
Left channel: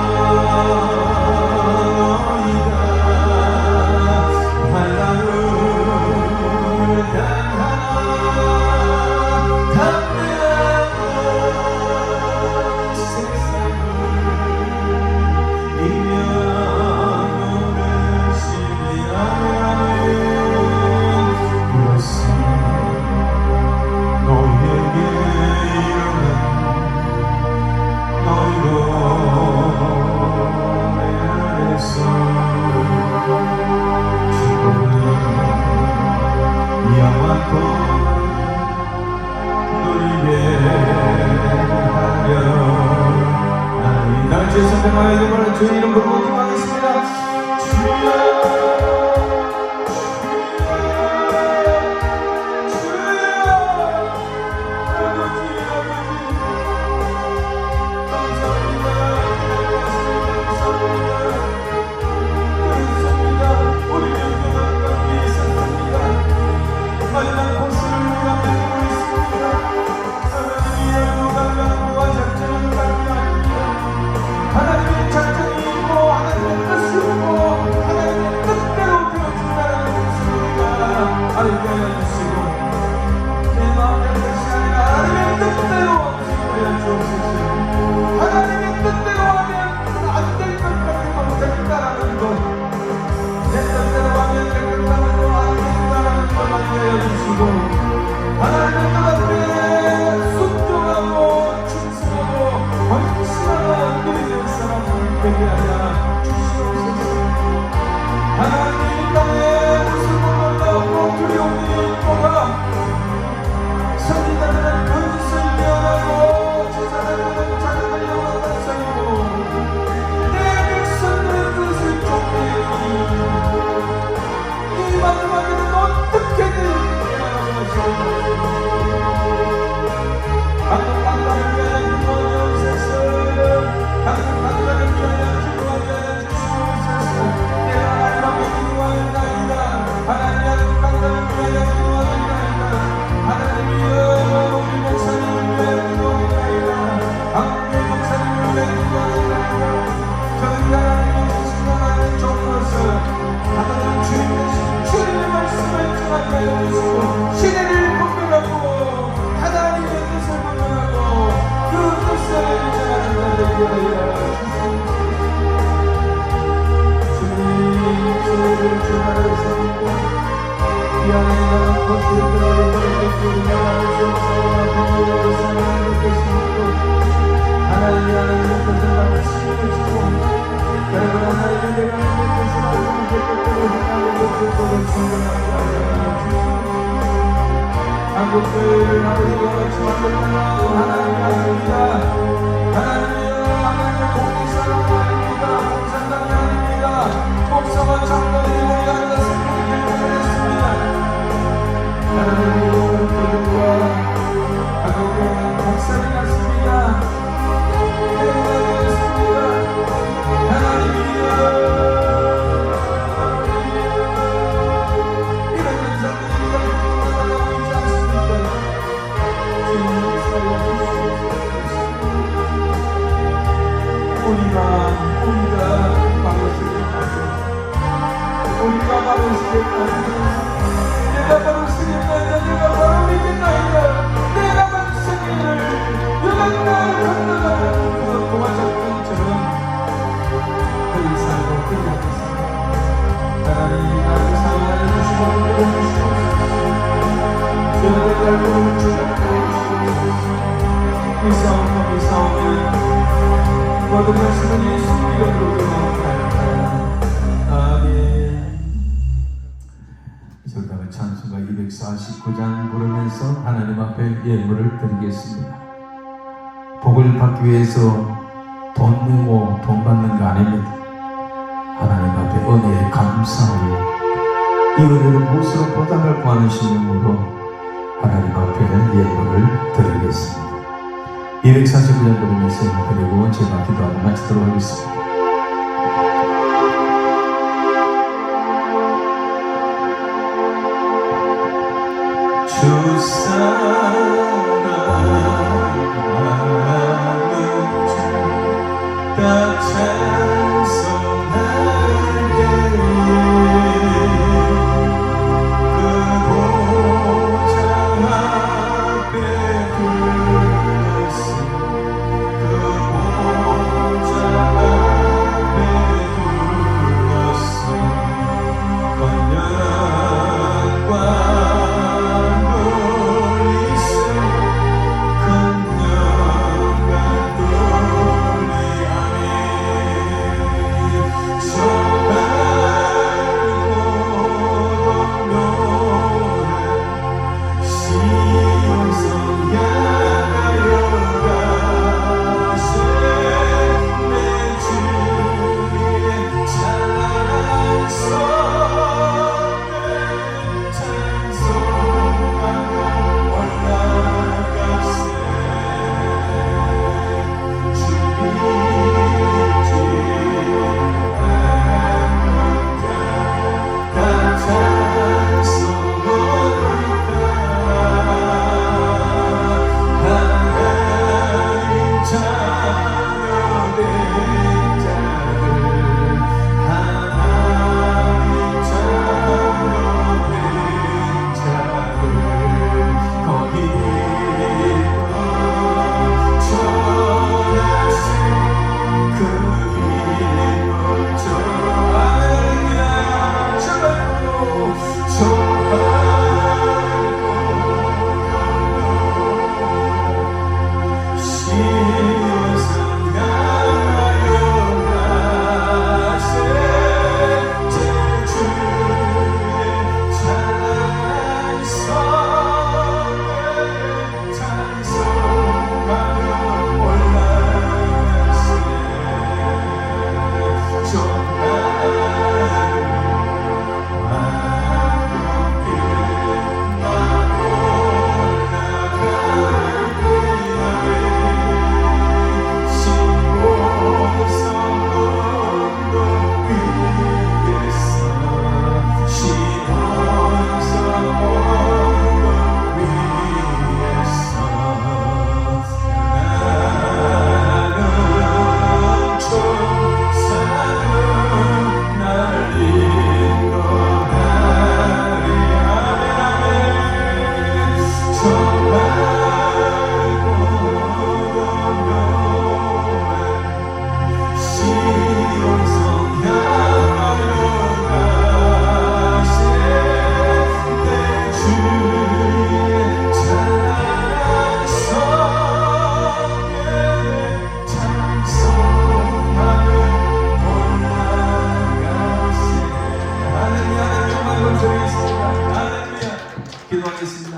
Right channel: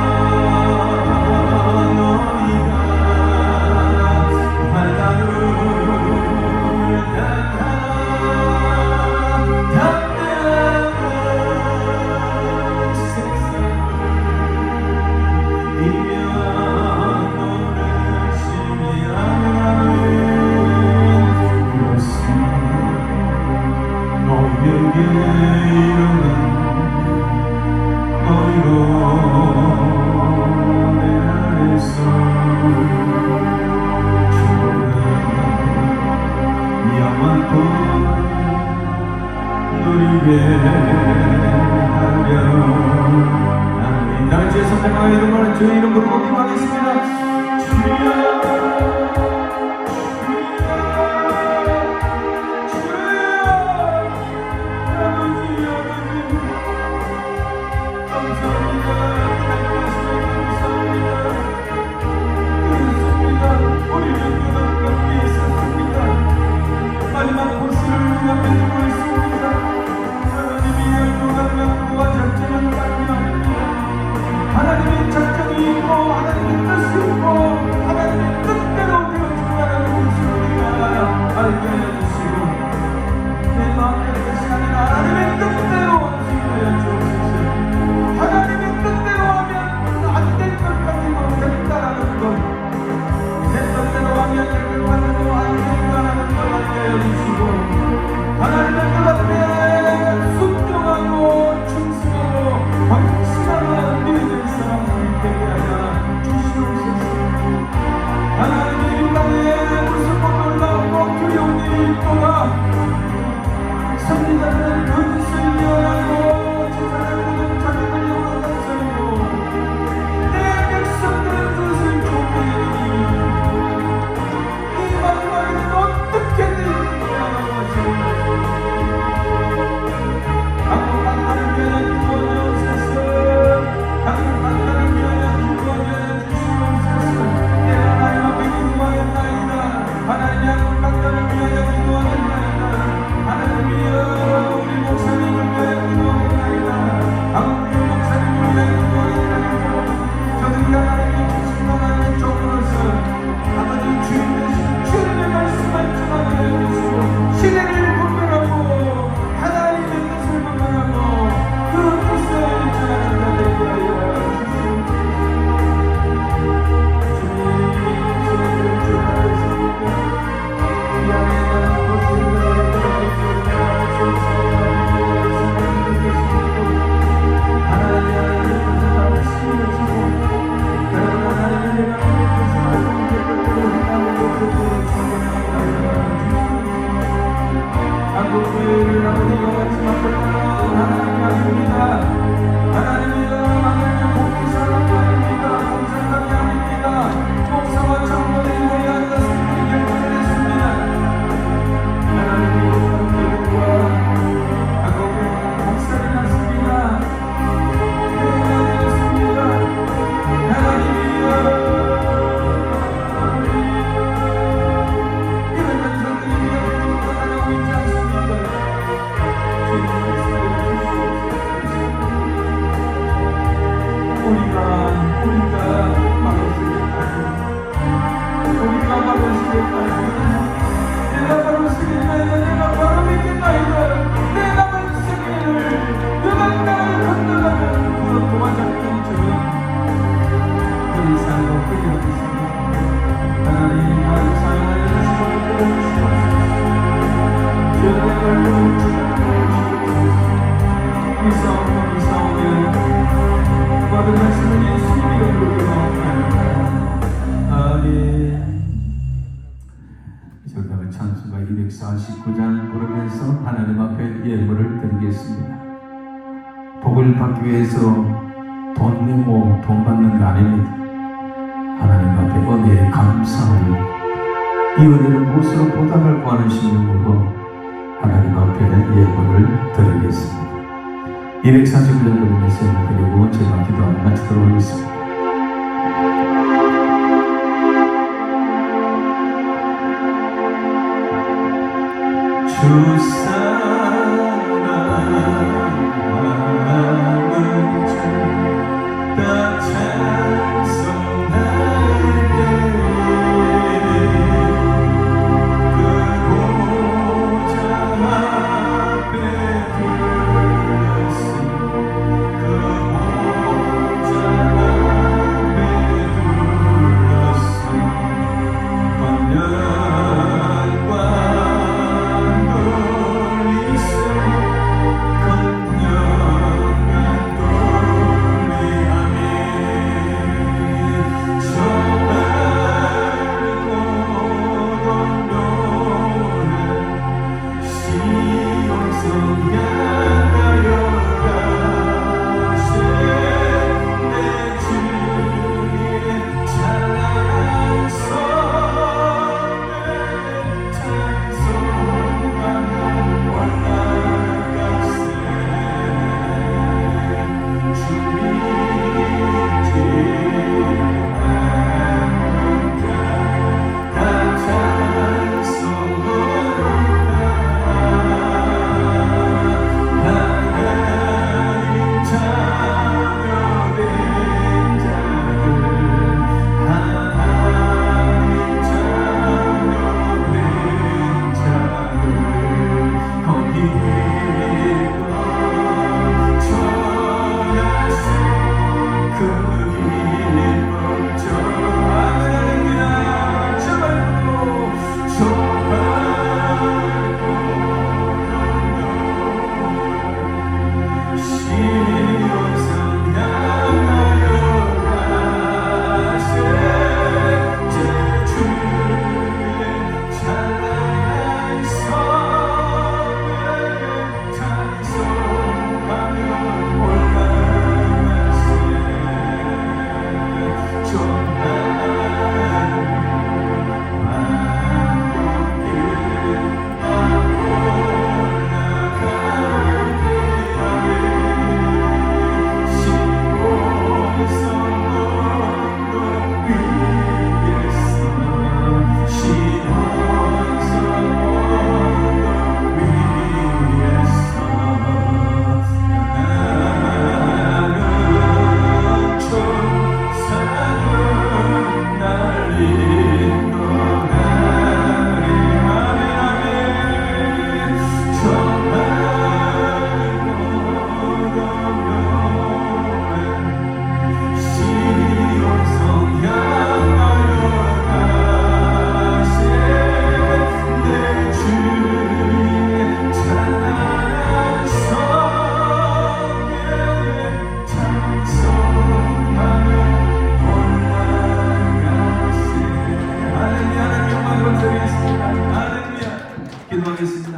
위해서 돈 내고 돈 받는 게 아닙니다. 하나님 앞에 은혜에 감사하여 이 은혜를 무엇으로 보답을 구하는 심령으로 하나님 앞에 예물을 드리겠습니다. 249년 부르면서 그리고 제가 기도하고 마치도록 하겠습니다. 주 사랑하는 자 다 찬송하게 그 보좌 앞에 둘러서 그 보좌 앞에 둘러서 권면과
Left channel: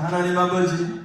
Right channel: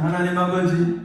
하나님 아버지,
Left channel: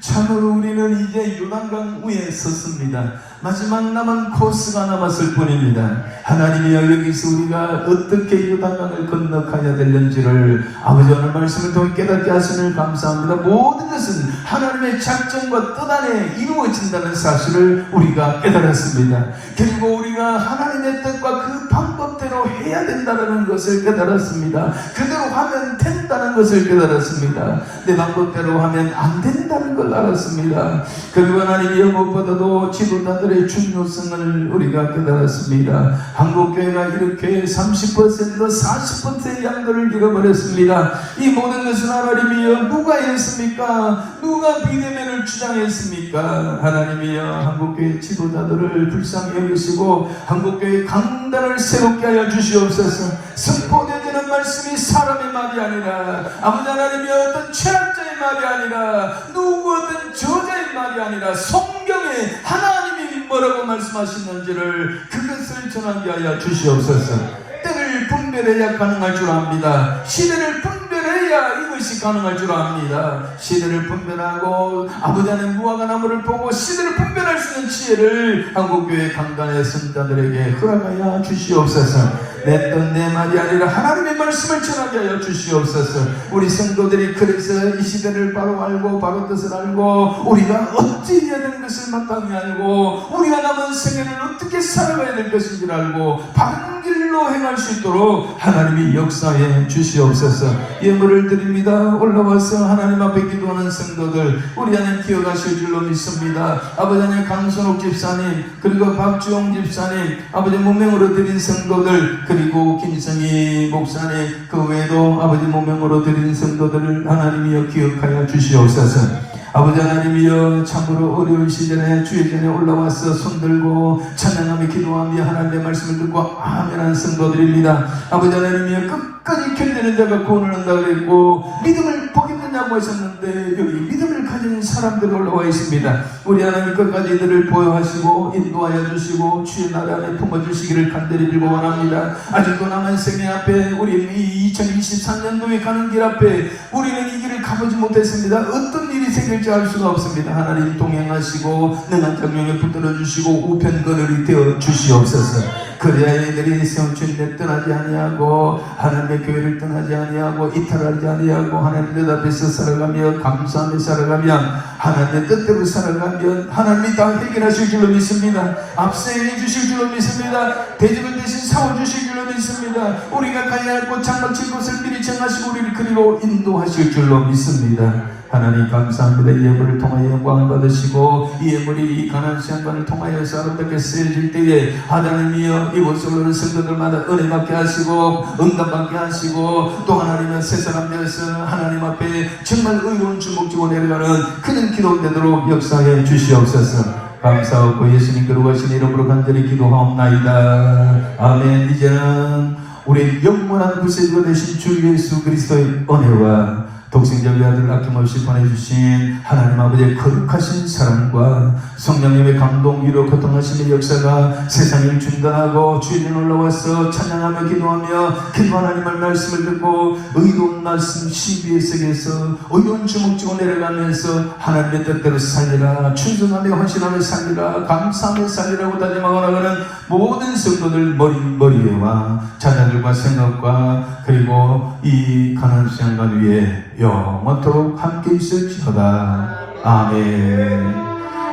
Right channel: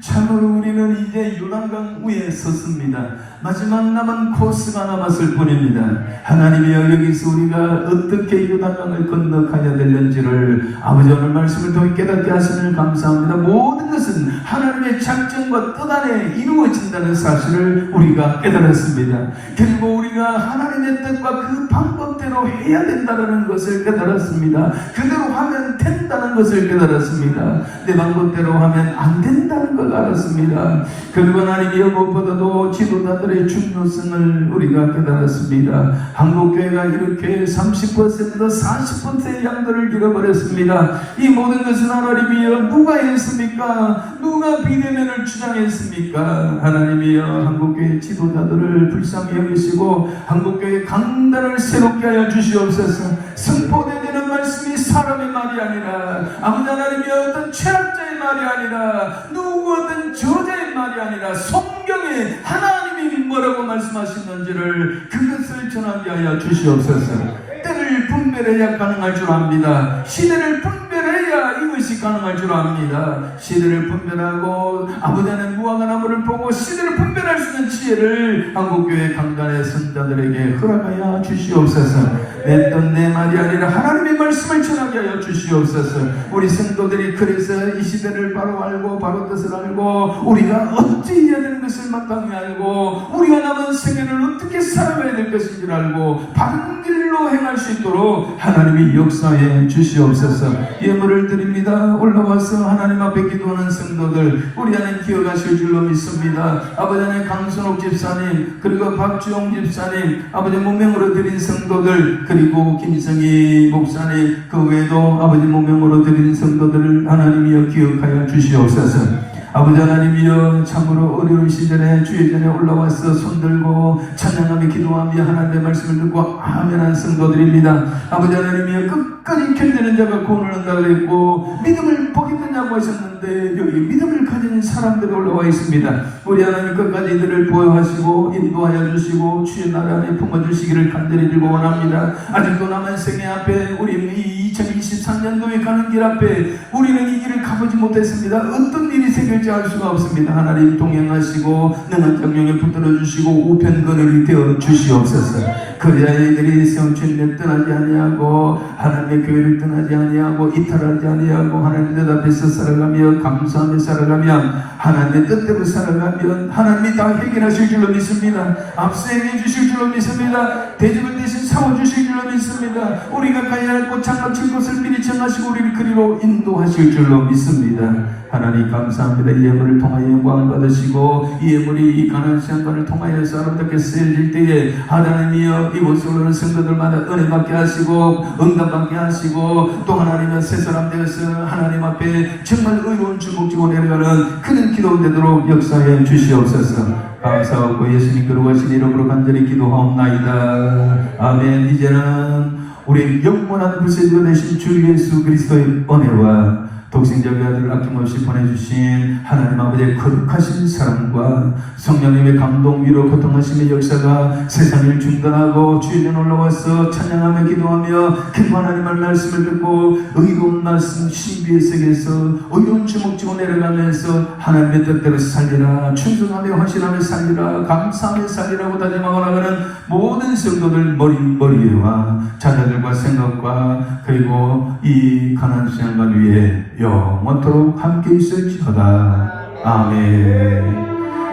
참으로 우리는 이제 요단강 위에 섰습니다. 마지막 남은 코스가 남았을 뿐입니다. 하나님이여, 여기서 우리가 어떻게 요단강을 건너가야 되는지를 아버지 오늘 말씀을 통해 깨닫게 하시니 감사합니다. 모든 것은 하나님의 작정과 뜻 안에 이루어진다는 사실을 우리가 깨달았습니다. 그리고 우리가 하나님의 뜻과 그 방법대로 해야 된다는 것을 깨달았습니다. 그대로 하면 된다는 것을 깨달았습니다. 내 방법대로 하면 안 된다는 걸 알았습니다. 그리고 하나님이여, 무엇보다도 지도자들의 중요성을 우리가 깨달았습니다. 한국교회가 이렇게 30% 40%의 양도를 잃어버렸습니다. 이 모든 것은 하나님이여 누가 했습니까? 누가 비대면을 주장했습니까? 하나님이여, 한국교회 지도자들을 불쌍히 여기시고 한국교회 강단을 새롭게 하여 주시옵소서. 선포되지는 말씀이 사람의 말이 아니라 아버지 하나님이여, 어떤 최악자의 말이 아니라 누구 어떤 저자의 말이 아니라 성경에 하나님이 뭐라고 말씀하시는지를 그것을 전하게 하여 주시옵소서. 때를 분별해야 가능할 줄 압니다. 시대를 분별해야 이것이 것이 가능할 줄 압니다. 시대를 분별하고 아버지 하나님 무화과 나무를 보고 시대를 분별할 수 있는 지혜를 한국교회 강단의 성자들에게 허락하여 주시옵소서. 내 뜻 내 말이 아니라 하나님의 말씀을 전하게 하여 주시옵소서. 우리 성도들이 그래서 이 시대를 바로 알고 바로 뜻을 알고 우리가 어찌 해야 되는 것을 마땅히 알고 우리가 남은 생애를 어떻게 살아가야 될 것인지를 알고 바른 길로 행할 수 있도록 하나님이 역사해 주시옵소서. 예물을 드립니다. 올라와서 하나님 앞에 기도하는 성도들 우리 하나님 기억하실 줄로 믿습니다. 아버지 하나님 강선옥 집사님 그리고 박주영 집사님 아버지 무명으로 드린 성도들 그리고 김성희 목사님 그 외에도 아버지 무명으로 드린 성도들을 하나님이여 기억하여 주시옵소서. 아버지 하나님이여 참으로 어려운 시대에 주의 전에 올라와서 손들고 찬양하며 기도하며 하나님의 말씀을 듣고 아멘한 성도들입니다. 아버지 하나님이여 끝까지 견디는 자가 구원을 얻는다 그랬고 믿음을 보겠느냐고 하셨는데 여기 믿음을 가진 사람들 올라와 있습니다. 우리 하나님 끝까지 이들을 보호하시고 인도하여 주시고 주의 나라 안에 품어주시기를 간절히 빌고 원합니다. 아직도 남은 생애 앞에 우리 이 2023년도에 가는 길 앞에 우리는 이 길을 가보지 못했습니다. 어떤 일이 생길지 알 수가 없습니다. 하나님 동행하시고 내난 장명에 붙들어 주시고 우편거름이 되어 주시옵소서. 그래야 이들이 주님을 떠나지 아니하고 하나님의 교회를 떠나지 아니하고 이탈하지 아니하고 하나님 앞에서 살아가며 감사하며 살아가며 하나님의 뜻대로 살아가면 하나님이 다 해결하실 줄로 믿습니다. 앞서 행해 주실 줄로 믿습니다. 대접을 대신 세워주실 줄로 믿습니다. 우리가 가야 할 곳 장막칠 곳을 미리 정하시고 우리를 그리로 인도하실 줄로 믿습니다. 하나님 감사합니다. 이 예물을 통하여 영광을 받으시고 이 예물이 이 가난한 시간만을 통하여 사람들에게 쓰여질 때에 하나님이여 이곳에 오는 성도들마다 은혜 받게 하시고 응답 받게 하시고 또 하나님의 새 사람 되어서 하나님 앞에 정말 의로운 주목지고 내려가는 그런 기도 되도록 역사해 주시옵소서. 감사하고 예수님 거룩하신 이름으로 간절히 기도하옵나이다. 아멘. 이제는 우리 영원한 구세주가 되신 주 예수 그리스도의 은혜와 독생자의 아들 아낌없이 보내주신 하나님 아버지의 거룩하신 사랑과 성령님의 감동 위로 고통하시는 역사가 세상을 중단하고 주인은 올라와서 찬양하며 기도하며 기도 하나님의 말씀을 듣고 의로운 말씀 신비의 세계에서 의로운 주목지고 내려가면서 하나님의 뜻대로 살리라 충성하며 헌신하며 살리라 감사하며 살리라고 다짐하고 나가는 모든 성도들 머리와 자녀들과 생각과 그리고 이 가난한 시간 위에 영원토록 함께 있을지어다. 아멘.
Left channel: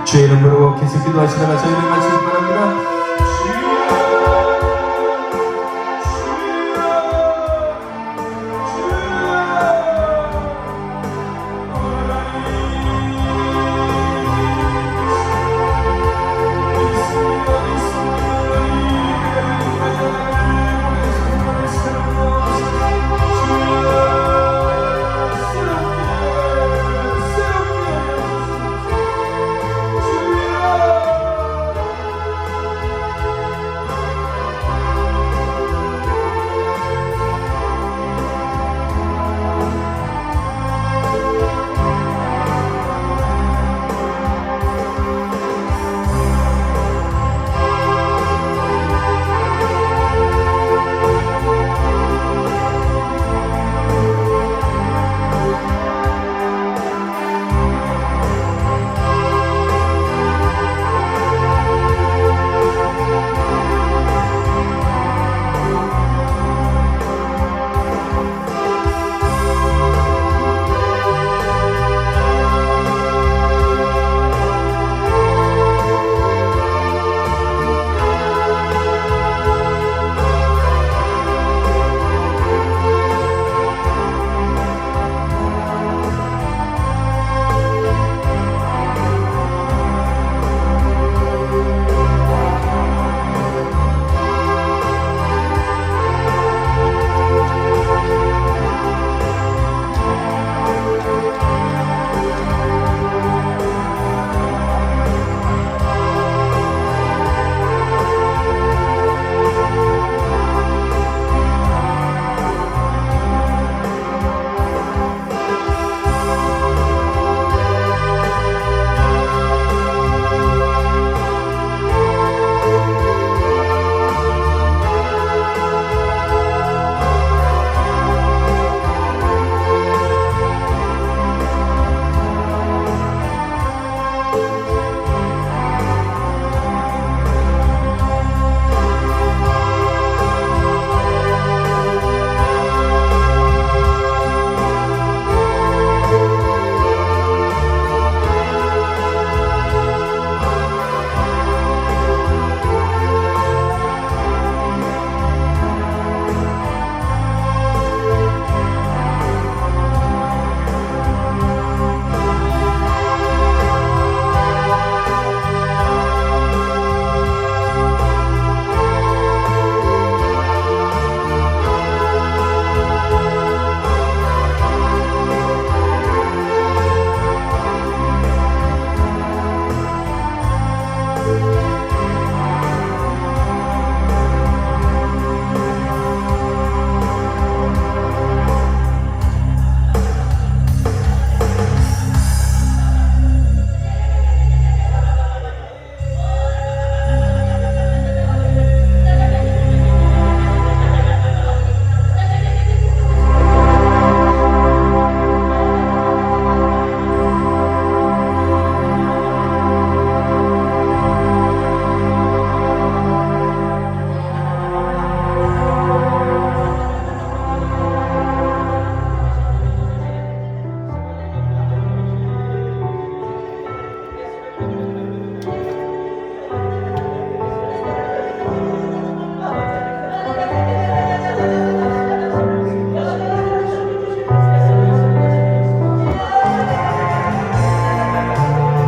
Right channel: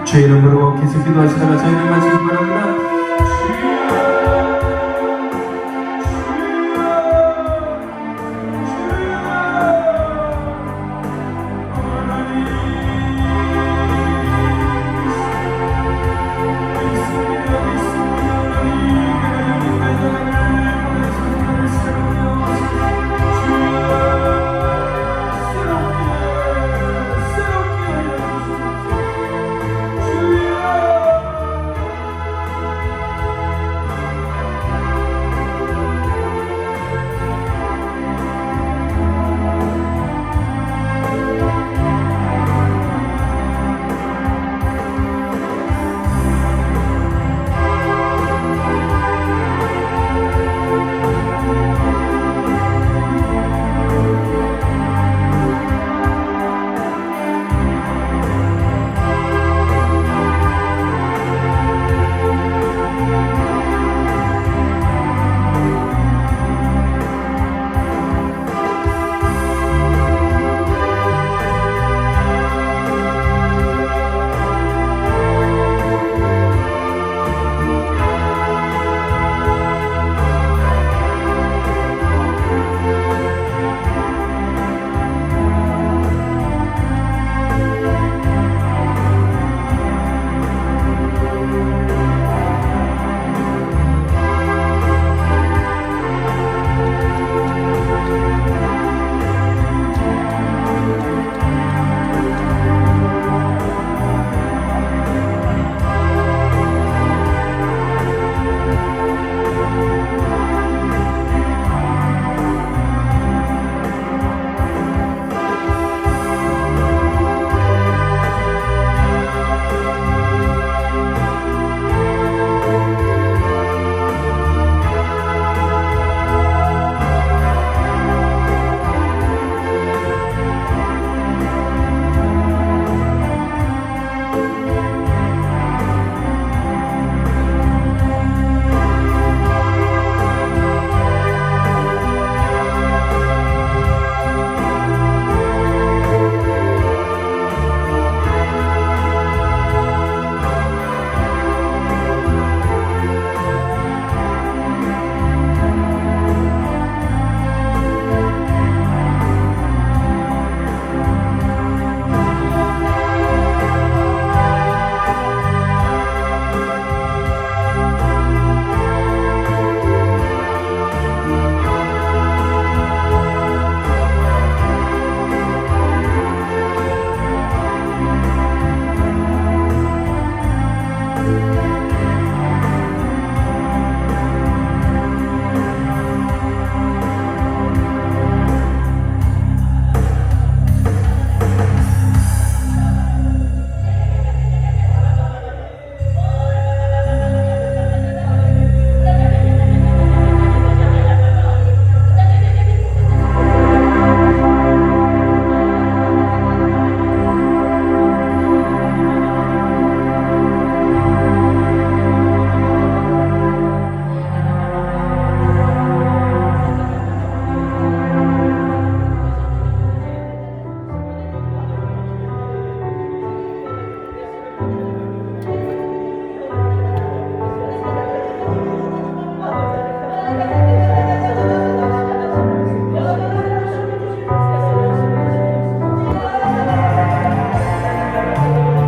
주의 이름으로 기습 기도하시다가 저희를 마치기 바랍니다.